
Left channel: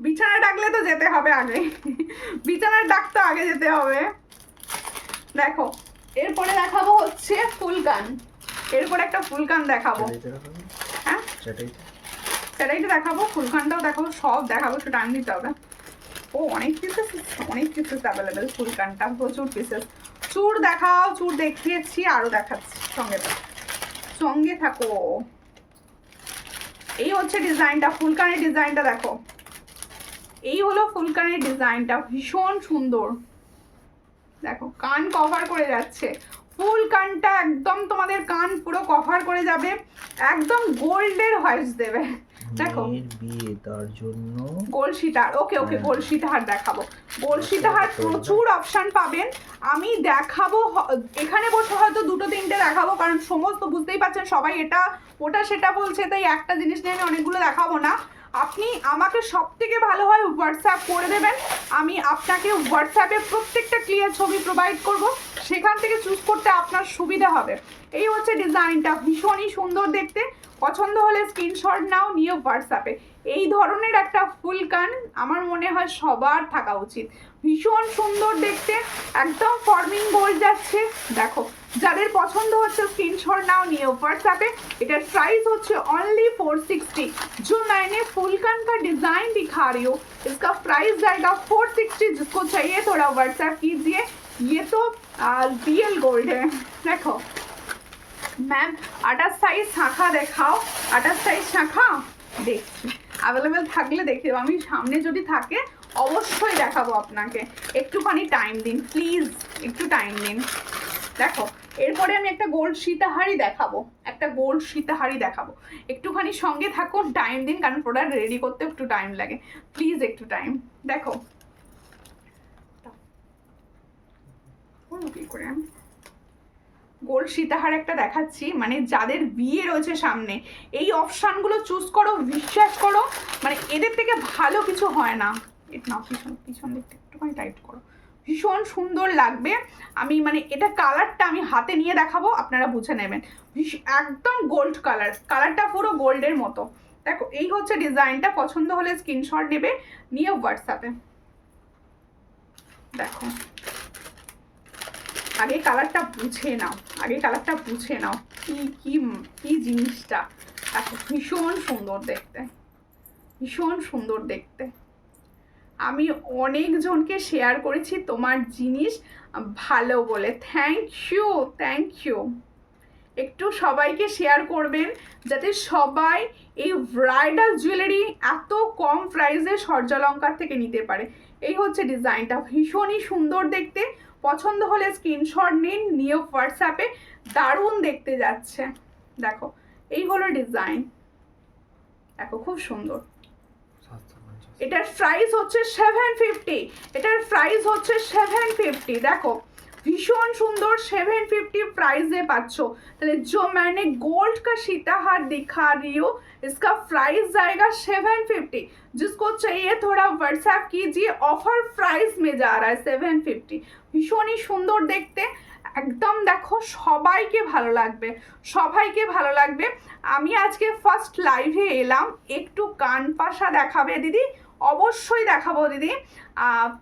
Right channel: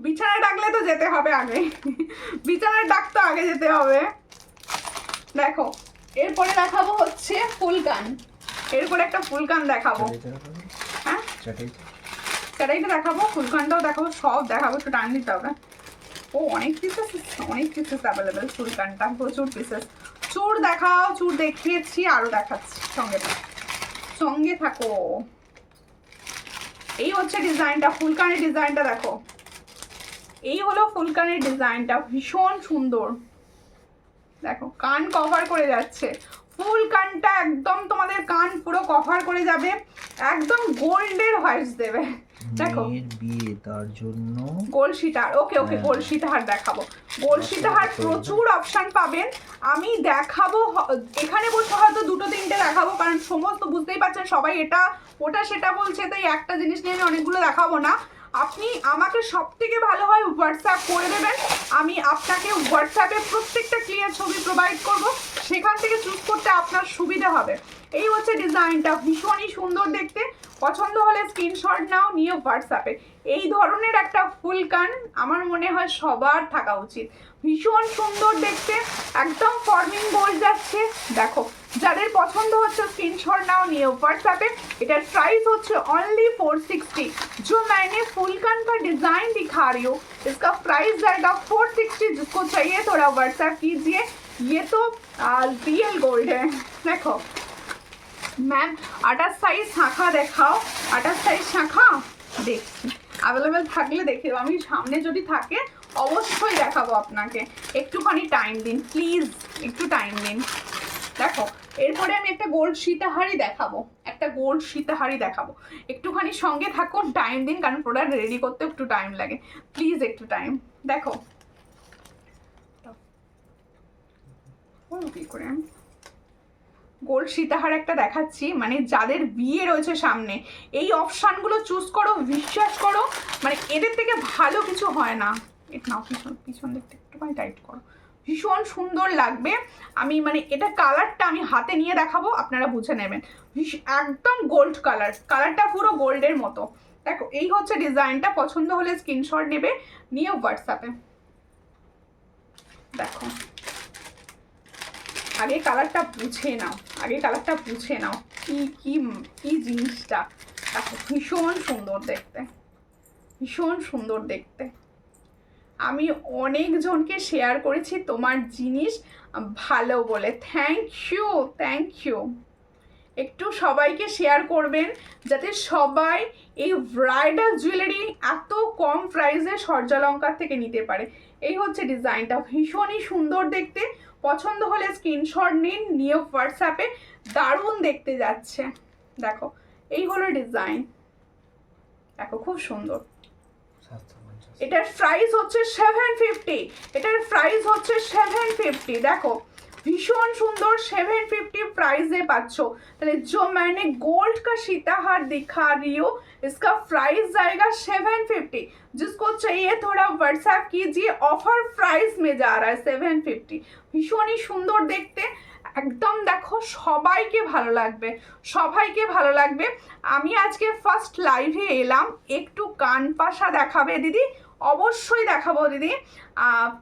বিছানা ডাকলে তো যেতে হবে আগে, বিছানার ডাক তো আগে যেতে হবে। দেখো এরপরে দেখাবো হচ্ছে ফুলকান। এরপরে একটা ফুলকান দেখাবো। হ্যাঁ সেটাইটা দেখাবো, ফুলকানটাও দেখাবো, সব দেখাবো, একটু টাইম দিতে হবে। ও অনেক পিসেস অ্যাভেলেবেল ফুলকানটা, প্রচুর পিসেস। চুর দেখাও, চুর দেখিয়েছি, আরও দেখাচ্ছি, সঙ্গে থাকো। এই হচ্ছে ডিজাইনটা, ফুলকানের ডিজাইনটা দেখো। এই হলো ফুলকানের ডিজাইনটা, ভীষণ সুন্দর। দেখো কান কভার করে যাচ্ছে, ফুল কানটা একদম তোমাদের কান পুরো কভার করে যাবে, একদম গোল্ডের হোয়াইটস দেবে। দেখো বিয়ে তার জন্য গোল্ড সীতাহার। ওকে গোল্ড সীতাহার দেখাবো। গোল্ড সীতাহার প্রচুর অপশন পাবেন। আমি দেখাবো, এখানে বলতে হয়তো 2-3টে দেখাবো, কারণ সমস্ত বুঝতেই পারছেন সবাই এটা ওটা সেটা বলছে, তাই একটা জিনিস নিয়ে অনেকগুলো দেখাবো না। আপনি আমাকে সব থেকে ভালো হয় হোয়াটসঅ্যাপ করে দেবেন, আমি আপনাকে হোয়াটসঅ্যাপে প্রত্যেকটা ক্লিয়ার ছবি প্রোভাইড করব, সেখান থেকে চুজ করতে আপনার সুবিধা হবে। এই হচ্ছে ডিজাইনটা, ভীষণই সুন্দর দেখতে। পছন্দ হলে স্ক্রিনশট নাও, নিয়ে হোয়াটসঅ্যাপে। এই ধরনের একটা ফুল কান আমার মনে হয় সবার থাকা উচিত, ভীষণ সুন্দর দেখতে, একদম ফর্মিং গোল্ড যাচ্ছে। দেখো যাদের পছন্দ হচ্ছে স্ক্রিনশট নাও, নিয়ে হোয়াट्सएप। এটার প্রাইস হচ্ছে অনলি 460। जो मैंने फुल कान का डिजाइन दिखा रही हूँ इसका प्राइस जाएगा 460। जिसको चाहिए थोड़ा व्हाट्सएप कीजिए। ये तो रियल गोल्ड है। देखो मैम 28 সাইজ শাখা দেখাও, 28 সাইজ শাখা দেখছি অ্যাভেলেবেল থাকলে দেখে দেবো, আমি সামনে যদি থাকে অবশ্যই দেখাবো আপনাকে। একটুখানি টাইম দিন প্লিজ, একটু টাইম দিন। দেখো এরপরে আমি একটা গোল্ড সীতাহারি দেখাবো, একটুখানি সঙ্গে থাকুন, টাইম দিন, কারণ প্রোডাক্ট রেডি করতে একটু টাইম লাগে, প্লিজ একটু টাইম। দেখো কি করে গোল্ড সীতাহার একটা দেখাচ্ছি, মানে যাদের বিয়ে রয়েছে সামনে এই অপশানগুলো চুজ করো, বিশ্বাস করো মানে এদের থেকে ভালো কিছু হয় না। না পিছন দিকটা একটুখানি টাইট করো, ভীষণ সুন্দর লাগবে। আমি মানে এটা কালারটা আমি হাতে নিয়ে দেখাবো, আপনারা বুঝে নেবেন। একদম গোল্ড কালারটা পুরো গোল্ডের মতো। দেখো এই হচ্ছে ডিজাইনটা, পছন্দ হলে স্ক্রিনশট নেবে, নিয়ে হোয়াটসঅ্যাপে। দেখো আগে কালারটা বুঝে নাও, কি জিনিসটা। দেখো ভীষণ সুন্দর দেখতে, আমি অনেকজনকে শেয়ার করেছি তোমার জিনিস ভালো বলে, থ্যাংক ইউ। একটু সবাইকে শেয়ার করবেন যাতে সবাই এই ব্রাইডাল জুয়েলারি এত কম প্রাইসে সূর্যালঙ্কার থেকে নিতে পারে। এই হচ্ছে ডিজাইনটা, ভীষণই সুন্দর দেখতে। পছন্দ হলে স্ক্রিনশট নিন, নিয়ে হোয়াটসঅ্যাপে, দারুণ দেখতে যাচ্ছে। দেখো এই হলো ডিজাইন, দেখো খুব সুন্দর। এটার প্রাইস হচ্ছে 750। দেখো ভীষণ সুন্দর, 750 प्राइस पाচ্ছ। তাহলে जो मैंने गोल्ड का सीताहार दिखा रही हूँ इसका प्राइस जाएगा 750। जिसको चाहिए थोड़ा व्हाट्सएप कीजिए, ऑफर प्राइस में जा रहा है 750। ভীষণই সুন্দর দেখতে, একদম দেখো সবাইকে ভালো লাগবে। আমি আজকে ফার্স্ট লাইভে এলাম, একটু কান পাশা দেখাবে দিদি, অবশ্যই দেখাবো দিদি।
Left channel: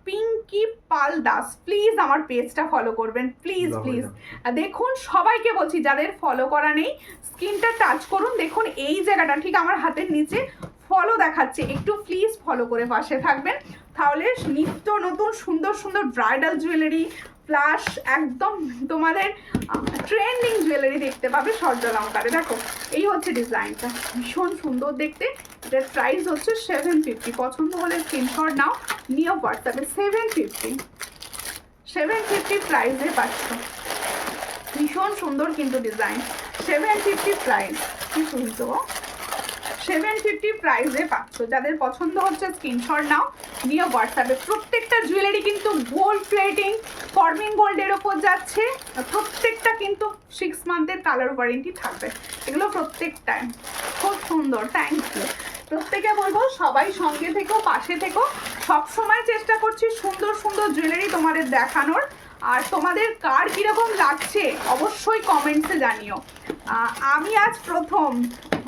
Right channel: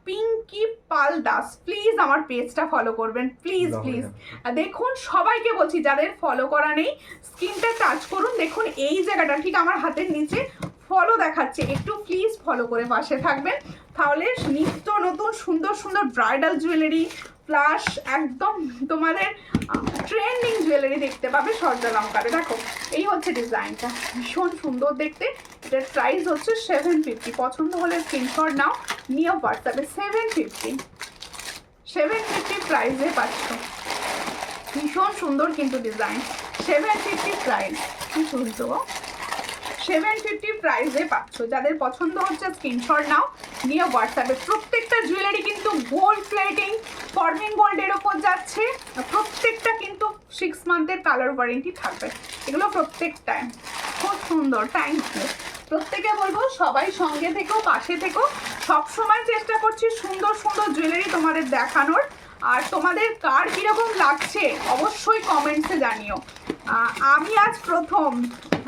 পিঙ্কি পাল দাস, প্লিজ আমার পেজটা ফলো করবেন, প্লিজ। দেখুন সবাইকে বলছি, যাদের ফলো করা নেই স্ক্রিনটা টাচ করুন, দেখুন এই জায়গাটা ঠিক আমার হাতের নিচে ফলো দেখাচ্ছে, একটু প্লিজ ফলো করে পাশে থাকবেন। তাহলে নিত্য নতুন সুন্দর সুন্দর ব্রাইডাল জুয়েলারি প্লাস একদম তোমাদের ট্রেন্ডিং জুয়েলারি দেখতে পাবে সূর্যালঙ্কারে। দেখো এই হচ্ছে ডিজাইনটা, ভীষণ সুন্দর দেখতে। এটার প্রাইস হচ্ছে 750। পছন্দ হলে স্ক্রিনশট নাও, নিও হোয়াটসঅ্যাপে। 750 প্রাইসে পাচ্ছ, ভীষণ সুন্দর কিন্তু ডিজাইন। 750 প্রাইস, কি শুনছো? 750 প্রাইসে পাচ্ছ। যাদের পছন্দ হচ্ছে স্ক্রিনশট নাও, নিয়ে হোয়াটসঅ্যাপে। প্রত্যেকটা জুয়েলারি কিন্তু গোল্ড প্লেটিং, ফর্মিং গোল্ডের ওপর যাচ্ছে। প্রত্যেকটা কিন্তু 6 মান্থের কালার ওয়ারেন্টি থাকবে। এগুলো প্রত্যেকটাই খুব সুন্দর। Thank you. প্রত্যেকে বলবো সবাই সঙ্গে থেকো, পাশে থেকো। সবসময় চেষ্টা করছি সুন্দর সুন্দর জুয়েলারি তোমাদের দেখানোর। আর তোমাদের কার কীরকম লাগছে অবশ্যই কমেন্টসে জানিও। আমি আজ প্রথম,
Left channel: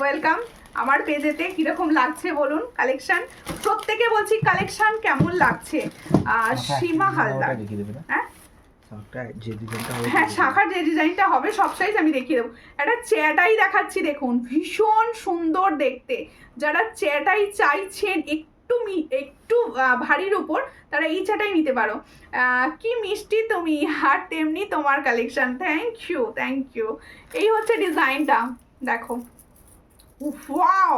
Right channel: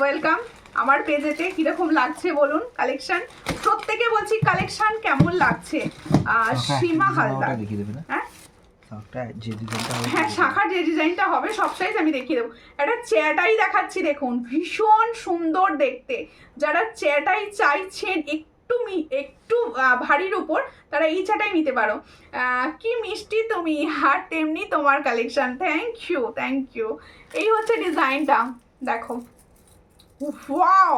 ওয়েলকাম আমার পেজেতে। কীরকম লাগছে বলুন কালেকশন? প্রত্যেকে বলছি কালেকশন কেমন লাগছে। সীমা হালদার, হ্যাঁ হ্যাঁ শাখার যে ডিজাইনটা হবে সব সাইজ আমি দেখিয়ে দেবো। একটা চেয়াটাই দেখাচ্ছি, দেখুন ভীষণ সুন্দর দেখতে। যারা চেয়াটাই চাইছেন একটু ভারীর উপর, তারা এই চাটাই নিতে পারো। কি মিষ্টি তুমি, আর তেমনি তোমার collection. Thank you, thank you. এই হচ্ছে ডিজাইনটা, দেখো। ওয়াও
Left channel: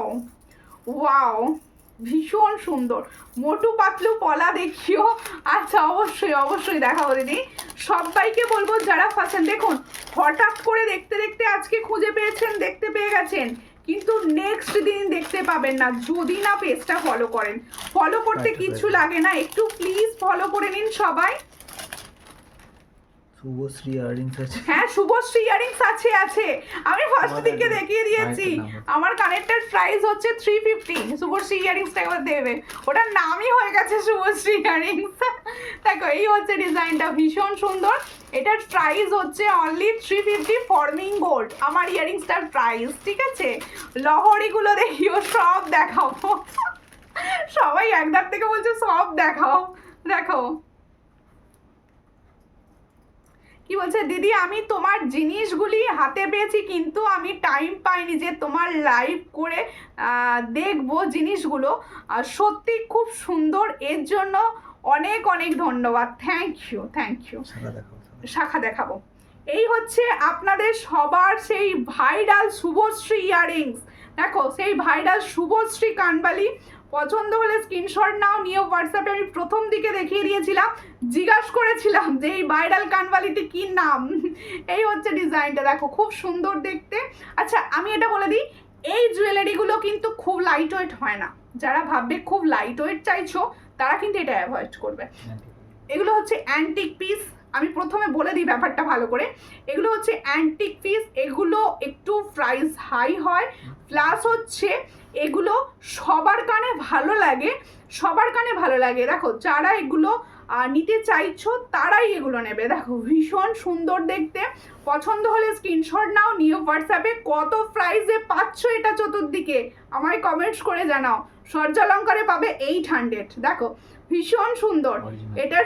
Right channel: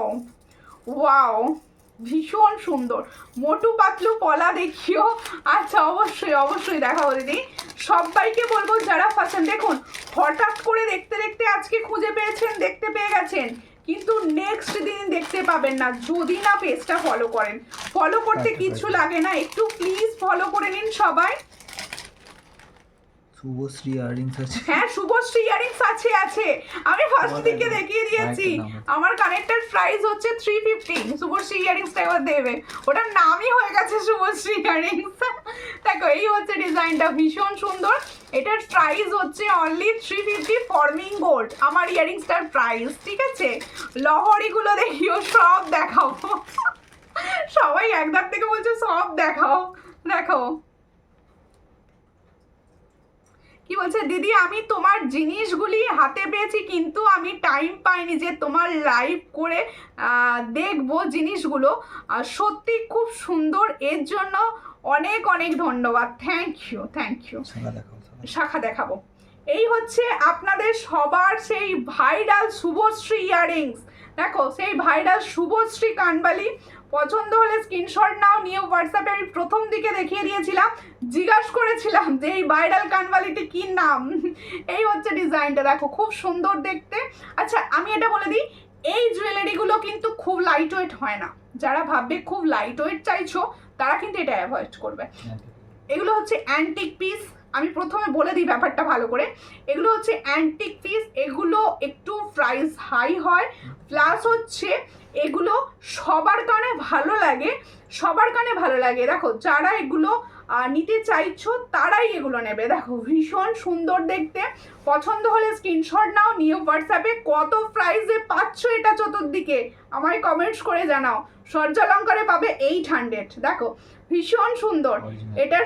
ওয়াও, ভীষণ সুন্দর। মোটু পাতলু পলা দেখিও। আচ্ছা অবশ্যই অবশ্যই দেখাবো দিদি। সবাইকে বলবো যারা ফার্স্ট, দেখুন হঠাৎ করে দেখতে দেখতে আজকে খুঁজে পেয়েছেন, দেখতে পেয়ে গেছেন, কিন্তু নেক্সট দিন দেখতে পাবেন না যদি না পেজটা ফলো করেন। ফলো করতে কিছু লাগে না, একটু প্লিজ ফলো করে নিন সবাই। শুভশ্রী ইয়ারিংস আছে, হ্যাঁ শুভশ্রী ইয়ারিংস আছে আছে, আমি ফার্স্ট দিকে দেখিয়ে দিয়েছি। আমার কানেক্টেড প্রাইস হচ্ছে 350। শুভশ্রী ইয়ারিংসটা একবার দেবে, ওটার নামই হয়ে গেছে শুভশ্রী ইয়ারিংস। দেখো এই হচ্ছে ডিজাইনটা, ভীষণ সুন্দর। এটার প্রাইস হচ্ছে অনলি 350 ফর্মিং গোল্ড আমার ইয়ারিংসটার প্রাইস, ঠিক আছে? লহরিগুলো দেখিও, সব দেখাবো। সবাই একদার থেকে বলছে সব দেখাও। দেখো কি বলছে দিদি, আমি তোমার জিনিসগুলি হাতে পেয়েছি কিন্তু আমি টাইম পাইনি যে তোমার লাইভ করে দেখবো জিনিসগুলো। সত্যি খুব সুন্দর, এর জন্য অনেক অনেক ধন্যবাদ। Thank you, thank you. শাখা দেখাবো। এই হচ্ছে আপনাদের সবার সেই ভাইরাল শুভশ্রী ইয়ারিংস। দেখো সেই ভাইরাল শুভশ্রী কানবালি। পছন্দ হলে স্ক্রিনশট নাও, নিয়ে হোয়াটসঅ্যাপে। আমি প্রথম দিকে দেখিয়ে দিয়েছিলাম, জিজ্ঞাসা করেছিলাম যে এই ভাইরাল কানবালিটি কি নাম। এই হচ্ছে ডিজাইনটা, দেখো খুব সুন্দর দেখতে। আচ্ছা আমি এটা বলে দিই, এই জুয়েলারিগুলো কিন্তু খুব লাইট ওয়েট হয় না। যারা ভাববে খুব লাইট ওয়েট চাইছো তারা কিন্তু এটা অ্যাভয়েড করবে। এগুলো হচ্ছে অ্যান্টিক পিস, আমি প্রথমে বলে দিই ব্যাপারটা ভালো করে। এগুলো হচ্ছে অ্যান্টিক পিস, এগুলো একটু প্রাইস হাই হয়, প্লাস হচ্ছে এগুলো সবার কানে ভালো লাগে, সবার কানে ভালো লাগে। দেখো যারা এগুলো নিতে চাইছো তারাই এগুলো নেবে। দেখো ভীষণ সুন্দর দেখতে। পছন্দ হলে স্ক্রিনশট নাও, নিয়ে হোয়াটসঅ্যাপে। কত প্রাইসে পাচ্ছ এটা চতুর্দিকে আমায় কমেন্টস করে জানাও। সূর্যালঙ্কারে পাবে 800। দেখো ভীষণ সুন্দর, এটার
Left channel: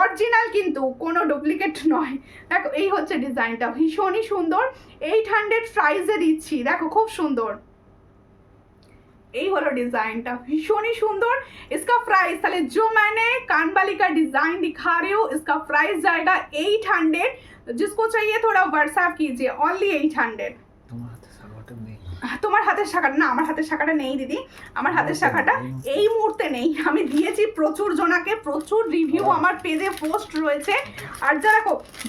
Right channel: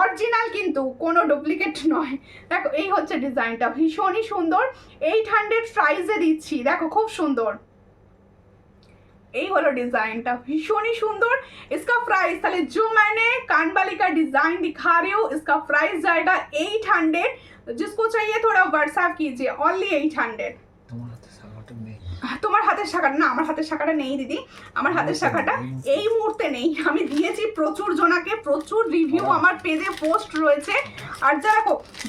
অরিজিনাল কিন্তু কোনো ডুপ্লিকেট নয়। দেখো এই হচ্ছে ডিজাইনটা, ভীষণই সুন্দর। 800 প্রাইসে দিচ্ছি, দেখো খুব সুন্দর। এই হলো डिजाइनটা, भीषण ही सुंदर। इसका प्राइस, তাহলে जो मैंने कानबाली का डिजाइन दिखा रही हूँ, इसका प्राइस जाएगा 800। जिसको चाहिए थोड़ा व्हाट्सएप कीजिए, ओनली 800। তোমার হাতের শাখাটা না, আমার হাতের শাখাটা নেই দিদি। আমার হাতের শাখাটা এই মুহূর্তে নেই, আমি দিয়েছি প্রচুর জনাকে, প্রচুর রিভিউ আমার পেজে পোস্ট রয়েছে। আর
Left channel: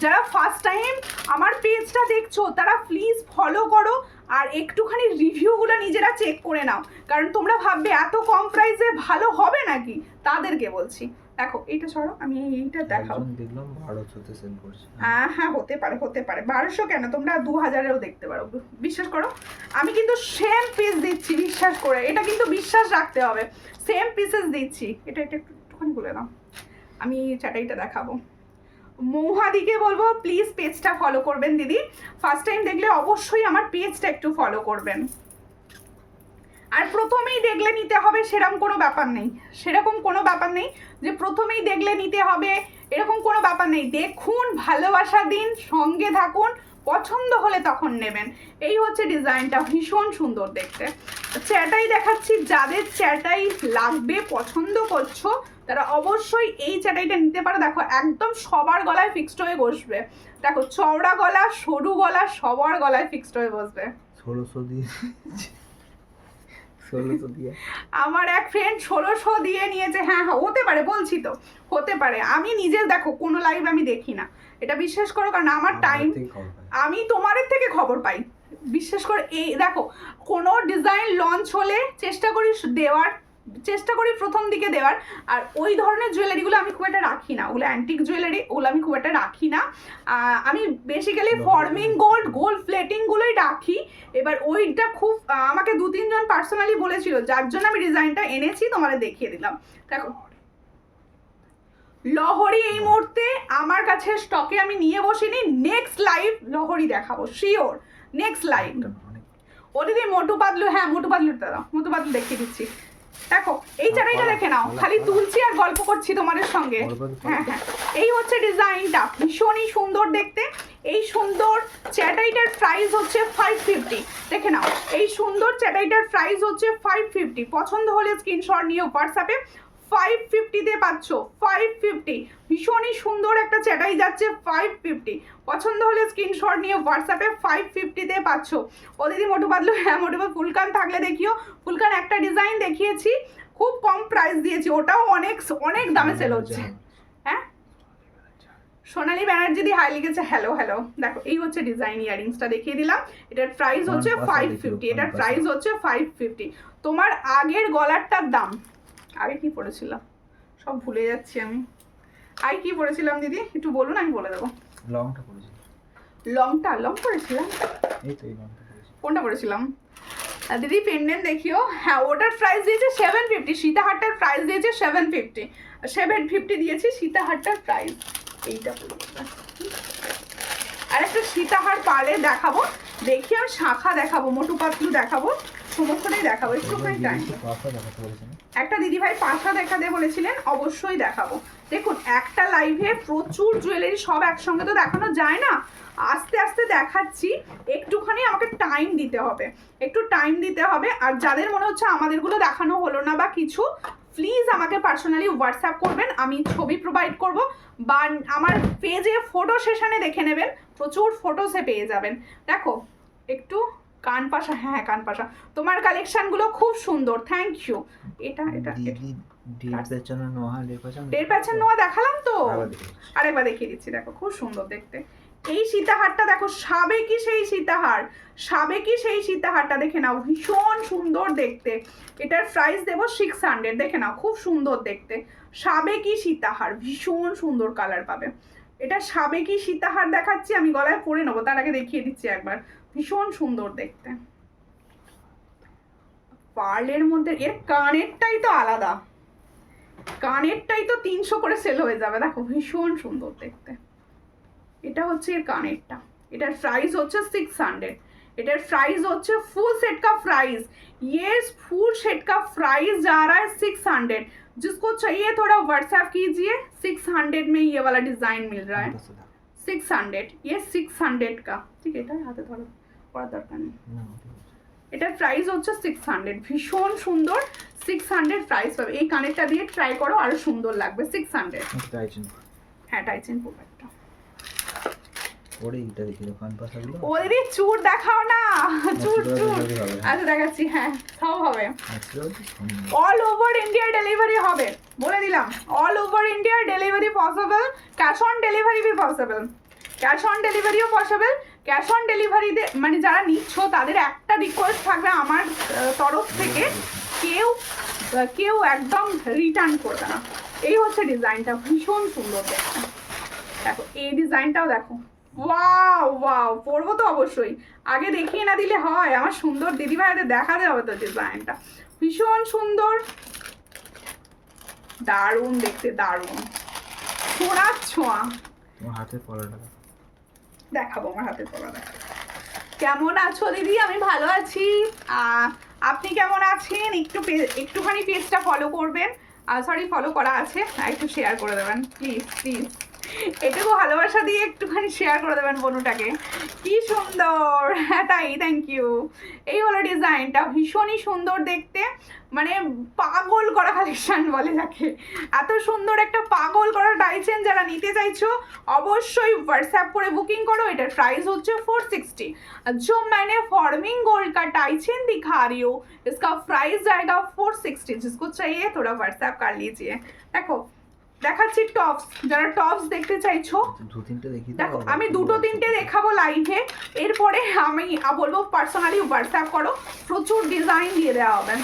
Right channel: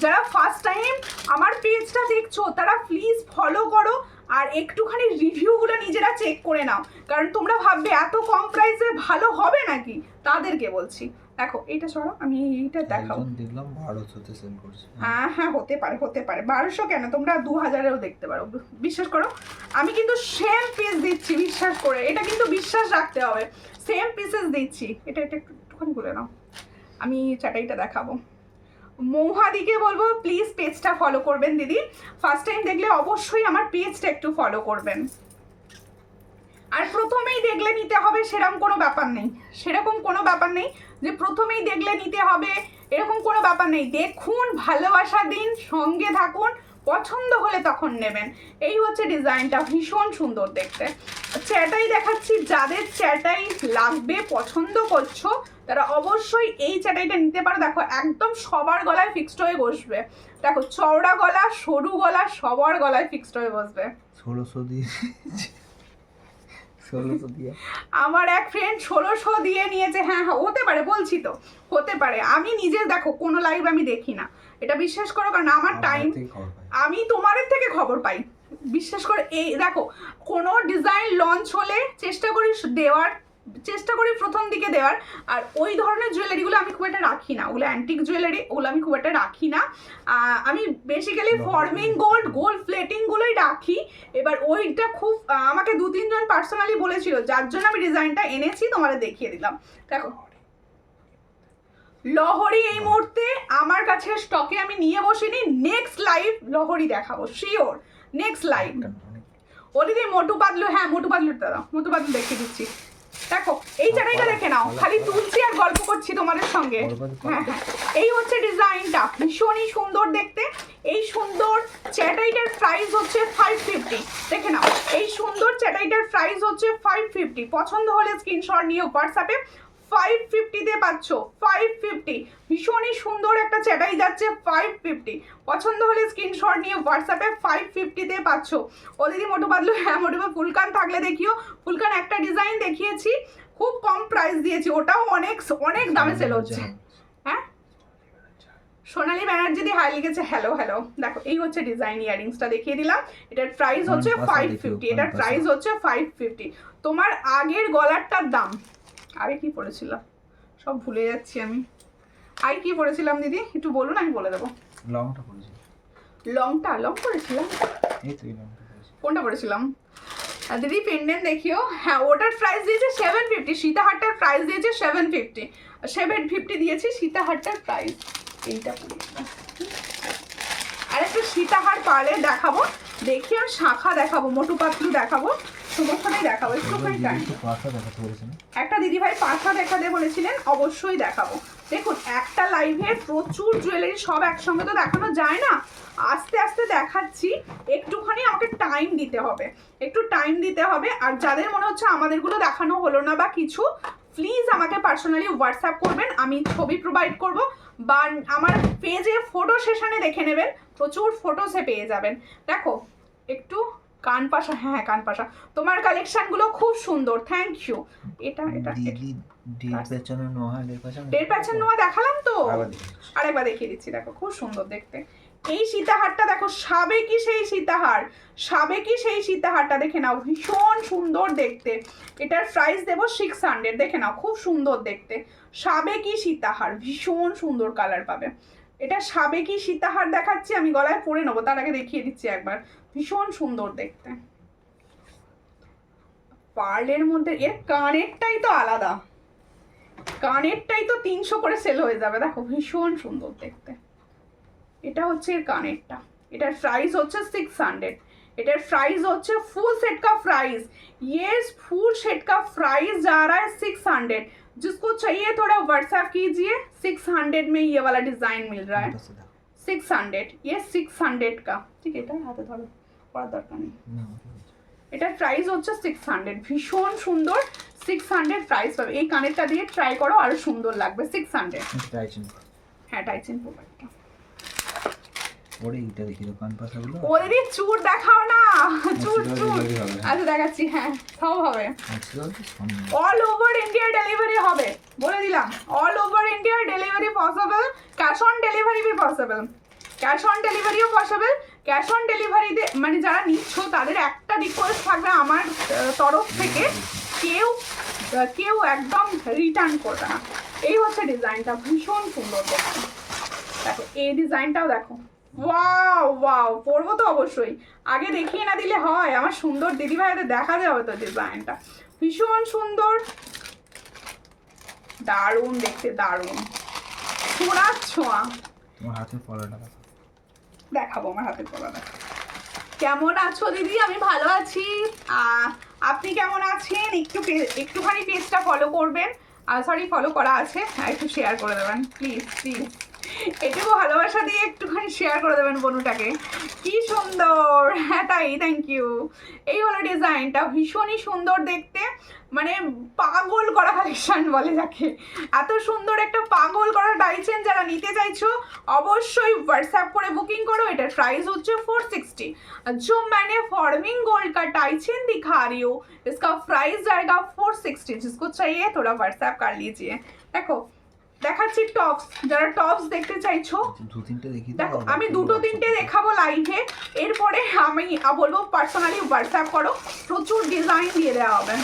যারা ফার্স্ট টাইম আমার পেজটা দেখছো তারা প্লিজ ফলো করো, আর একটুখানি রিভিউগুলো নিজেরা চেক করে নাও, কারণ তোমরা ভাববে এত কম প্রাইসে ভালো হবে নাকি, তাদেরকে বলছি। দেখো এইটা সরো, আমি এইটা দেখাও। দেখলাম 1200-তে সেল করছে। হ্যাঁ হ্যাঁ হতে পারে 1200 কেন, তোমরা 2000-এও দেখতে পারো। বিশ্বাস করো আমি কিন্তু সেম পিস দিচ্ছি, বিশ্বাস করে। এটা কিন্তু বিশ্বাস রাখতে হবে, সেম পিসেস দিচ্ছি। এটা একটুখানি বলে নাও, আমি চাটাইটা দেখাবো। মৌহাদিকে বলবো প্লিজ পেজটা ফলো করবেন দিদি। ফার্স্ট টাইম দেখলে অবশ্যই আমার পেজটা একটু ফলো করবেন। আর প্রথমেই দেখলে নিতে হবে সেরকম কোনো ব্যাপার নেই, সেরকম কোনো ব্যাপার নেই যে প্রথমেই দেখলে নিতে হবে, এরকম কোনো ব্যাপার নেই। দেখুন, ভালোবাসা দিন, সঙ্গে থাকুন, পছন্দ হলে তখন নেবেন। এই হচ্ছে ডিজাইনটা, ভীষণ সুন্দর দেখতে। চ্যাটাই দেখাচ্ছি, যাদের চ্যাটাই লাগবে, পছন্দ করছো তারা অবশ্যই এই চাটাইটা নিতে পারো। দেখো একদম সবার গলায় ফিক্সড হয়ে বসবে। দেখো চওড়া গলা, সরু গলা, সবার গলায় ফিক্সড হয়ে বসবে। 1600 দিয়ে 1600 দিয়ে আমার এক ফ্রেন্ড 1600 দিয়ে নিয়েছে। হ্যাঁ হ্যাঁ হতে পারে, বলছি তো হতে পারে। আমি নিজে দেখো কোনো লাইভ আমি দেখি না, এটা বিশ্বাস করো, কারণ আমার টাইম, আমি তোমাদের থেকে খবর পাই বিশ্বাস করে। এই দেখো কোনো ডিজাইন লঞ্চ হলে চেষ্টা করি প্রথম দিকে দেওয়ার। আর ওই ধরনের জুয়েলারিগুলো আমি খুব একটা রাখি না, ওগুলো অ্যান্টিক জুয়েলারি, ওগুলো আমি খুব একটা রাখি না। আমি বেসিক্যালি ফর্মিং গোল্ড প্লেটিংগুলোই রাখি। এবার ওইটা খুব আমাকে 2-3 জন পার্সোনালি বলেছিল, যার জন্য আমি ডিজাইনটা এনেছি, তোমাদের দেখিয়ে দিলাম। দেখো লহরি এই মুহূর্তে আমার কাছে স্টকে আমি নিয়ে বসিনি, নেক্সট লাইভ লহরি দেখাবো শিওর, নেক্সট লাইভ। ও দিদি মোটু পাতলু, হ্যাঁ মোটু পাতলু দাদা, মোটু পাতলু দেখিয়ে দিচ্ছি। দেখো এই চাটাইটা দেখে নাও, খালি তুলছি আর গল্প করছি তোমাদের সঙ্গে। হ্যাঁ হ্যাঁ এই হচ্ছে ডিজাইনটা, ভীষণই সুন্দর দেখতে। এই সুন্দর চাটাইটার প্রাইস হচ্ছে 550, দেখে নাও। এই সুন্দর চাটাইটার প্রাইস হচ্ছে 550। পছন্দ হলে স্ক্রিনশট নিও হোয়াটসঅ্যাপে। 550 তে পাচ্ছ, 550। ভীষণই সুন্দর একটা চাটাই যাচ্ছে 550। পছন্দ হলে স্ক্রিনশট নিয়ে হোয়াটসঅ্যাপে 550 তে পাচ্ছ। ও দিদি মোটু পাতলু, হ্যাঁ মোটু পাতলু ফুলকান থাকলে দেখিও। ফুলকান একটা ডিজাইন দেখিয়েছি, খুব কম প্রাইস দিয়েছি, ওটাও অনেক দামে সেল হচ্ছে। হ্যাঁ সোনালী ব্যানার্জি দি হাই লিখেছে হ্যালো হ্যালো। দেখো এই হচ্ছে ডিজাইন, ইয়ারিংসটা দেখিয়ে দিলাম। এটার প্রাইস হচ্ছে 550, এটার প্রাইস হচ্ছে 550। তোমার আগের গলারটার দাম, আগে কি পড়েছিলাম সব ভুলে যাচ্ছি আমি, আগে কি পড়েছিলাম দিদি একটু বলুন, আমি বলে দেবো। লংটা পড়েছি, লং পড়েছিলাম, এই তো এই লংটা পড়েছি। কোনটা পড়েছিলাম দিদি? পেন্ডেন্ট দেখিও। হ্যাঁ ওটার প্রাইস দিয়েছে 750, সীতাহারটার প্রাইস দিয়েছে 750 দিয়েছি সীতাহারটার প্রাইস। এইটা আর একটা সীতাহার পারে দেখাবো, দেখিও শাখা দেখাবো, মোটু পাতলু দেখাবো, সমস্তটাই দেখাবো। একটুখানি টাইম, একটা দিদিভাই পাশা দেখাতে বলেছিলেন, অবশ্যই দেখাবো। দেখুন একটা লাইভে প্রচুর জুয়েলারি সব একসঙ্গে তো দেখানো যায় না, আস্তে আস্তে দেখাচ্ছি, একটুখানি আমাকে টাইম দিতে হবে, একটু টাইম দিতে হবে। আর যাদের মনে হচ্ছে আমাদেরগুলো দেখানো হলো না বা কিছু, প্লিজ আমাকে পার্সোনালি হোয়াটসঅ্যাপ করবেন, আমি ছবি প্রোভাইড করব, বা আমার পেজে ফটো সেশনে দেখে নেবেন, প্রচুর ফটোসে পেয়ে যাবেন। দেখো একটু কান পাশা, হ্যাঁ কান পাশা, তোমার কালেকশনগুলো খুব সুন্দর, থ্যাংক ইউ। এটা ডের প্যাচার নোয়া দেখালাম তো, আরেকবার দেখিয়ে দিচ্ছি। দেখো খুব সুন্দর দেখতে এই সীতাহারটা, দেখো সাবেকি সেই সীতাহারটা দেখে নাও, ভীষণ সুন্দর দেখতে। এটার প্রাইস দেবো 600, দেখে নাও খুব সুন্দর দেখতে, সাবেকি সীতাহার, ভীষণ সুন্দর কালার পাবে। এটা সাবেকি সীতাহার দেখাচ্ছি, আমি গলায় পরে নেবো, তার আগে দেখিয়ে দিচ্ছি একবার, ভীষণ সুন্দর দেখতে। পার্লের মধ্যে এর কানেরটাই তো আলাদা, কানেরটাই তো 300 করে সেল হয়ে যাবে। দেখো ভীষণ সুন্দর দেখতে, এটা হচ্ছে এর কানেরটা, এটার প্রাইস হচ্ছে 600। এটার प्राइस হচ্ছে फुल सेट का प्राइस, ये फुल सेट का प्राइस जा रहा है 600। जिसको चाहिए थोड़ा व्हाट्सएप कीजिए, 600 में ये वाला डिजाइन मिल रहा है, 600, ये 600 का। ठीक है, এটা হাতে ধরো, পড়া দরকার নেই। এটার প্রাইস হচ্ছে 600, ভীষণ সুন্দর, 600 প্রাইস পাবে। এই কানেরটা দিয়ে ট্রাই করো, আরো সুন্দর লাগবে। 600, হ্যাঁ টাইচিন প্রোডাক্টটা। ওরে এটা দেখি দোকান পাশাগুলো, ওরে চুর দেখাও না, চুর আচ্ছা দেখাচ্ছি, হ্যাঁ সব হবে, অল ওভার ইন্ডিয়া ডেলিভারি হবে, বলে দিলাম, all over India delivery possible, cash on delivery भी পসিবল, ক্যাশ অন ডেলিভারিও পসিবল। ক্যাশ অন ডেলিভারিতে মানে যারা নিচ্ছ তাদের একটা রিকোয়েস্ট থাকবে আমার তরফ থেকে, কেউ একদম রিটার্ন করবে না। এই হচ্ছে ডিজাইনটা, ভীষণ সুন্দর দেখো। দেখো এই ডিজাইনটাও দেখো, ওয়াও ওয়াও, পরবো তো অবশ্যই, আগে দেখিয়ে না দিলে হয়, আমার সুন্দর দিদি ভাইদের দেখাতে হবে তো ডিজাইনটা, ভীষণ সুন্দর, দারুণ দেখতে, দারুণ সোনার ছোঁয়া। তোমার হাতের পলাটা দেখাবো, আমার হাতের পলাটা। কেমন আছো দিদি? আমি ভালো আছি, আপনি কেমন আছেন? একটুখানি পেজটা ফলো করবেন, সরি ফলো করা আছে, একটু শেয়ার করে দেবেন প্লিজ প্লিজ। এটুকু ভালোবাসা দিয়ে একটুখানি শেয়ার করে দেবেন বনুটাকে। কি সুন্দর, হ্যাঁ তাই, থ্যাংক ইউ। এই হলো ডিজাইনটা, ভীষণই সুন্দর দেখতে, মানে পাগল করা কালেকশন বলে যাকে। এত সুন্দর একটা পাগল করা টাইচেন যারা নিতে চাইছো অবশ্যই হোয়াটসঅ্যাপ করে बुकिंग करो। এটার प्राइस হচ্ছে 460। जो मैंने फॉर्मिंग गोल्ड का टाइचेन दिखा रही हूँ इसका प्राइस जाएगा 460। जिसको चाहिए थोड़ा व्हाट्सएप कर लीजिए। দেখো দেখাচ্ছি টপস, যারা টপস দেখতে চাইছো দু তিনটে দেখি দেখো, আমি দুটো তিনটে দেখাবো লাইভে, এরপরে আমি বলবো পার্সোনালি হোয়াটসঅ্যাপ করো, প্রচুর ডিজাইন দিয়ে দেওয়া হবে।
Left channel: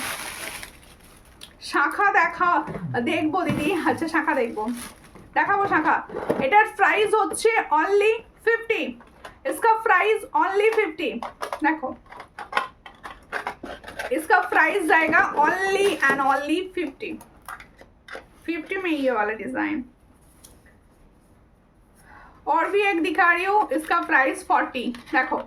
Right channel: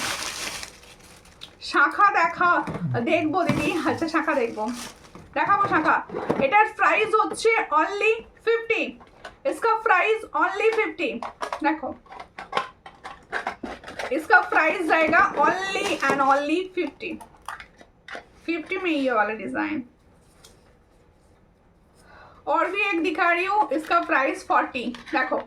শাখা দেখা দেখবো দিদি, আচ্ছা শাখা দেখবো, দেখাবো শাখা। এটার প্রাইস হচ্ছে অনলি 50। इसका प्राइस ओनली 50। देखो इसका प्राइस जाएगा ओनली एंड ओनली 50 में ये वाला डिजाइन। और भी एक दिखा रही हूँ, इसका प्राइस 40। देखो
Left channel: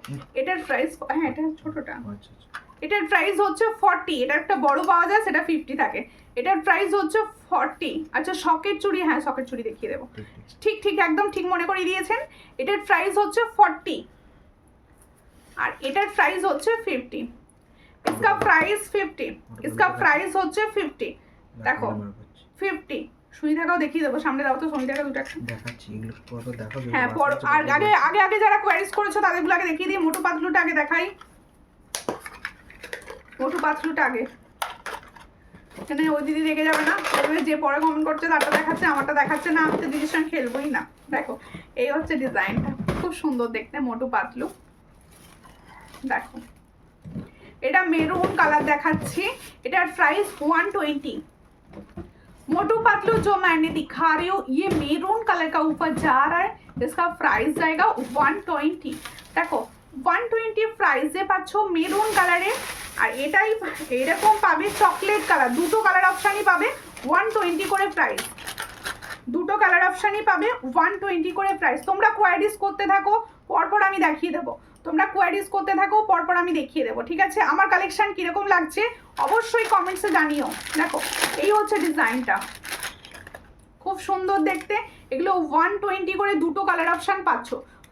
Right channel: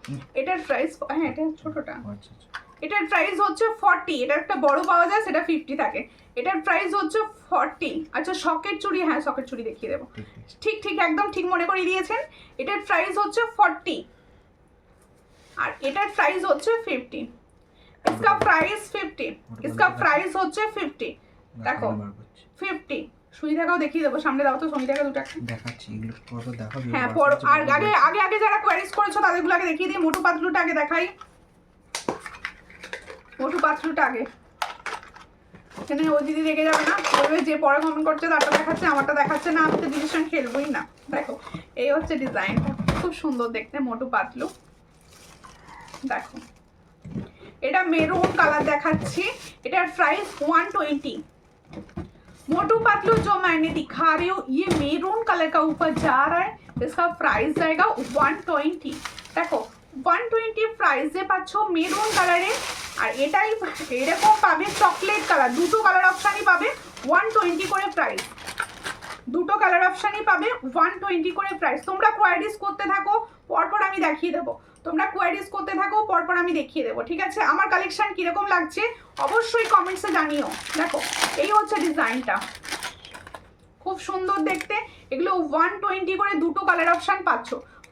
এটার প্রাইস, হ্যাঁ এটা ছোটটা, আচ্ছা আচ্ছা এটার প্রাইস হচ্ছে 40। এটা একটা বড় পাওয়া যায়, সেটা 50 থাকে। এটার প্রাইস হচ্ছে 40। আচ্ছা সকেট চুড়ি, হ্যাঁ সকেট চুড়ি দেখিয়ে দেবো। ঠিক ঠিক ঠিক ঠিক একদম ঠিক মনে করে দিয়েছেন। এটার প্রাইস হচ্ছে 40 আর এটার প্রাইস হচ্ছে 50। इसका प्राइस 50, इसका प्राइस হচ্ছে 50। দেখো 50 সুবিধাটাও দেখিয়ে দেবো, সামনে দাও তো সুবিধাটা দুটো দেখাচ্ছি, এগুলো পর দেখো। হ্যাঁ পর আর আগে আগে আগে যারা কোয়ারিজ করেছো তাদেরগুলো আগে দেখিয়ে দিয়ে মোটু পাতলুটা আগে দেখাই। মোটু পাতলুটা আগে, এখানে ওই দিদি রেগে যাবে না, বলবে যে পরে কমেন্ট করছে তারটা দেখাচ্ছে আমারটা দেখাচ্ছে না, আমি তো ডিসিশন খেলবই না। দেখো এই হচ্ছে ডিজাইনটা, খুব সুন্দর দেখতে মোটু পাতলু। দেখো এটা মেরুন কালার দেখাচ্ছি, এটার প্রাইস 120। मोटू पतलू जो मैंने दिखा रही हूँ ये मेरून कलर का ऊपर जा रहा है, इसका प्राइस जाएगा 120। देखो 120 প্রাইসে পাচ্ছ মেরুন কালারে, আর এটাই এরকম পাবে চকলেট কালার, দুটো কালার অপশানই পাবে 120 করে প্রাইস, দুটো কালার অপশানই পাবে 120 করে প্রাইস। তোমরা কোয়ারিজ করতে থাকো, পরপর আমি দেখিয়ে দেবো, তোমরা কোয়ারিজ করতে থাকো, পরপর আমি দেখিয়ে দেবো, ঠিক আছে? আমার কালেকশন কিরকম লাগছে অবশ্যই কমেন্টসে জানিও। দেখো এই হচ্ছে ডিজাইনটা, খুব সুন্দর দেখতে। এগুলো 120 করে দুটো কালার অপশান পাচ্ছ,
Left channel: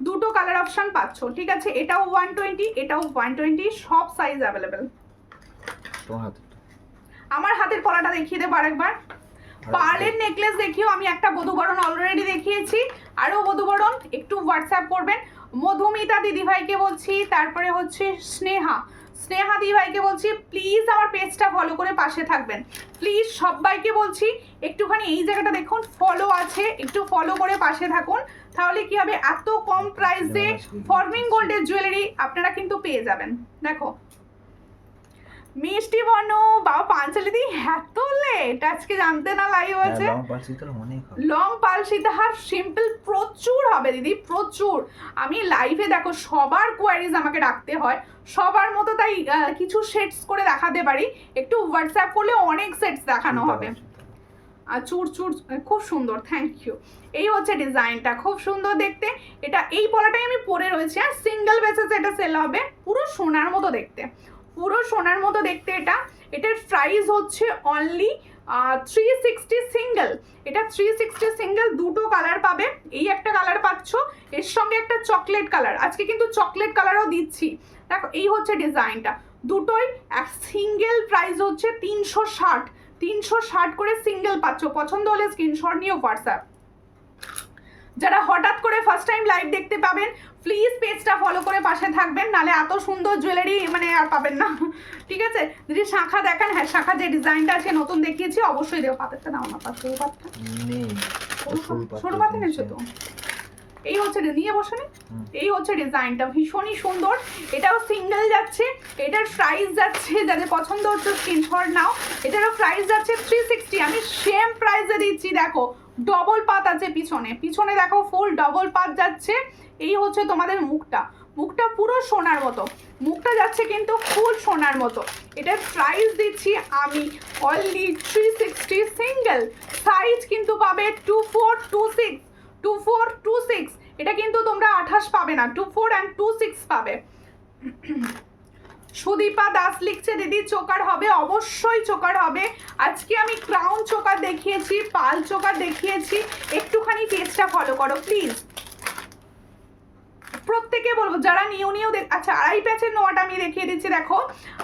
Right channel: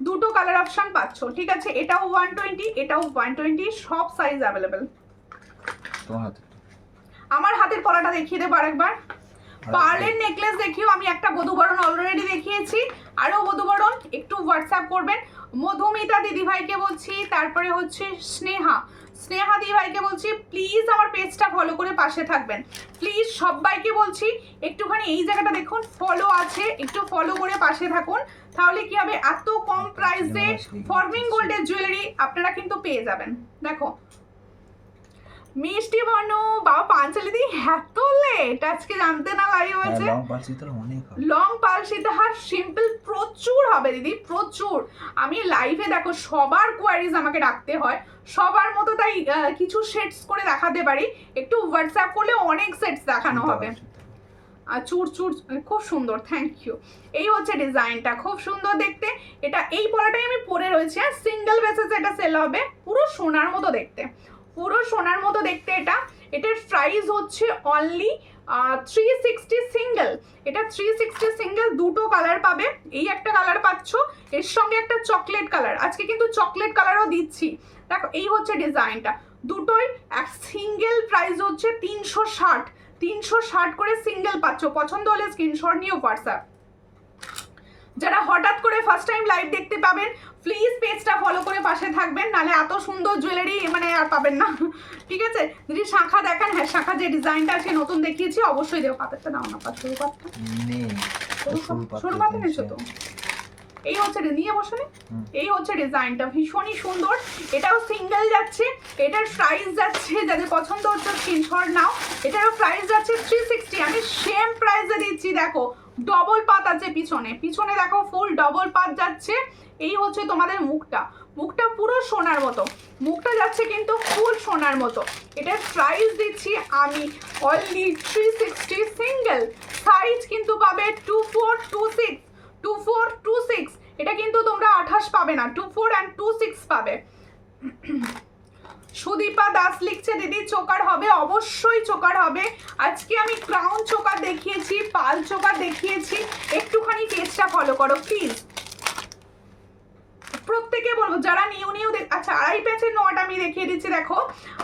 দুটো কালার অপশান পাচ্ছ, ঠিক আছে? এটাও 120, এটাও 120, সব সাইজ অ্যাভেলেবেল। তোমার হাতে আমার হাতের পলাটা দেখিয়ে দেবো আরেকবার। পার্লের নেকলেস দেখিও, আমি একটা বধূবরণ অলরেডি দেখিয়েছি, আরও বধূবরণ একটু হোয়াটসঅ্যাপ করবেন। মধুমিতা দিদিভাইকে বলছি, তারপরে হচ্ছে স্নেহা দিদিভাইকে বলছি প্লিজ আমার পেজটা ফলো করে পাশে থাকবেন, প্লিজ সবাইকে বলছি একটুখানি এই জায়গাটা দেখুন ফলো আছে, একটু ফলো করে পাশে থাকুন, তাহলে কি হবে এত কম প্রাইসে ফর্মিং গোল্ডের জুয়েলারি আপনারা কিন্তু পেয়ে যাবেন। দেখো মিষ্টি বনো বাবা পাঞ্চালি দি এত লেট আজকে জানতে না লাইভ আছে। লং পালসিতে অনেক হবে, লং পালসিতে আর সিম্পল প্রচুর হবে দিদি, প্রচুর। আমি লাইভে দেখো সবার কোয়ারিজ আমাকে রাখতে হয়, সবার মতো তাই কিছু সেটস করে দেখাতে পারি, একটু হোয়াটসঅ্যাপ করলে অনেক সেটস দেখানো হবে। আর চুর খুব সুন্দর, থ্যাংক ইউ। এই হচ্ছে ডিজাইনটা, খুব সুন্দর দেখতে। এটা এই পলাটাই আমি পরে রয়েছে, আর সিঙ্গেল বেসিস এটা সেল হবে, পুরো সোনার মতো দেখতে, পুরো সোনার মতো দেখতে। এটার প্রাইস হচ্ছে অনলি 360 সিঙ্গেল। এটা 360 সিঙ্গেল, দুটো কালার পাবে, এই একটা কালার পাচ্ছ, এর সঙ্গে একটা চকলেট কালার, আজকে কিন্তু চকলেট কালারও দিচ্ছি। দেখো এই হচ্ছে ডিজাইনটা, দুটোই এক সিঙ্গেল প্রাইস হচ্ছে 360 করে সিঙ্গেল পাচ্ছ। পছন্দ হলে স্ক্রিনশট নিয়ে হোয়াটসঅ্যাপ। যারা হঠাৎ করে ফার্স্ট টাইম লাইভ দেখতে পাবেন প্লিজ পেজটা ফলো করে পাশে থাকবেন, নালে এত সুন্দর জুয়েলারি মানে আর পাবেন না, ঠিক আছে? যদি শাখা দেখেন, হ্যাঁ শাখা যে ডিজাইনটা আছে নতুন দেখিয়েছি অবশ্যই দেবো। পাতাটা দাও না, পাতা সরু পাতা নিয়েছো তো? এই হচ্ছে নিয়ে বসে, এই হচ্ছে ডিজাইনটা, ভীষণই সুন্দর। এটাও সিঙ্গেল যাচ্ছে, এটার প্রাইস যাচ্ছে, যাদের পছন্দ হচ্ছে স্ক্রিনশট নাও। এটারও প্রাইস যাচ্ছে 360, আমি সেম প্রাইসে দিচ্ছি। দেখো ডবল পাত আছে পিছনে দেখো ফুল ডবল পাত যাচ্ছে। এই হচ্ছে তোমাদের মুখটা পুরো সোনার মতো, মুখটা যাচ্ছে কিন্তু ফুল সোনার মতো। এটার প্রাইস দিচ্ছি আমি অনলি 360 সিঙ্গেল, সাইজ কিন্তু পাবে 2426। এটা কিন্তু তোমরা 28 পাবে না, 24 and 26 পাবে। সুদীপা দাস লিখছে দিদি চোকার হবে, অবশ্যই চোকার হবে। আজকে আমি ক্রাউন চোকার দেখিয়েছি, পাল চোকার দেখিয়েছি, একটুখানি পেজটা ফলো করো প্লিজ। প্রত্যেকে বলবো যারা নিউ আচ্ছা, আড়াই প্যাচের নোয়াটা আমি দেখিয়ে দিচ্ছি। দেখো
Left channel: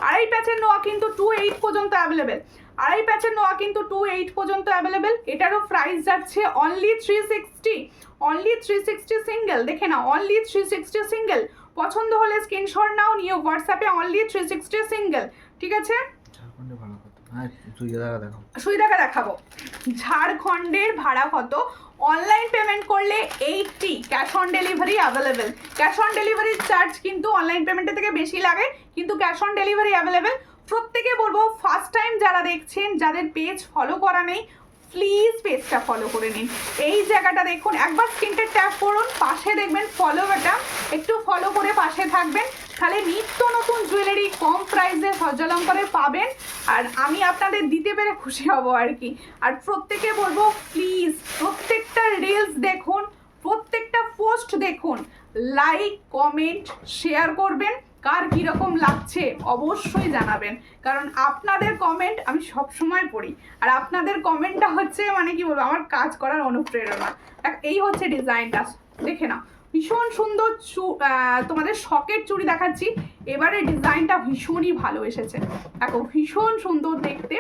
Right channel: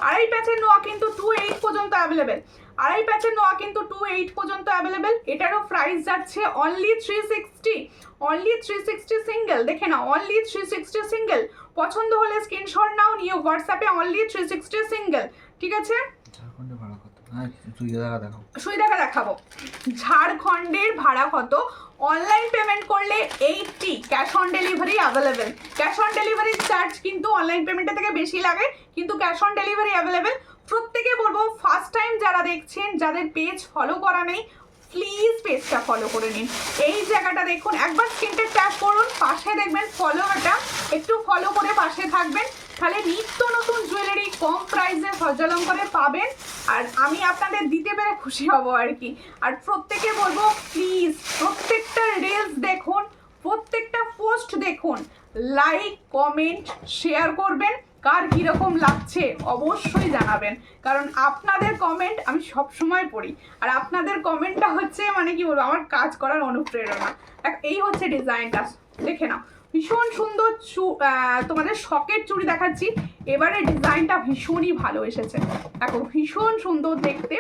আড়াই প্যাচের নোয়া কিন্তু 2.8 পর্যন্ত অ্যাভেলেবেল, আড়াই প্যাচের নোয়া কিন্তু 2.8 পর্যন্ত অ্যাভেলেবেল। এটারও প্রাইস যাচ্ছে অনলি 360, অনলি 360 সিঙ্গেল। দেখে নাও অনলি 360 সিঙ্গেল। পছন্দ হলে স্ক্রিনশট নাও, নিয়ে হোয়াটসঅ্যাপে অনলি 360 সিঙ্গেল। ঠিক আছে, ঝাড়খণ্ডে ভাড়া কত? হ্যাঁ সুইদাকা দেখাও, সুইদাকা দেখাবো। ঝাড়খণ্ডের ভাড়া কত? অনলাইন পেমেন্ট করলে 80, cash on delivery available. Cash on delivery charge কিন্তু অনলাইন পেমেন্টের থেকে বেশি লাগে, কিন্তু ক্যাশ অন ডেলিভারি অ্যাভেলেবেল। প্রত্যেকে বলবো ফার্স্ট টাইম যারা দেখছেন, যাদের পেজ ফলো করা নেই, প্লিজ পেজটা ফলো করে নিন। এই জায়গাটা দেখুন, একবার স্ক্রিনটা ট্যাপ করুন, পাশে দেখবেন ফলো বাটন, একটু ফলো করে পাশে থাকবেন, তাহলে নিত্য নতুন জুয়েলারি কম প্রাইসে সজ্জালঙ্কারে পাবেন। আর আমি আপনাদের দিতে পেরে খুশি হব আর কি। আর প্রত্যেকে বলবো প্লিজ প্রত্যেকটা রিলস দেখুন, প্রত্যেকটা পোস্ট দেখুন, লাইক কমেন্ট শেয়ার করবেন। কার কীরকম লাগছে অবশ্যই জানাবেন, কারণ আপনাদের কমেন্ট আমি সব সময় পড়ি, আর আপনাদের কমেন্টটা হচ্ছে মানে কি বলবো আমার কাজ করার অনুপ্রেরণা। এই হচ্ছে ডিজাইনটা, দেখে নাও ভীষণ সুন্দর। তোমাদের শখের চুড়ি দেখাচ্ছি, এবারে ডিজাইনটা ভীষণই ভালো এসেছে। দেখো ভীষণ সুন্দর দেখতে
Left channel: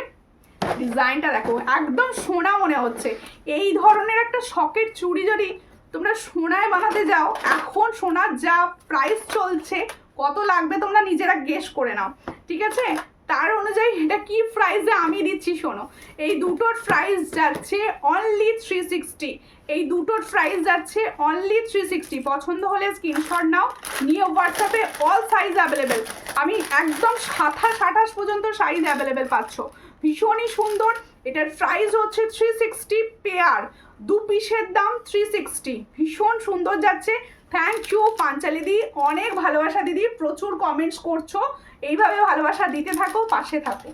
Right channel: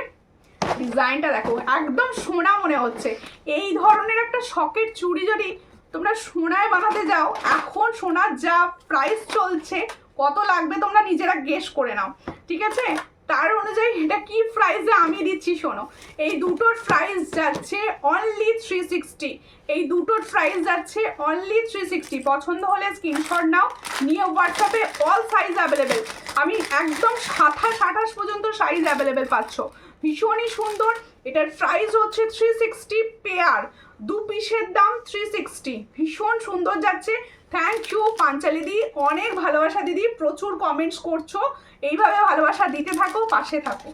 ডিজাইনটা, দেখো একদম সোনা মনে হচ্ছে। এই ধরনের একটা শখের চুড়ি যদি তোমরা সোনায় বানাতে যাও, এখন সোনার যা প্রাইস চলছে, কত লাগবে তোমরা নিজেরা গেস করে নাও। ঠিক আছে, তার অনুযায়ী এটা কি প্রাইসে আমি দিচ্ছি শোনো। এই দুটোর প্রাইস যাচ্ছে অনলি 360, এই দুটোর প্রাইস যাচ্ছে অনলি 360। পছন্দ হলে স্ক্রিনশট নাও, নিয়ে হোয়াটসঅ্যাপে অল সাইজ অ্যাভেলেবেল। আমি একদম 27-28 পর্যন্ত সাইজ অ্যাভেলেবেল পাচ্ছ। ভীষণই সুন্দর। এটার প্রাইস হচ্ছে 360 পেয়ার, 2 পিসের দাম 360। ভীষণ সুন্দর যাচ্ছে। থ্যাংক ইউ পাঞ্চালি দি, অনেক ভালোবাসা দিদি, প্রচুর কমেন্টস করছো, এইভাবে ভালোবাসা দিতে থাকো, পাশে থাকো।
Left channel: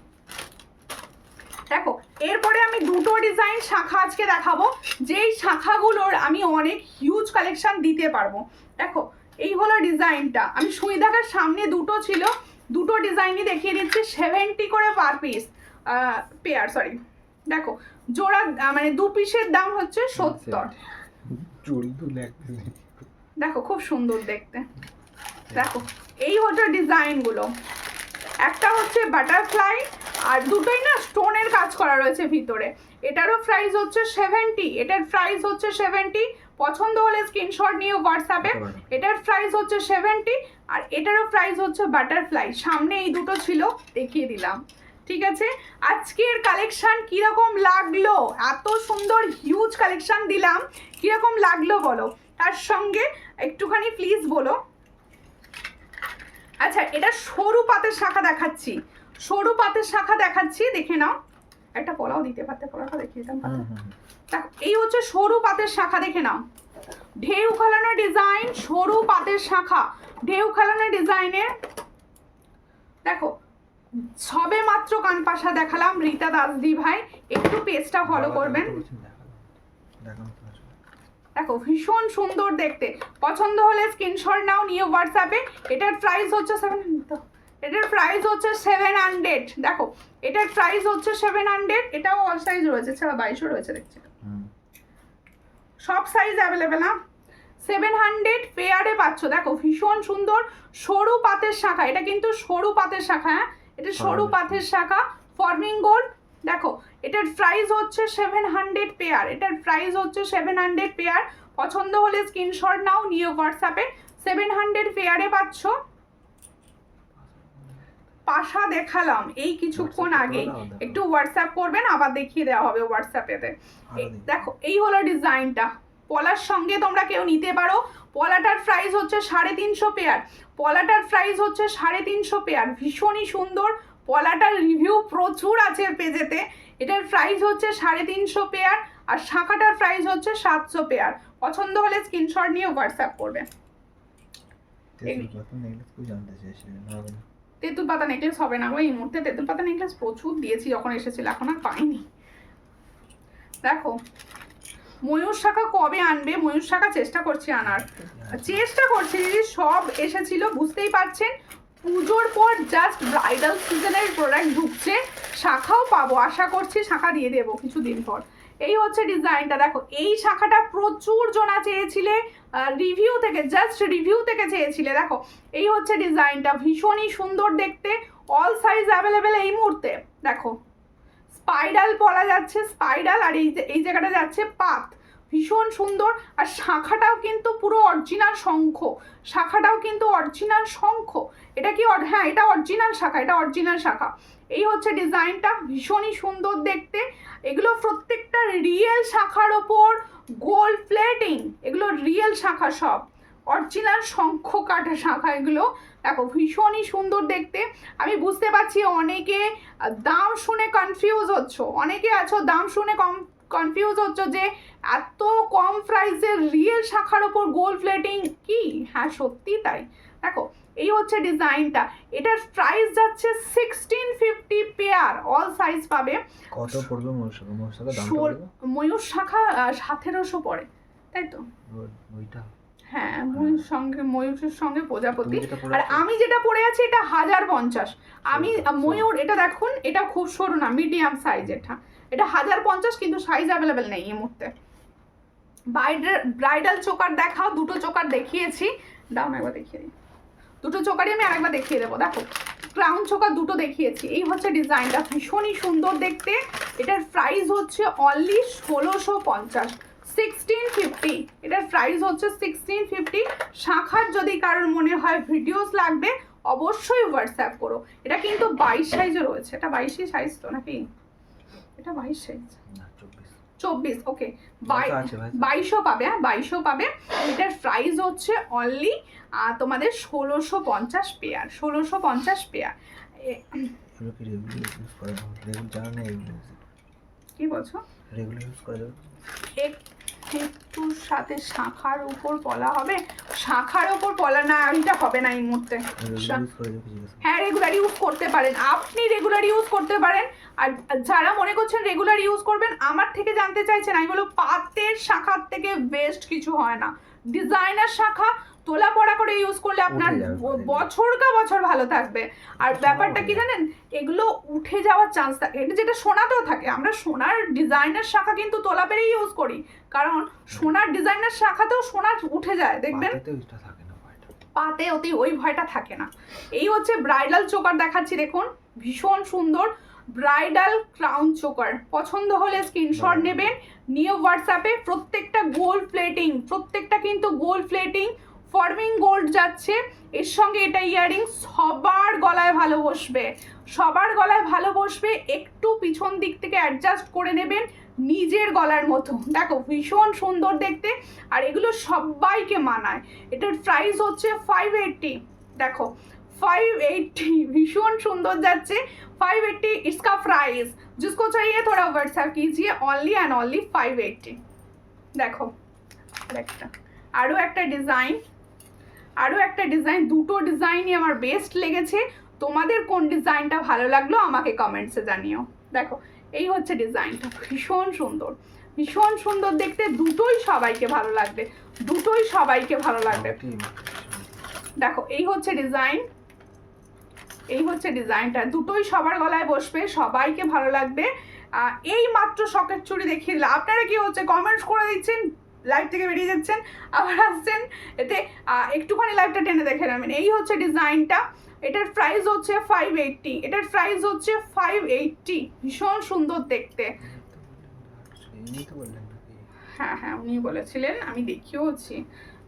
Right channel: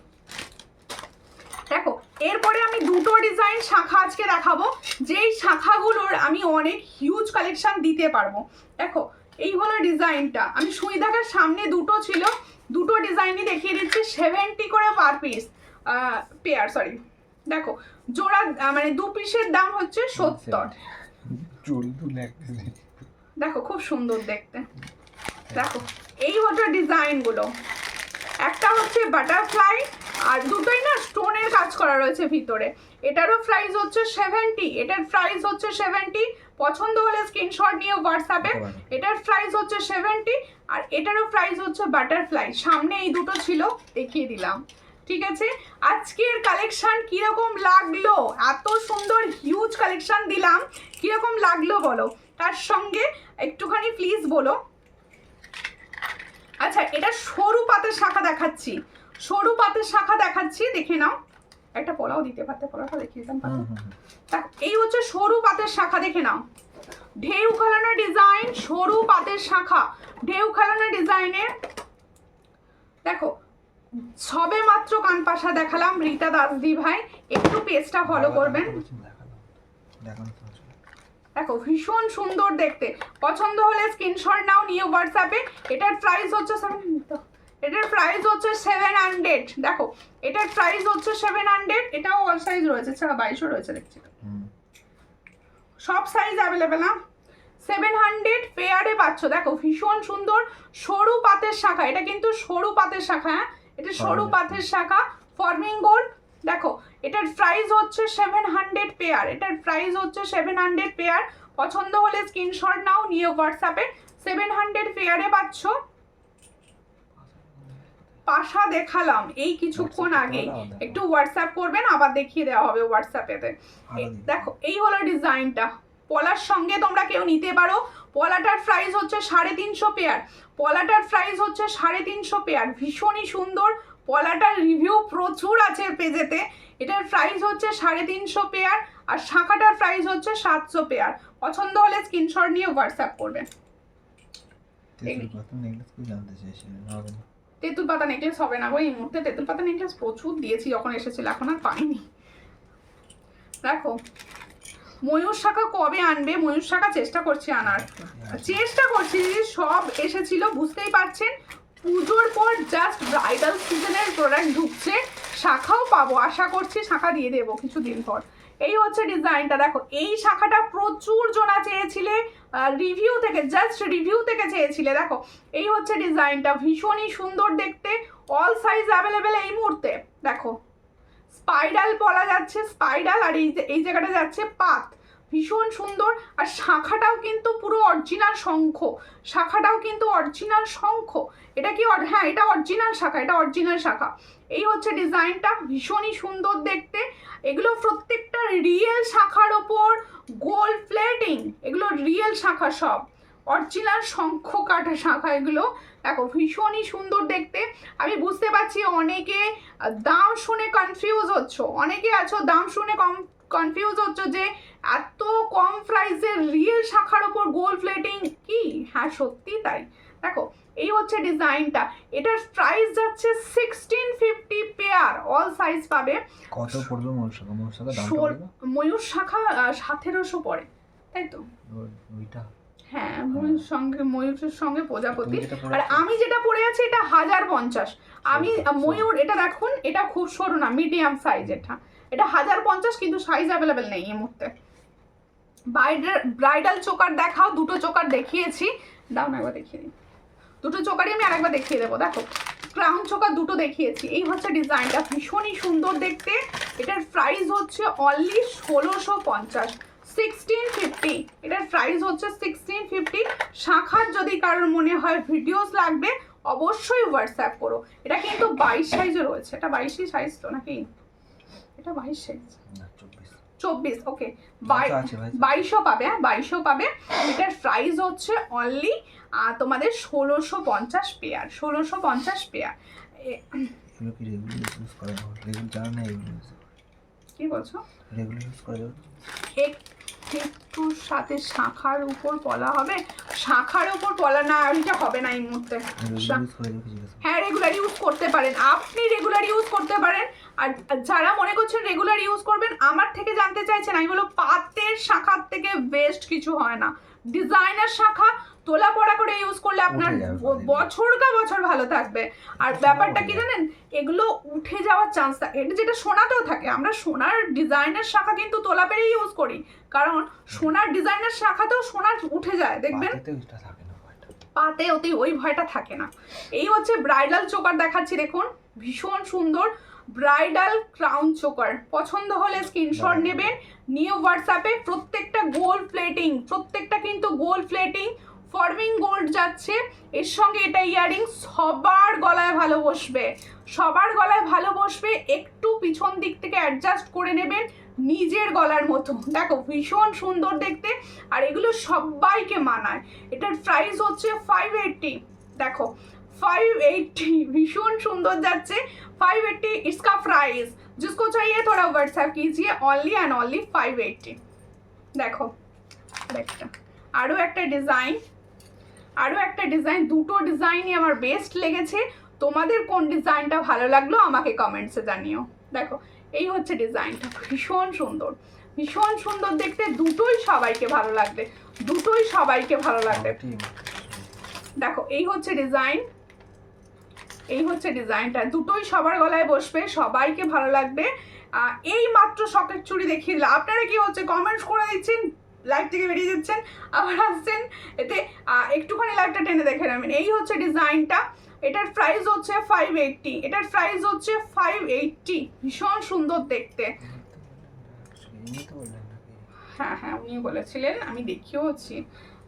দেখো এরপরে আমি দুটো ডিজাইন শাখা আজকে দেখাবো, যেই শাখাগুলোর আমি অনেক হিউজ কালেকশন দিতে পারবো। দেখো এই হলো ডিজাইনটা, আমি সুই দেখার সামনে দুটো ছিল, দুটো ডিজাইনই দেখিয়ে দিচ্ছি। 70 করে পার পিস পেয়ার, সরি দেখো জোড়া মানে 2 পিসের দাম হচ্ছে 70। দেখো খুব সুন্দর দেখতে। দেখো এই হচ্ছে ডিজাইনগুলো, একটা হচ্ছে বাটারফ্লাই, আর দুটোই না স্টোনের কাজ করা রয়েছে ভিতরে। এটারও প্রাইস হচ্ছে 70, এটার প্রাইস হচ্ছে 70। পছন্দ হলে স্ক্রিনশট নিয়ে হোয়াটসঅ্যাপে। এটার প্রাইস হচ্ছে 70, আর এটারও প্রাইস হচ্ছে বাটারফ্লাই। সামনে এই দুটো ছিল, দেখিয়ে দিলাম। ঠিক আছে, আজকের কালেকশন কিরকম লাগলো? এত সুন্দর হিউজ কালেকশন দিলাম, কিরকম লাগলো বলো? তার সঙ্গে একটুখানি প্লিজ বলো। আচ্ছা এটা সরু পাতের শাখা দেখাচ্ছি, সরু পাতের শাখা দেখাচ্ছি, দেখে নাও। একটা পলাও দিতে পারতে, পলাটা দেখিয়ে দিতাম। দেখো এই হচ্ছে সরু পাতের শাখা, দেখে নাও। ঢেউ খেলানো ডিজাইন, সরু পাতের শাখা, ঢেউ খেলানো ডিজাইনের। দেখো সবে মাত্র কানপাশা দেখালাম রীতা দাসদি ভাই, একটু পেজটা ফলো করবেন। দেখো ভীষণ সুন্দর দেখতে। পছন্দ হলে স্ক্রিনশট নাও, নিয়ে হোয়াটসঅ্যাপে। এটার প্রাইস হচ্ছে 700, এটার প্রাইস হচ্ছে 700। দেখো এটার প্রাইস হচ্ছে 700। এটাও অল সাইজ রয়েছে, ছাড়া 22ও রয়েছে দেখছি, সব সাইজ অ্যাভেলেবেল না। 700 পেয়ারে পাচ্ছ। দেখো ভীষণ সুন্দর সরু পাতের শাখা, এটা কিন্তু সরু পাতের শাখা, হ্যাঁ এটা সরু পাতের শাখা, ফর্মিং গোল্ড। দেখো এটার প্রাইস হচ্ছে 700 পেয়ার, এটার প্রাইস হচ্ছে 700 পেয়ার। পছন্দ হলে স্ক্রিনশট নাও, নিয়ে হোয়াটসঅ্যাপে। 700 পেয়ারে পাচ্ছ। পাশা দেখালাম এই কিছুক্ষণ আগে, একটু হোয়াটসঅ্যাপ করবেন, আবার দেখিয়ে দেওয়া হবে হোয়াটসঅ্যাপেতে। দেখো এই হলো ডিজাইনটা, পলার সঙ্গে তোমরা কেউ নিতে পারো। পলাটার প্রাইস হচ্ছে 350 পেয়ার, পলাটার প্রাইস হচ্ছে 350 পেয়ার। ভীষণই সুন্দর, পলাটার রিভিউ প্রচুর আছে পেজেতে। এটার প্রাইস হচ্ছে 350 পেয়ার, আর শাখাটার প্রাইস হচ্ছে 700 পেয়ার। পছন্দ হলে স্ক্রিনশট নিয়ে হোয়াটসঅ্যাপ করবেন। তেঁতুল পাতা নেকলেস হবে না গো এই মুহূর্তে, তেঁতুল পাতা নেকলেস প্রচুর দিয়েছি যখন এসেছিল, এখন আর পাইনি। দেখো ময়ূর শাখা কবে আনবে? ময়ূর শাখা চেষ্টা করছি আনার, চেষ্টা করছি দিদি, সব এসেছিল বুঝতেই পারছেন। পুজোর পর জাস্ট ব্রাইডাল সিজনের প্রোডাক্ট ঢুকছে, শাখাও পাবো, আশা করছি শাখা দিয়ে দেবো কিছুদিন পর। এই হচ্ছে ডিজাইনটা, দেখো এই শাখাটা প্রচুর জনা চেয়েছিলে, রিভিউ থেকে, জাস্ট রিভিউ থেকে চেয়েছিলে। দেখো এই হচ্ছে ডিজাইনটা, ভীষণই সুন্দর দেখতে, অল সাইজ অ্যাভেলেবেল এই মুহূর্তে। দেখো স্পাইরাল বলা যাচ্ছে, স্পাইরাল, আর এই জায়গাটা যাচ্ছে পাত, ভীষণ সুন্দর। আর শাখাটাও কিন্তু পুরো অরিজিনাল শঙ্খ, শাখাটাও কিন্তু অরিজিনাল শঙ্খ। এটা কি হ্যাঁ এটা অরিজিনাল শাখা, এটা অরিজিনাল শাখা। এই হচ্ছে ডিজাইনটা, ভীষণই সুন্দর দেখতে। এগুলো প্রত্যেকটা রিয়েল শাখার ওপর গোল্ড প্লেটিং, এগুলো রিয়েল শাখা, সব অরিজিনাল শঙ্খ কাটা শাখা এগুলো। দেখো ভীষণই সুন্দর দেখতে। আমি বুঝতে পারছি অনেকে দাম শুনে কনফিউজ হচ্ছ, অনেকে আছো দাম শুনে কনফিউজ হচ্ছ যে এত কম প্রাইসের রিয়েল শাখার ওপর গোল্ড প্লেটিং কি? হ্যাঁ সত্যি তাই। দেখো এই হচ্ছে ডিজাইনটা, এটার প্রাইস যাচ্ছে 1650 পেয়ার, অল সাইজ পাবে। কত পড়বে ময়ূর শাখা? ময়ূর শাখা দামটা বলবে? ময়ূর শাখা 1700 পড়ে, তাই তো? ওইটা হ্যাঁ ময়ূরের সঙ্গে প্রজাপতি। তুমি যেটা পরে আর আছো? আমি যেটা পরে আছি এটা 1050। আমি ময়ূর, এটা দেখুন এটা খুব সরু না, মিডিয়াম সাইজ, এটা 1050, কিন্তু সাইজ অ্যাভেলেবেল নেই এই মুহূর্তে। ব্রাইডাল চোকার দেখাও, দুটো চোকার দেখিয়েছি, দাম একবার দেখিয়ে দিই, দুটো চোকারই আমি আরেকবার দেখিয়ে দেবো। দেখো ক্রাউন চোকার দুটো দেখিয়েছি। এই হচ্ছে ডিজাইনটা, ভীষণই সুন্দর দেখতে। এটার প্রাইস হচ্ছে অনলি 1650, 1650। এটার প্রাইস হচ্ছে 1650। শাখার যদি কারোর মনে হয় ভিডিওস লাগবে অবশ্যই হোয়াটসঅ্যাপ করো। এটা কিন্তু 22 সাইজে রয়েছে, এটা 22 সাইজ তো নাকি? এটা 22 সাইজ না 24। 24, ওকে, আছে ভাই। 2200 পাবে, হ্যাঁ 2200 পাবে। এটার প্রাইস হচ্ছে অনলি তোমাদের 1650 পেয়ার, 1650 পেয়ার। এগুলো কি রেগুলার ইউজ করা যাবে? রেগুলার জানা নেই এগুলো ইউজ করে। কি বলছো? রেগুলার ইউজ করা যাবে? একটু সাথে শাখার উপর পলা হবে, শাখার উপর পলা না, ওইটা হবে না এই মুহূর্তে। রেগুলার ইউজ করা যাবে কি জিজ্ঞাসা? হ্যাঁ রেগুলার ইউজ করতে পারেন, আপনি রেগুলার ইউজ করতে পারেন। আর যারা মনে করছেন রেগুলার ইউজ করবেন, আমার থেকে জানতে চাইছেন, আমি বলো পাতের শাখার থেকে বেস্ট কিছু হয় না। ডিজাইনার শাখা তোলা পড়া করে ইউজ করলে আপনার বছর কা বছর ভালো থাকবে। আর ব্যাপারটা কি জানেন, এগুলো উঠে যাওয়ার চান্স থাকে, এটা যেটা সোনাতেও থাকে। আমরা সোনার ডিজাইনার শাখা কিন্তু তোলা পেরেই ইউজ করি, কারণ সোনার ডিজাইনার শাখাতেও সোনা উঠে যায়, দেখবেন পাতেতে ওইটা থাকে না, ভয়টা। পাতে অতি ওই ভয়টা থাকে না। এই হচ্ছে ব্রাইডাল চোকার দেখাচ্ছি, দেখুন ভীষণ সুন্দর ব্রাইডাল ক্রাউন চোকার। পছন্দ হলে স্ক্রিনশট নেবেন, নিয়ে হোয়াটসঅ্যাপে। প্রত্যেকটা গোল্ড প্লেটিং, প্রত্যেকটা কিন্তু গোল্ড প্লেটিং, ফর্মিং গোল্ড যাচ্ছে এর সঙ্গে। এটা ইয়ারিং সবার গলায় ভালো বসবে, সবার গলায় ভালো বসবে। একটু পিছন দিক থেকে অ্যাডজাস্ট করে নেবেন নিজের গলার মতো। দেখো ভীষণ সুন্দর দেখতে, আর এগুলো সবাইকে মানায়। এটার প্রাইস হচ্ছে 580। দেখো 580, भीषण सुंदर जाচ্ছে 580 इसका प्राइस। जिसको चाहिए थोड़ा व्हाट्सएप कीजिए, ओनली एंड ओनली 580। देखो আরো একটা ডিজাইন, আরো একটা ডিজাইন, দুটো ডিজাইনই আমার বেস্ট লেগেছে। তোমাদের কোন ডিজাইনটা ভালো লাগলো আমাকে কমেন্টসে জানিও। দেখো এই হচ্ছে ডিজাইনটা, ভীষণ সুন্দর, ভীষণ সুন্দর দেখতে। দুটোই সবাইকে ভালো লাগবে, দুটোই সবাইকে ভালো লাগবে। দেখো এই হচ্ছে ডিজাইন, এই হচ্ছে ডিজাইনটা, দুটোই সবার গলায় বসবে, সবাইকে ভালো লাগবে। এই মাত্র সকেট চুড়ি দেখিয়ে দিলাম। আপনারা কি হচ্ছে কমেন্টস করে দিচ্ছেন, লাইভ থেকে বেরিয়ে যাচ্ছেন, আবার আসছেন, এতে একটুখানি লাইভটা টেনে দেখে নেবেন। এই হচ্ছে ডিজাইনটা, এটার প্রাইস হচ্ছে 580, এটার প্রাইস হচ্ছে 580। ভীষণ সুন্দর দেখতে। হ্যাঁ হ্যাঁ উনি বলেছিলেন, আমি দেখিয়েওছি।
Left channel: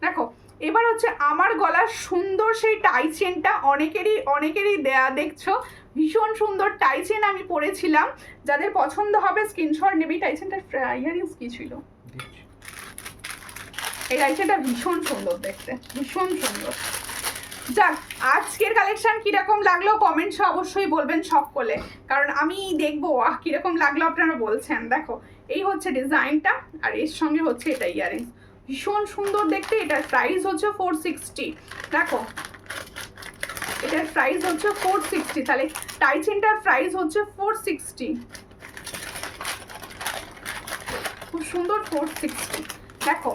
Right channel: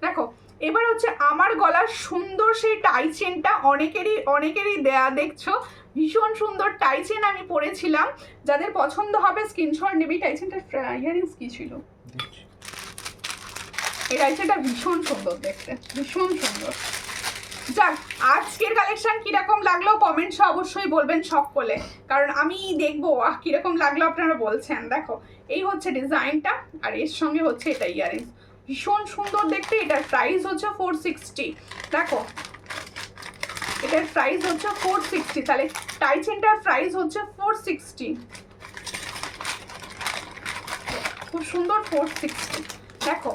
দেখো এবার হচ্ছে আমার গলার সুন্দর সেই টাই চেনটা, অনেকেরই দেখছো ভীষণ সুন্দর টাই চেন আমি পরেছিলাম। যাদের পছন্দ হবে স্ক্রিনশট নেবে। টাই চেনটার ইয়ারিংস কি ছিল? এই টাই চেনটা ভীষণ সুন্দর দেখতে, ভীষণ সুন্দর। যাক, আজকের কালেকশন কিরকম লাগলো কমেন্টসে অবশ্যই বলবেন সকলে, কারণ আমি দেখবো কিরকম লাগলো আপনারা বলছেন। দেখো এই হচ্ছে ডিজাইনটা, আর এর সঙ্গে হচ্ছে এটা ইয়ারিংস, ভীষণ সুন্দর দেখতে। এটার প্রাইস হচ্ছে 460। দেখো এটার প্রাইস হচ্ছে 460, তাহলে টাই চেনটার প্রাইস হচ্ছে 460। খুব সুন্দর 460। দেখো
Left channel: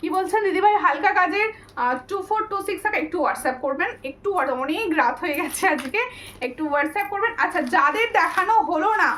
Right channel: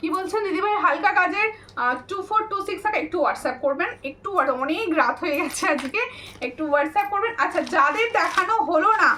কি বলছেন দিদিভাই, হালকা কাজের 2426 একটু হোয়াটসঅ্যাপ করবেন, একটু অনেক রাত হয়ে গেছে আজকে, একটু হোয়াটসঅ্যাপ করবেন। আচ্ছা, যাদের দেখানো হলো না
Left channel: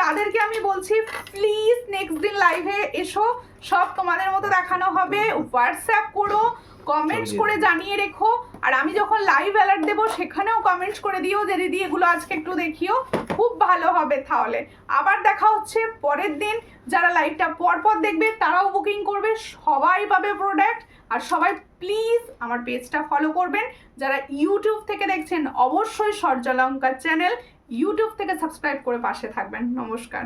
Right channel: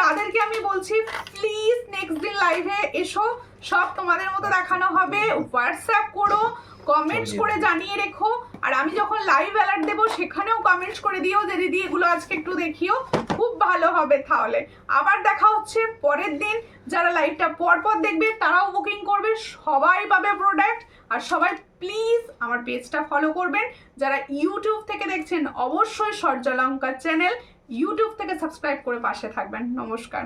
তাদেরকে আমি বলছি প্লিজ নেক্সট দিন লাইভে এসো, সব তোমাদের মতো দেখানো হবে। হোয়াটসঅ্যাপ করো, কমেন্টস করে জানিয়ে রেখো, আর আমি যখন লাইভ অ্যালার্ট দেবো সেখানেও কমেন্টস করে দিও যে দিদি এগুলো আজকে একটু দেখিও, খুব ভালো হবে। তাহলে আবার দেখা হচ্ছে পরের দিন। যারা লাইভটা পরপর দেখবে তারাও বুকিং করবে, সবাই পাবে প্রোডাক্ট। আর সবাই প্লিজ আমার পেজটা ফলো করবেন। যারা ইউটিউব থেকে দেখছেন অবশ্যই সূর্যালঙ্কার চ্যানেল ইউটিউব থেকে সাবস্ক্রাইব করে পাশে থাকবেন। নমস্কার।